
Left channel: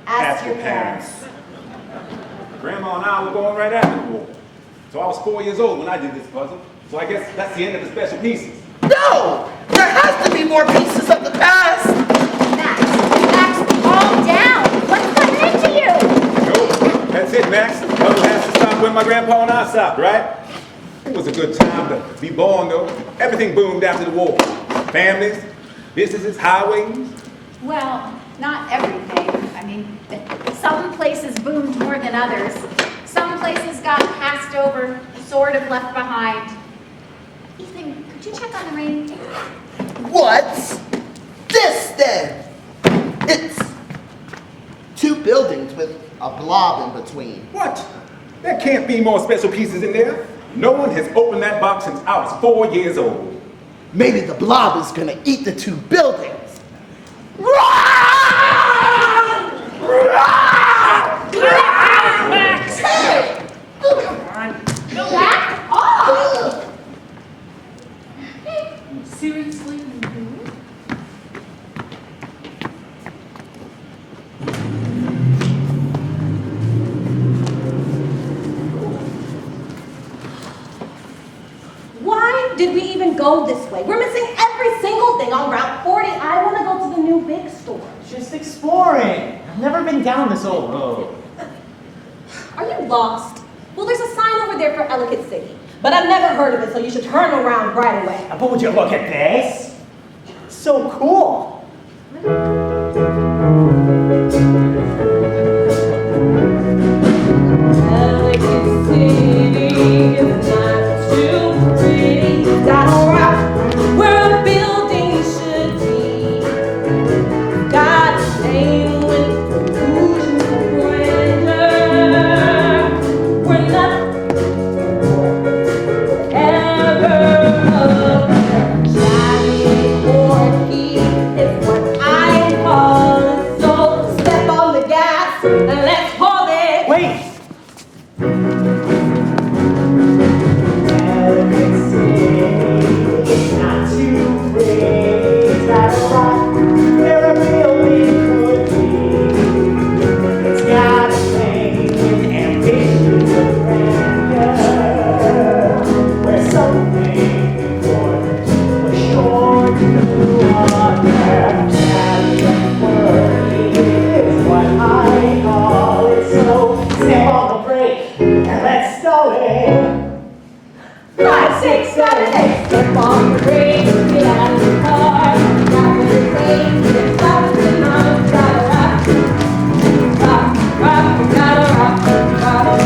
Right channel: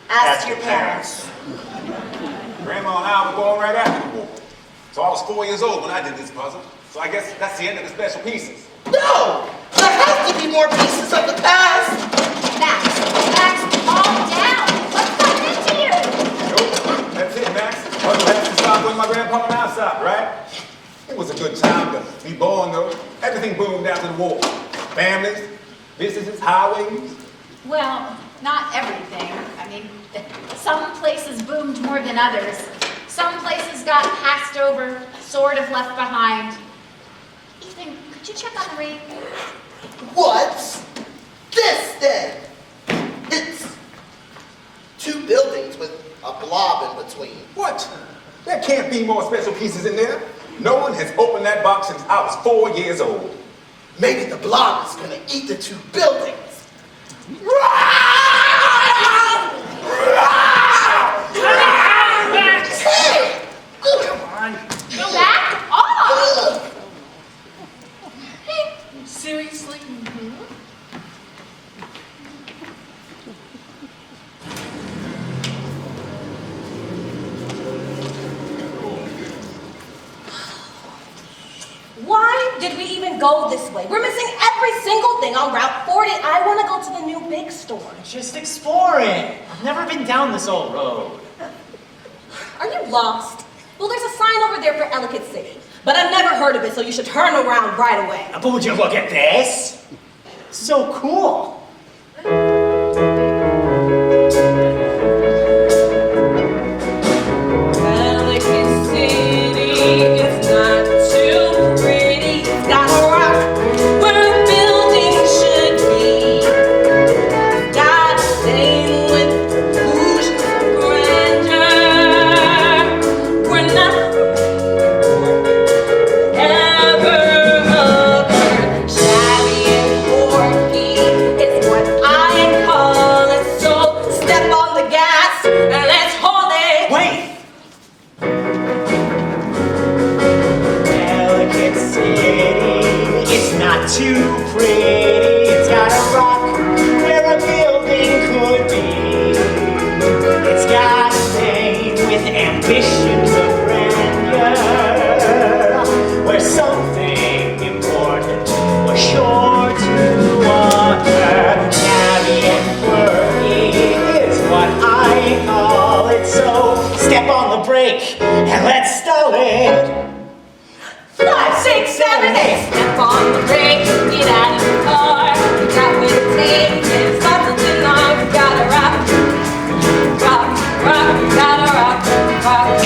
Ask your parents. Grandma and I were going right after the war. So I was 4 years old when I did this puzzle. So I guess that's the end of the special pieces. No! There has to be more pieces of the past! Max, calm down. What's happening to you? Nope. That's it, Max. That's the time when my grandpa and I stopped, right? It was a good time to be born, though. Everything boomed after the war. Families, businesses, highways. Well, not everything. I mean, some places boomed more than others. Some places got passed over, sort of left behind. Ethan, could you check on the ring? What's this then? It's 2 buildings with a blob in between. What? There can't be more special pieces in there. No one has opened that box since I was 4 years old. Maybe the blob is gonna eat the 2 buildings. Hey! Back off! Seriously? Why did we even go this way? We're missing every single thing on Route 40. I want to go to the new big store. Just exploring. I've never been down this old road. Are you lost? Well, there's a sign over there for Ellicott City, but I've never heard of it, so you should turn around right away. But would you look at this? It's so cool. Ellicott City is not too pretty. It's got a rock where a building should be. Got a lane with illusions of grandeur. We're not ever occur. Shabby and quirky, it's what I call it. So step on the gas and let's hold it. Wait! Ellicott City, it's not too pretty. It's got a rock where a building could be. It's got a name with ambitions of grandeur, where something important was sure to occur. Shabby and quirky is what I call it. So step on the brake and let's stall it. 5, 6, 7, 8. Step on the brake, get out of the car. You got what it takes, get something on. Gotta rock, rock, rock, gotta rock, rock.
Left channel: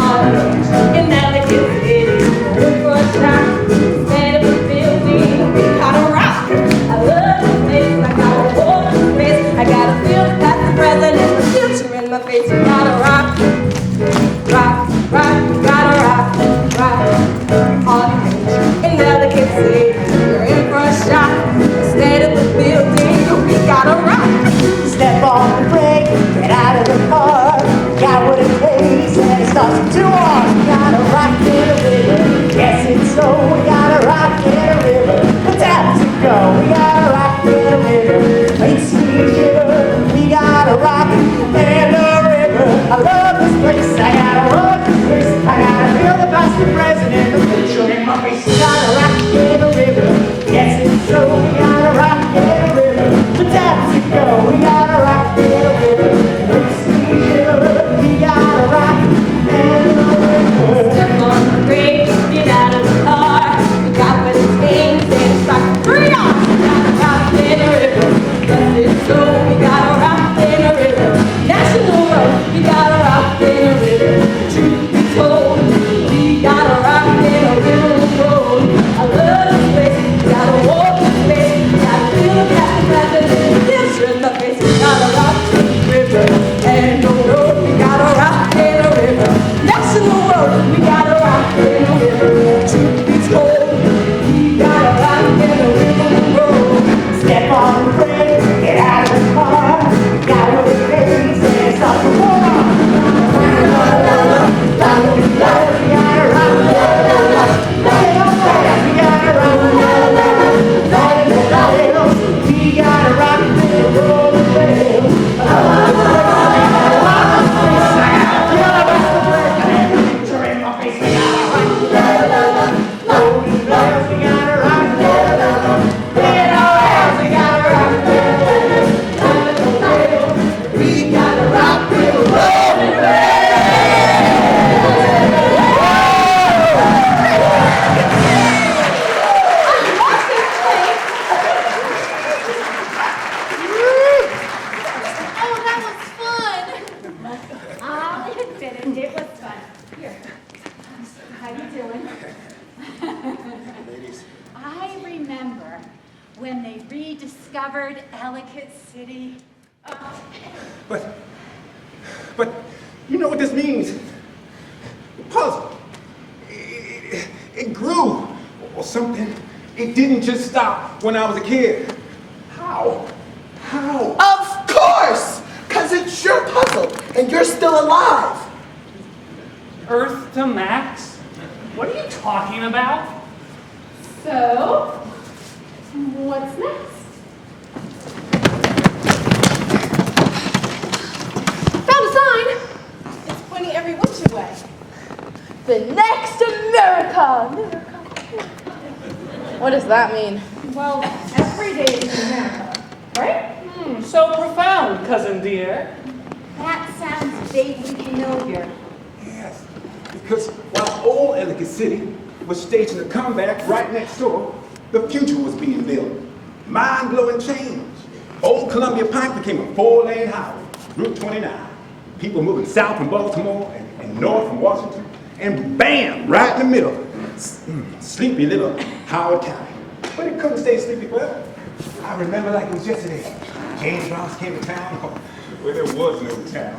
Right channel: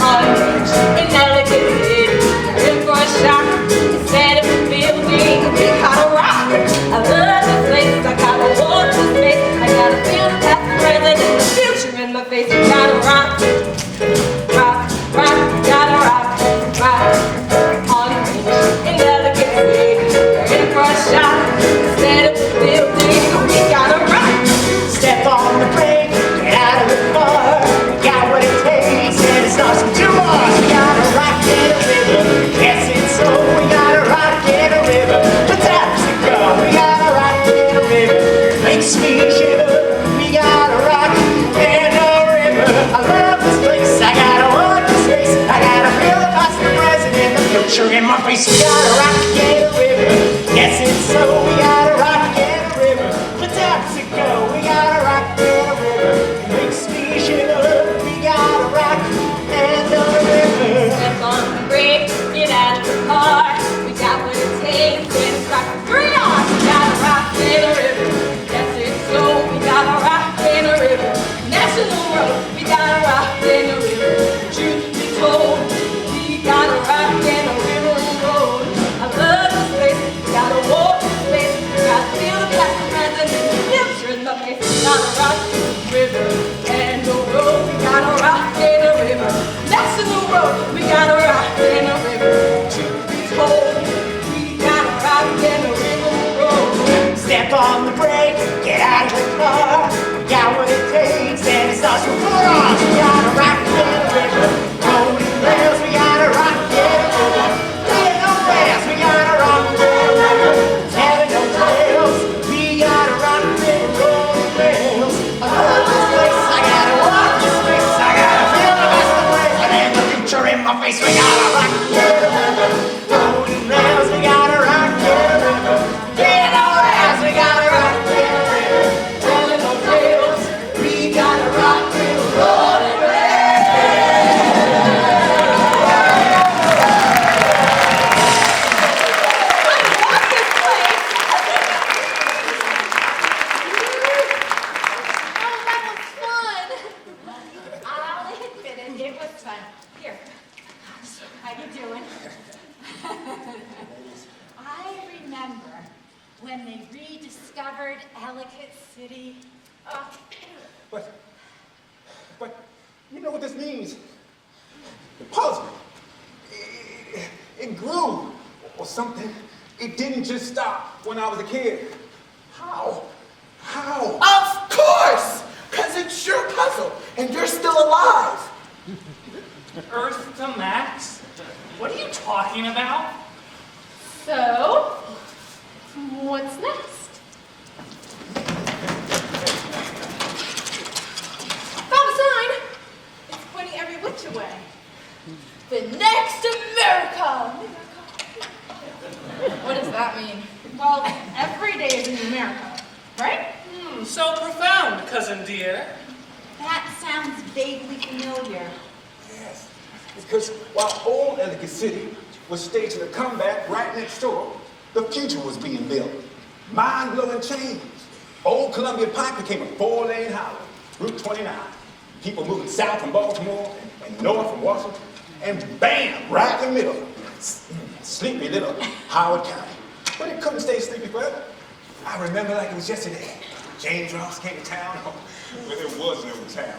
On a beach in Ellicott City, in for a shot. Instead of a building, we gotta rock. when they rediscovered Ellicott City. But you know what this means? The puzzle. It grew or something. It didn't just stop when I was a kid. How? Of course! Because it's your puzzle, and you're still alive. Earth to Max? What are you talking about? So, what's next? Found a sign. It's pointing every which way. The next America. What does that mean? Well, every day is America, right? So profound, cousin dear. That sounds vaguely familiar. Yes. Because while old Ellicott City was staging a comeback right next door, the future was being built. Mind-blowing change. Old Columbia Pike became a 4-lane highway, Route 29. People moving south from Baltimore and north from Washington. And bam, right in the middle, sleepy little Howard County. But it couldn't stay sleepy forever. I remember like it was yesterday. James Ross came to town where there was no town.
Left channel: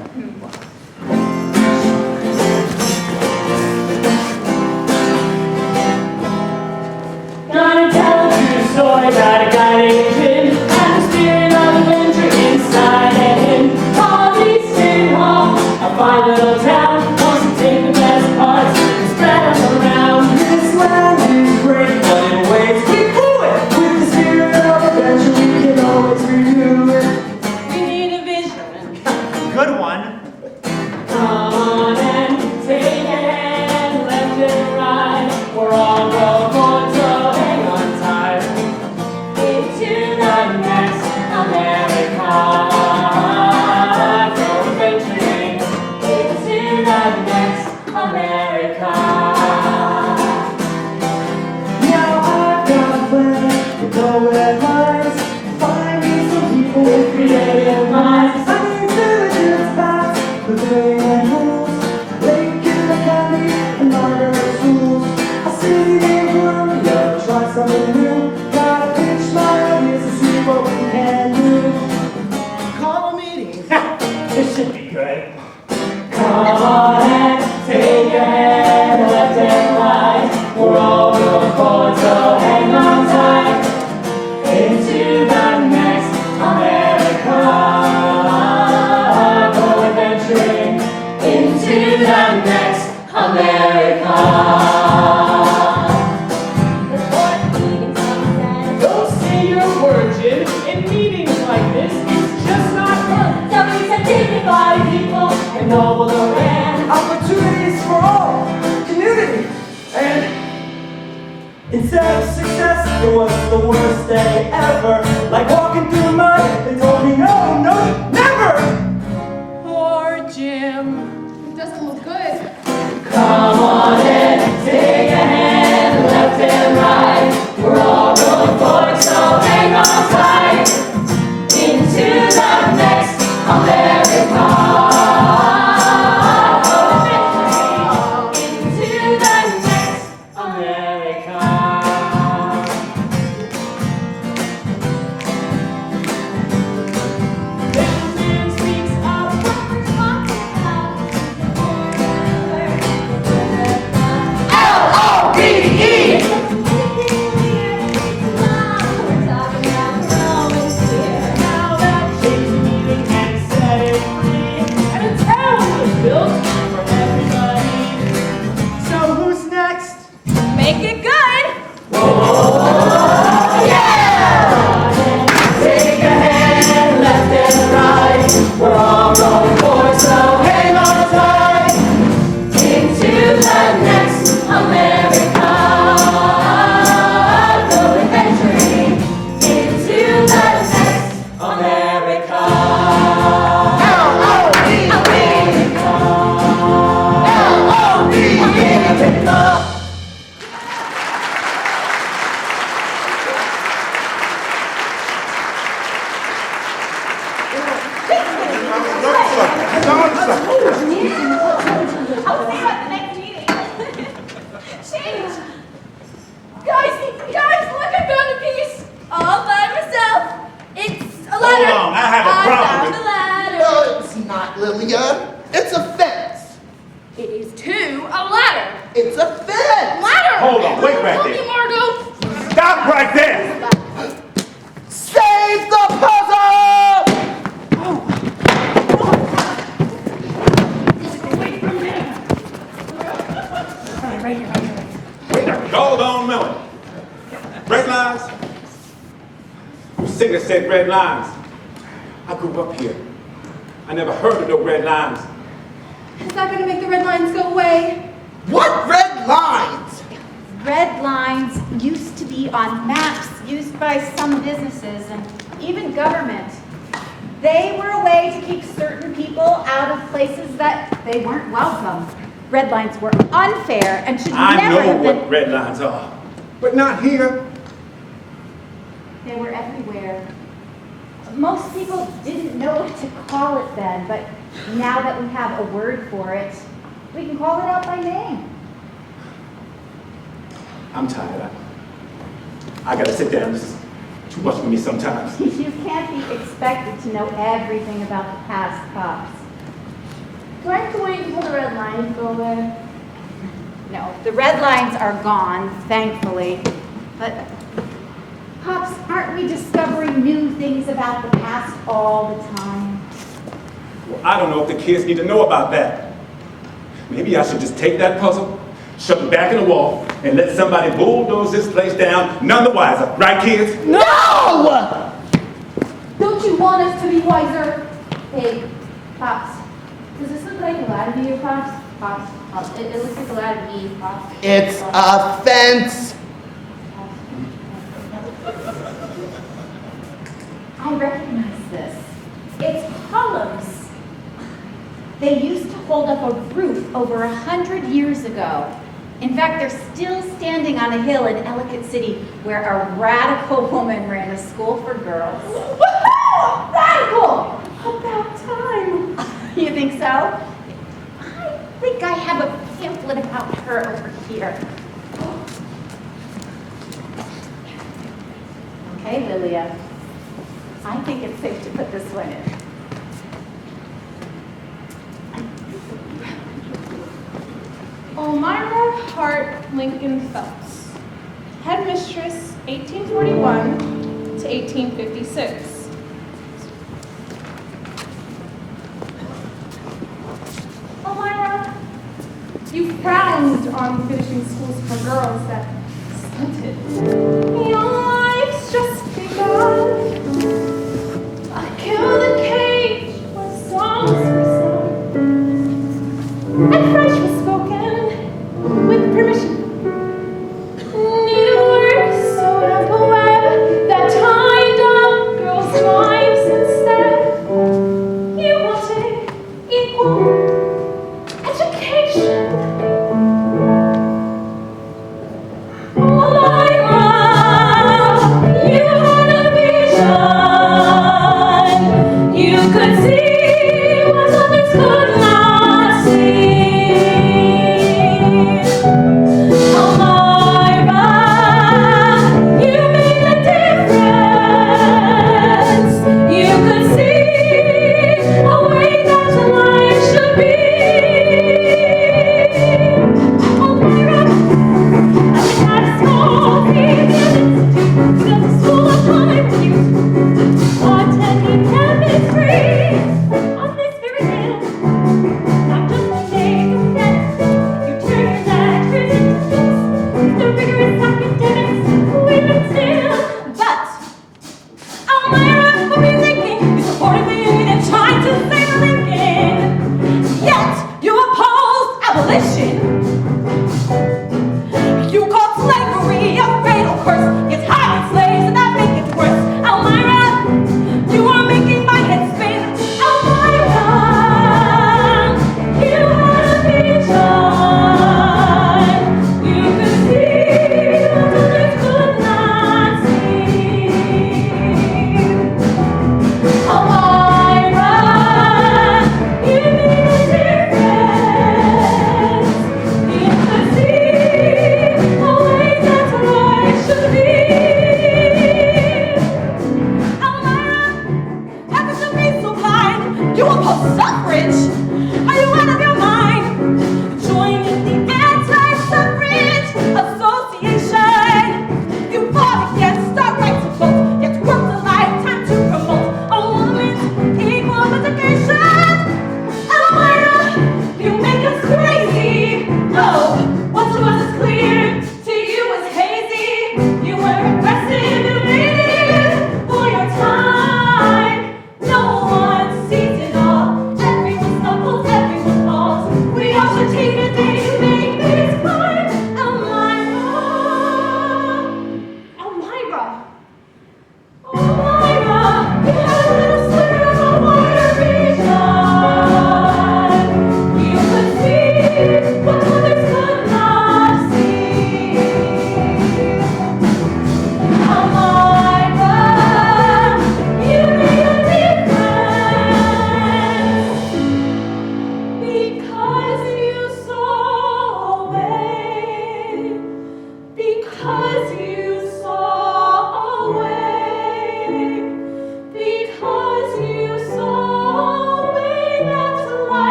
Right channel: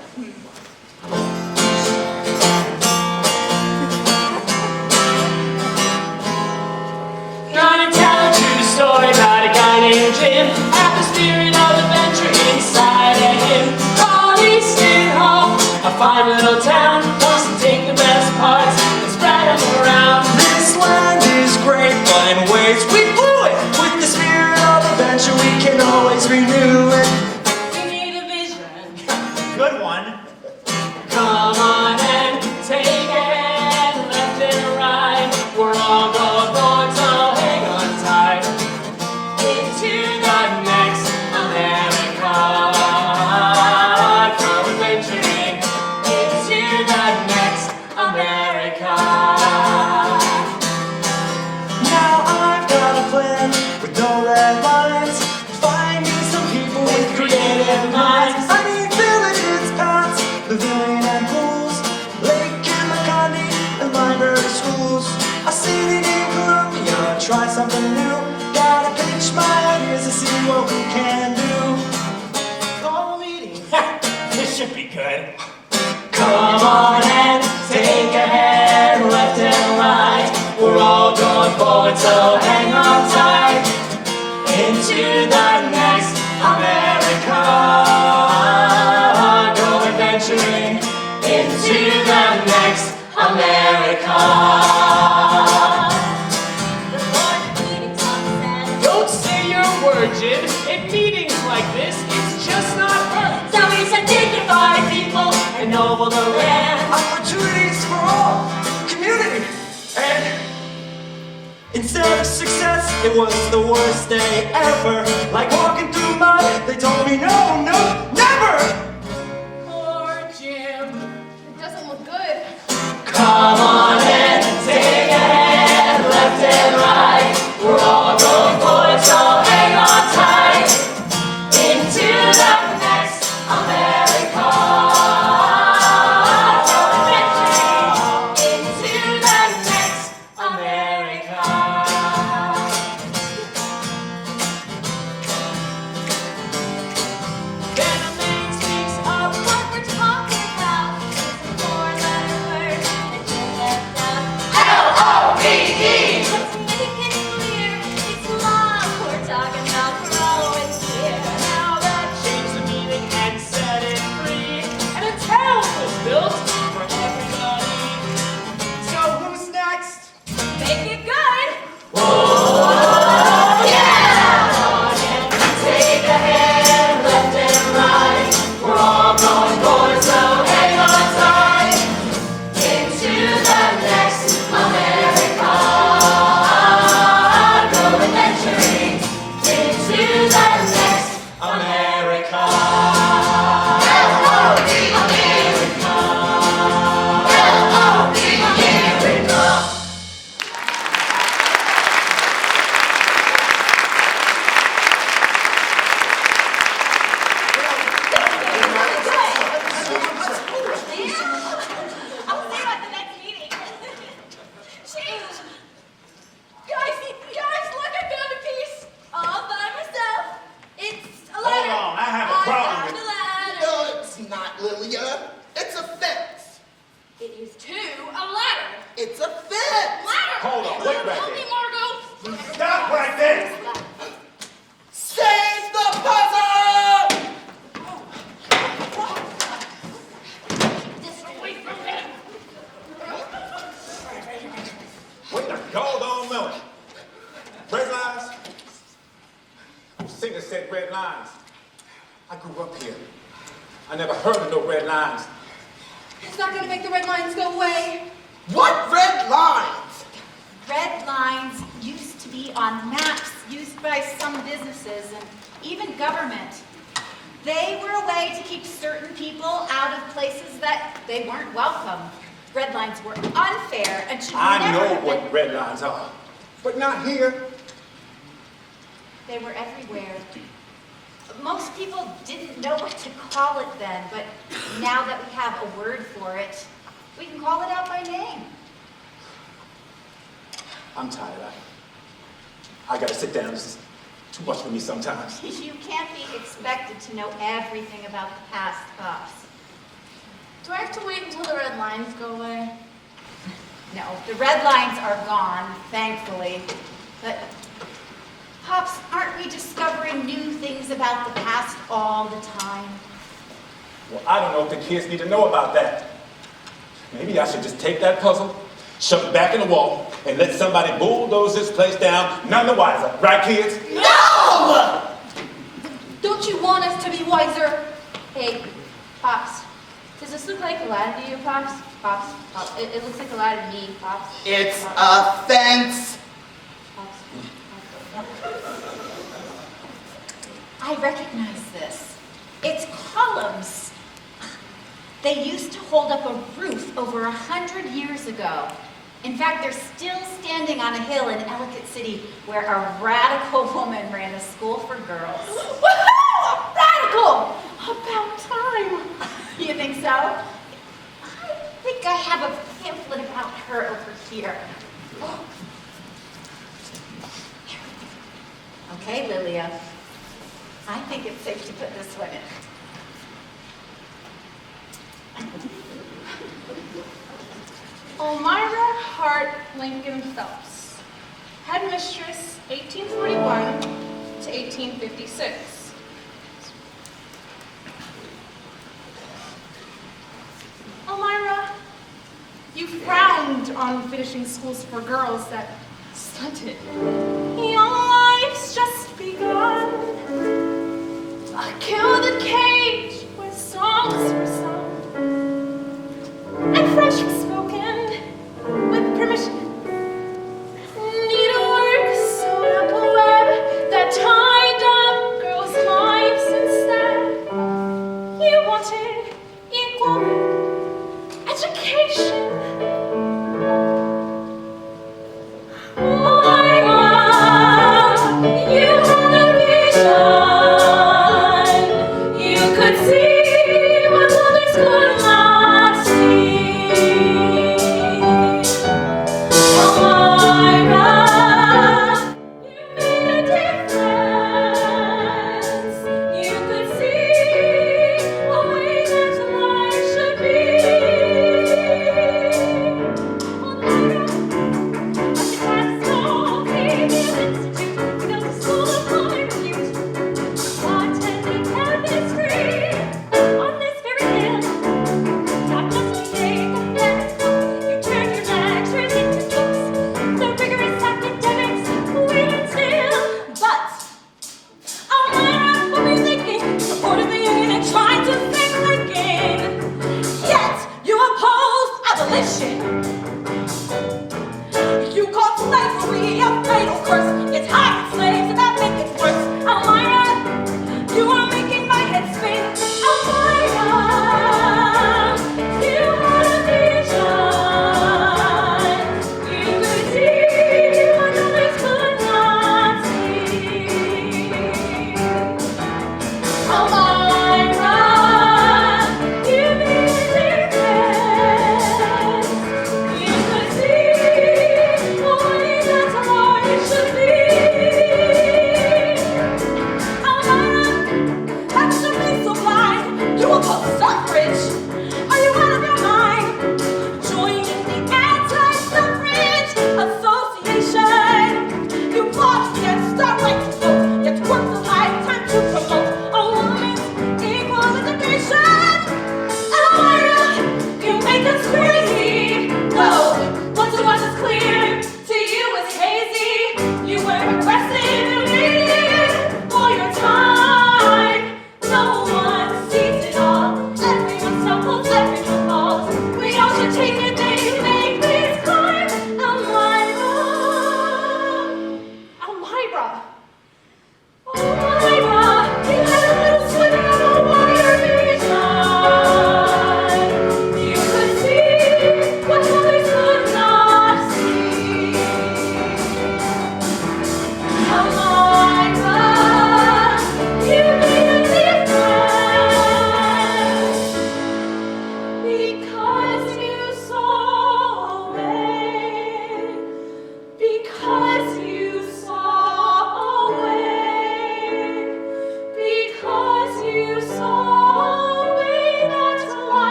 Gonna tell a true story about a guy named Jim. Had the spirit of adventure inside of him. Called Easton Hall, a fine little town. Wants to take the best parts and spread them around. This land is great, but in ways we blew it. With the spirit of adventure, we can always renew it. We need a vision. Good one. Come on and take a hand, left and right. We're all going forward, so hang on tight. Into the next America. Go adventuring into the next America. Now I've got a plan with no red lines. Finding some people with creative minds. I need villages, paths, pavilion pools, lake in the county, and library schools. A city named Columbia, try something new. Gotta pitch my ideas to see what we can do. Call a meeting. This should be good. Come on and take a hand, left and right. We're all going forward, so hang on tight. Into the next America. Go adventuring into the next America. Don't say your word, Jim. In meetings like this, it's just not heard. So we said dignified people. And noble the land. Opportunities for all, community, and instead of success, it was the worst day ever. Like walking through mud, they told me no, never. Poor Jim. It doesn't look good. Come on and take a hand, left and right. We're all going forward, so hang on tight. Into the next America. Go adventuring into the next America. Lilia. It's a fence. It is too a ladder. It's a fence. Ladder! Hold on, wait right Tell me, there. Margot. Stop right there! Save the puzzle! Wait a doggone minute. Red lines? Who singer said red lines? I grew up here. I never heard of no red lines. Is that going to make the red lines go away? What red lines? Red lines used to be on maps used by some businesses and even government. They were a way to keep certain people out of places that they weren't welcome. Red lines were unfair and should I never know have what been. red lines are, but not here. They were everywhere. Most people didn't know what to call it then, but now that we have a word for it, we can call it out by name. I'm tired. I gotta sit down. It's too much for me sometimes. You can't be expected to know everything about the past, Pops. Do I have to wait until the red lines go away? No, the red lines are gone, thankfully. But, Pops, aren't we discovering new things about the past all the time? Well, I don't know if the kids need to know about that. Maybe I should just take that puzzle, shove it back in the wall, and let somebody bulldoze this place down, none the wiser. Right, kids? No! Don't you want us to be wiser? Hey, Pops, does this look like a ladder to you, Pops? Pops, Pops. It looks like a ladder to me, Pops. It's a fence. I recognize this. It's columns. They used to hold up a roof over 100 years ago. In fact, they're still standing on a hill in Ellicott City where a radical woman ran a school for girls. Woohoo! Radical! About time. You think so? I think I have a pamphlet about her over here. Okay, Lilia. I think it's safe to put this one in. Elmira Hart Lincoln Phelps, headmistress, 1841 to 1856. Elmira, you frowned on finishing schools for girls that stunted. Young life's just begun. Kill the cage where songs were sung and French was spoken with permission. Needlework sewed a web that tied up girls' lives instead. You wanted equal education. I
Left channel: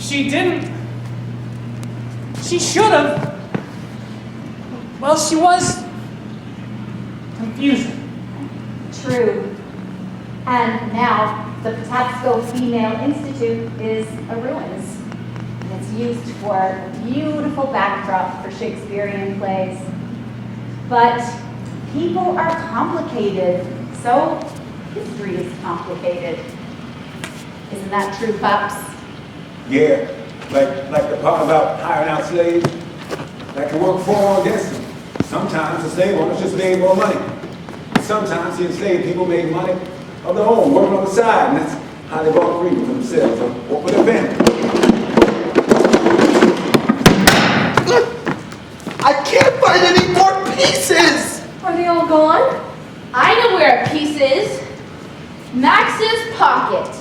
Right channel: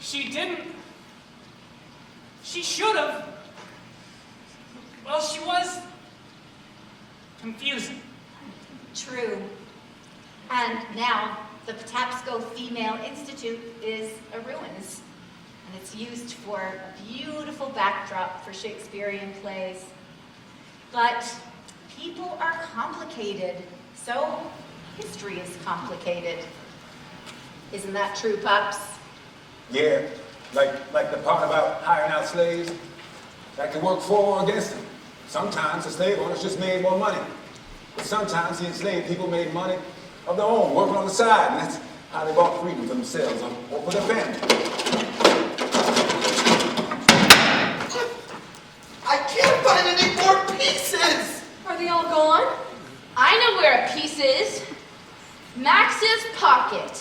She didn't. She should have. Well, she was confusing. True. And now the Patapsco Female Institute is a ruins. And it's used for a beautiful backdrop for Shakespearean plays. But people are complicated, so history is complicated. Isn't that true, Pops? Yeah, like the part about hiring out slaves that can work for or against them. Sometimes the slave owners just made more money. Sometimes the enslaved people made money of their own, working on the side, and that's how they bought freedom for themselves or for their family. I can't find any more pieces! Are they all gone? I know where a piece is. Max's pocket.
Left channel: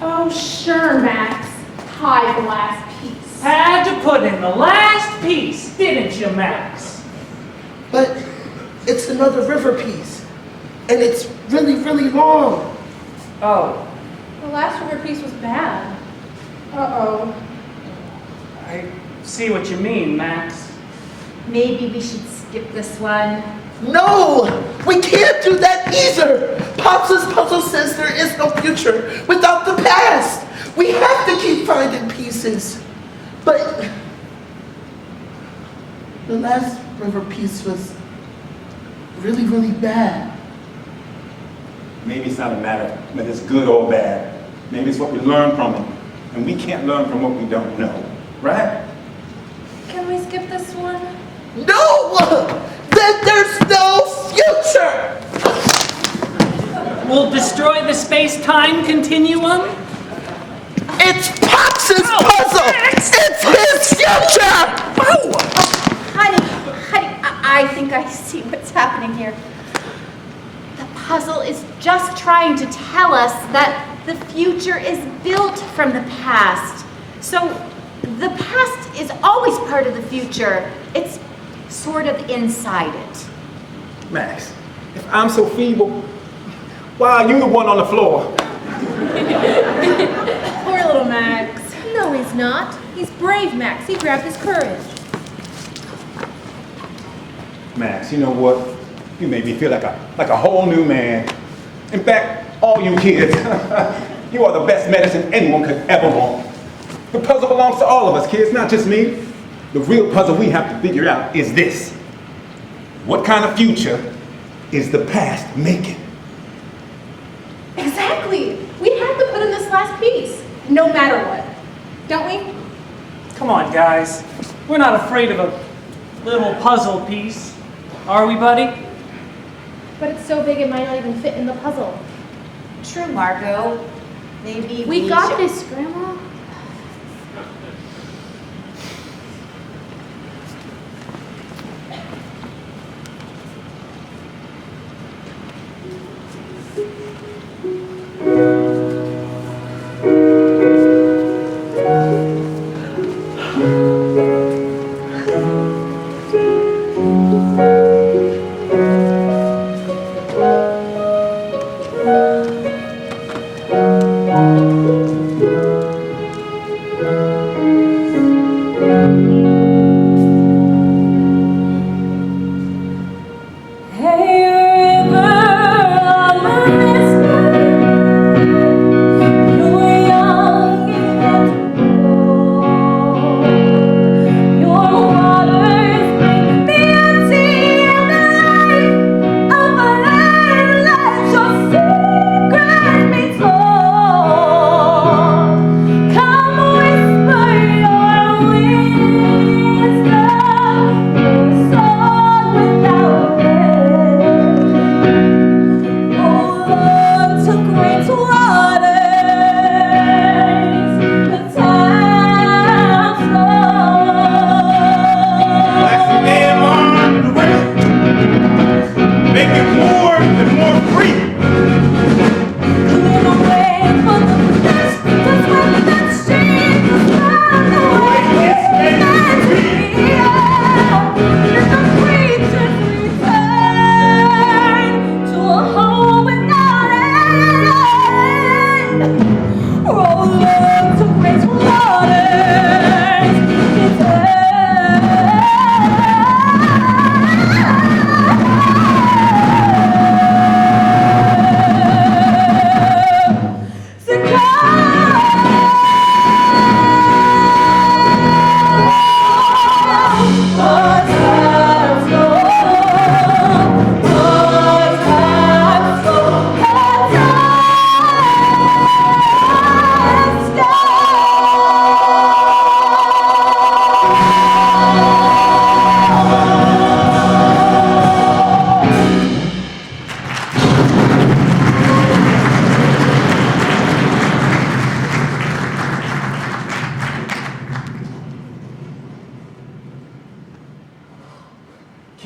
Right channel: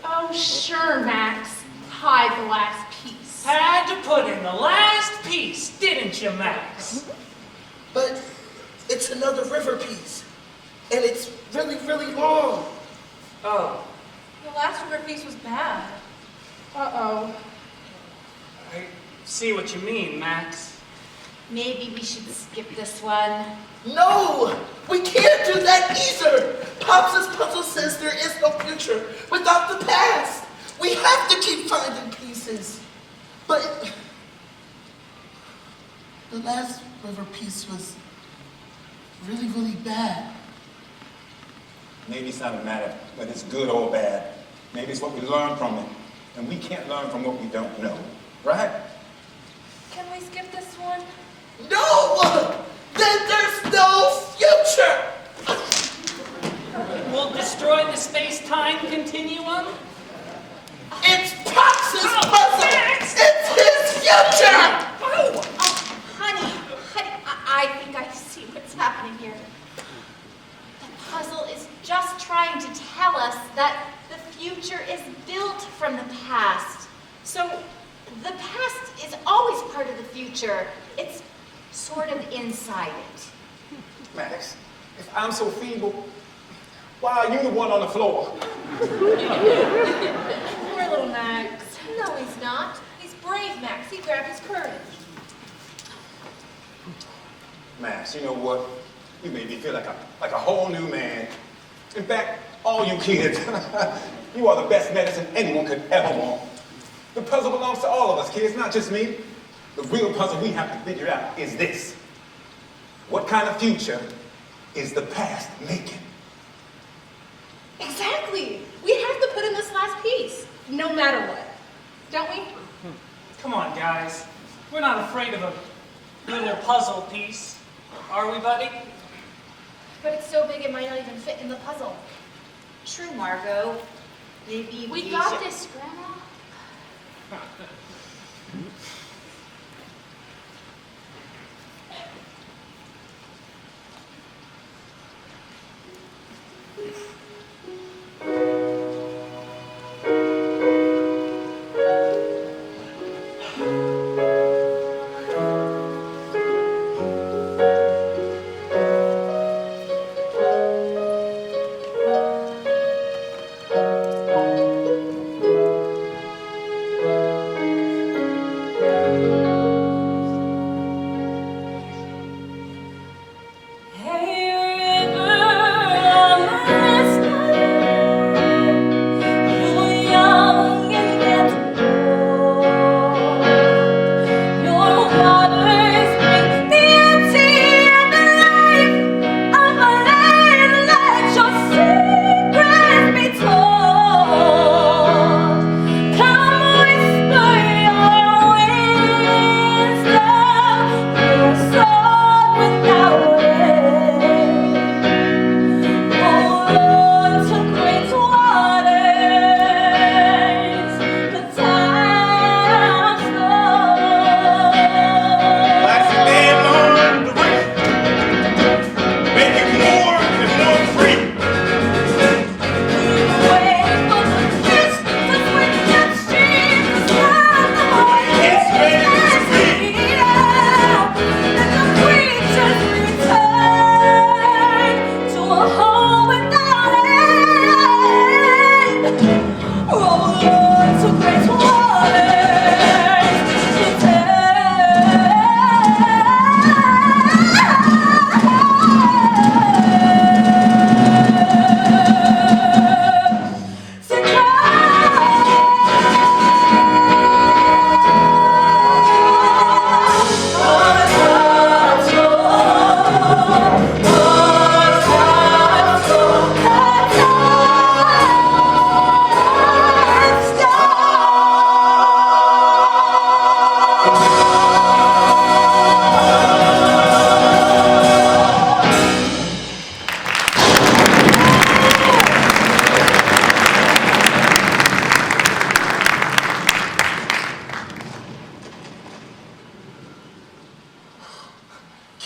Oh, sure, Max. Hide the last piece. Had to put in the last piece, didn't you, Max? But it's another river piece. And it's really, really long. Oh, The last river piece was bad. Uh-oh. I see what you mean, Max. Maybe we should skip this one. No! We can't do that either! Pops' puzzle says there is no future without the past! We have to keep finding pieces. But the last river piece was really, really bad. Maybe it's not a matter that it's good or bad. Maybe it's what we learn from it. And we can't learn from what we don't know, right? Can we skip this one? No! Then there's no future! We'll destroy the space-time continuum? It's Pops' puzzle! It's his future! Honey, I think I see what's happening here. The puzzle is just trying to tell us that the future is built from the past. So the past is always part of the future. It's sort of inside it. Max, if I'm so feeble, why are you the one on the floor? Poor little Max. No, he's not. He's brave, Max. He grabbed his courage. Max, you know what? You made me feel like a whole new man. In fact, all you kids, you are the best medicine anyone could ever want. The puzzle belongs to all of us, kids, not just me. The real puzzle we have to figure out is this. What kind of future is the past making? Exactly. We have to put in this last piece, no matter what. Don't we? Come on, guys. We're not afraid of a little puzzle piece, are we, buddy? But it's so big it might not even fit in the puzzle. True, Margot. Maybe We got this, Grandma.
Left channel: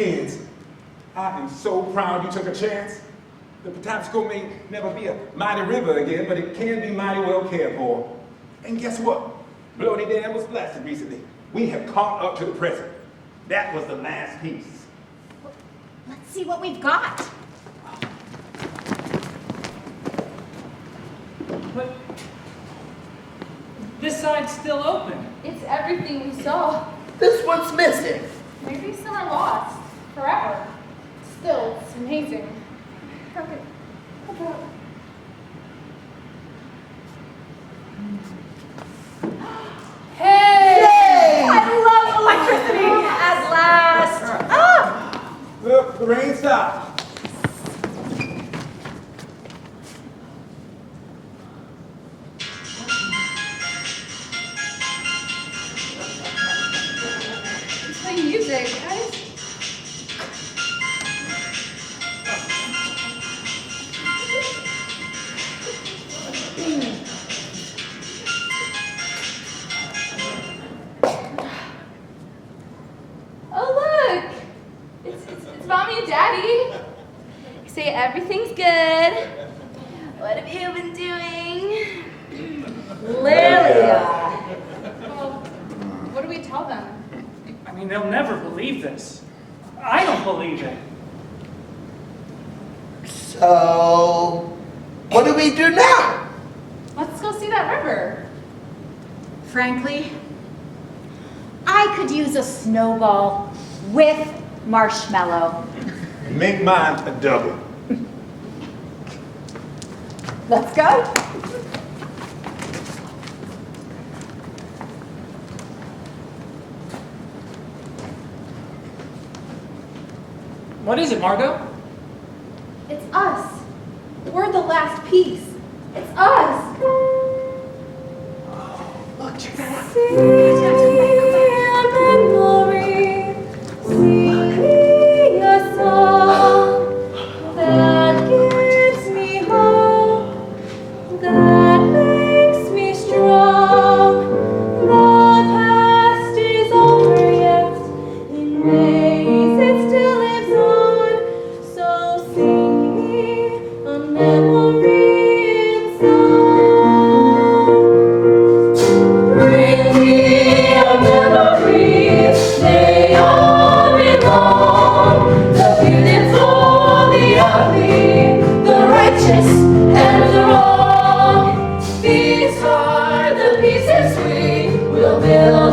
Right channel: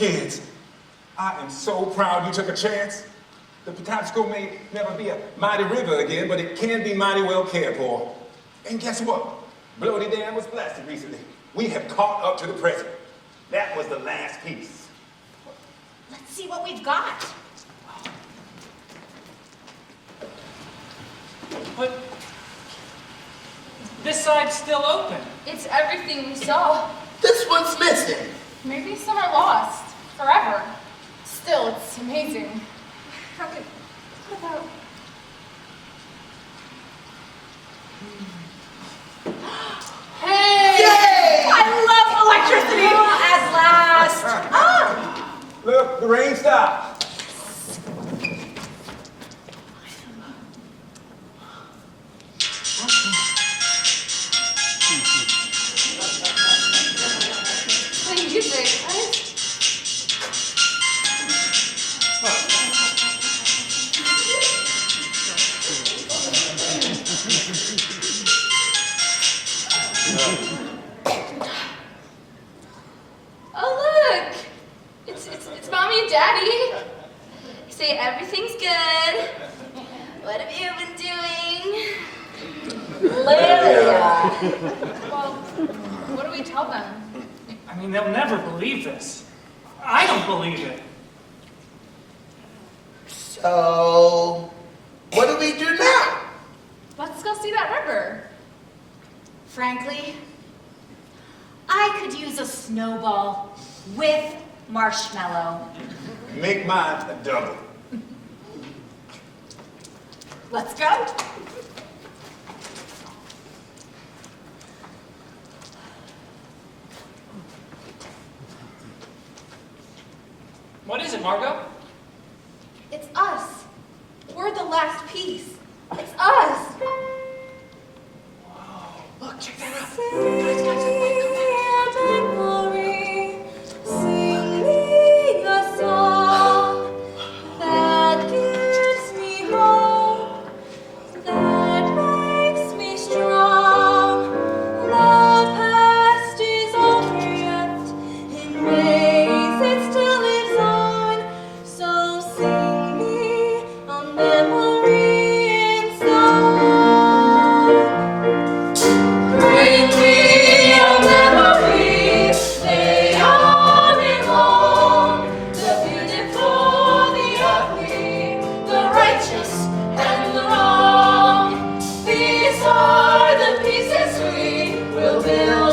Kids, I am so proud you took a chance. The Patapsco may never be a mighty river again, but it can be mighty well cared for. And guess what? Bloody Dam was blasted recently. We have caught up to the present. That was the last piece. Let's see what we've got. But this side's still open. It's everything we saw. This one's missing. Maybe some are lost forever. Still, it's amazing. How about... Hey! Yay! I love electricity at last. Ah! Look, the rain stopped. Play music, right? Oh look! It's mommy and daddy. Say everything's good. What have you been doing? Lilia. Well, what do we tell them? I mean, they'll never believe this. I don't believe it. So, what do we do now? Let's go see that river. Frankly, I could use a snowball with marshmallow. Make mine a double. Let's go. What is it, Margot? It's us. We're the last piece. It's us. Look, check that out. Singing a song that gives me hope, that makes me strong. The past is over yet, in ways it still lives on. So sing me a memory in song. Bring me a memory, they all belong. The beautiful, the ugly, the righteous and the wrong. These are the pieces we will build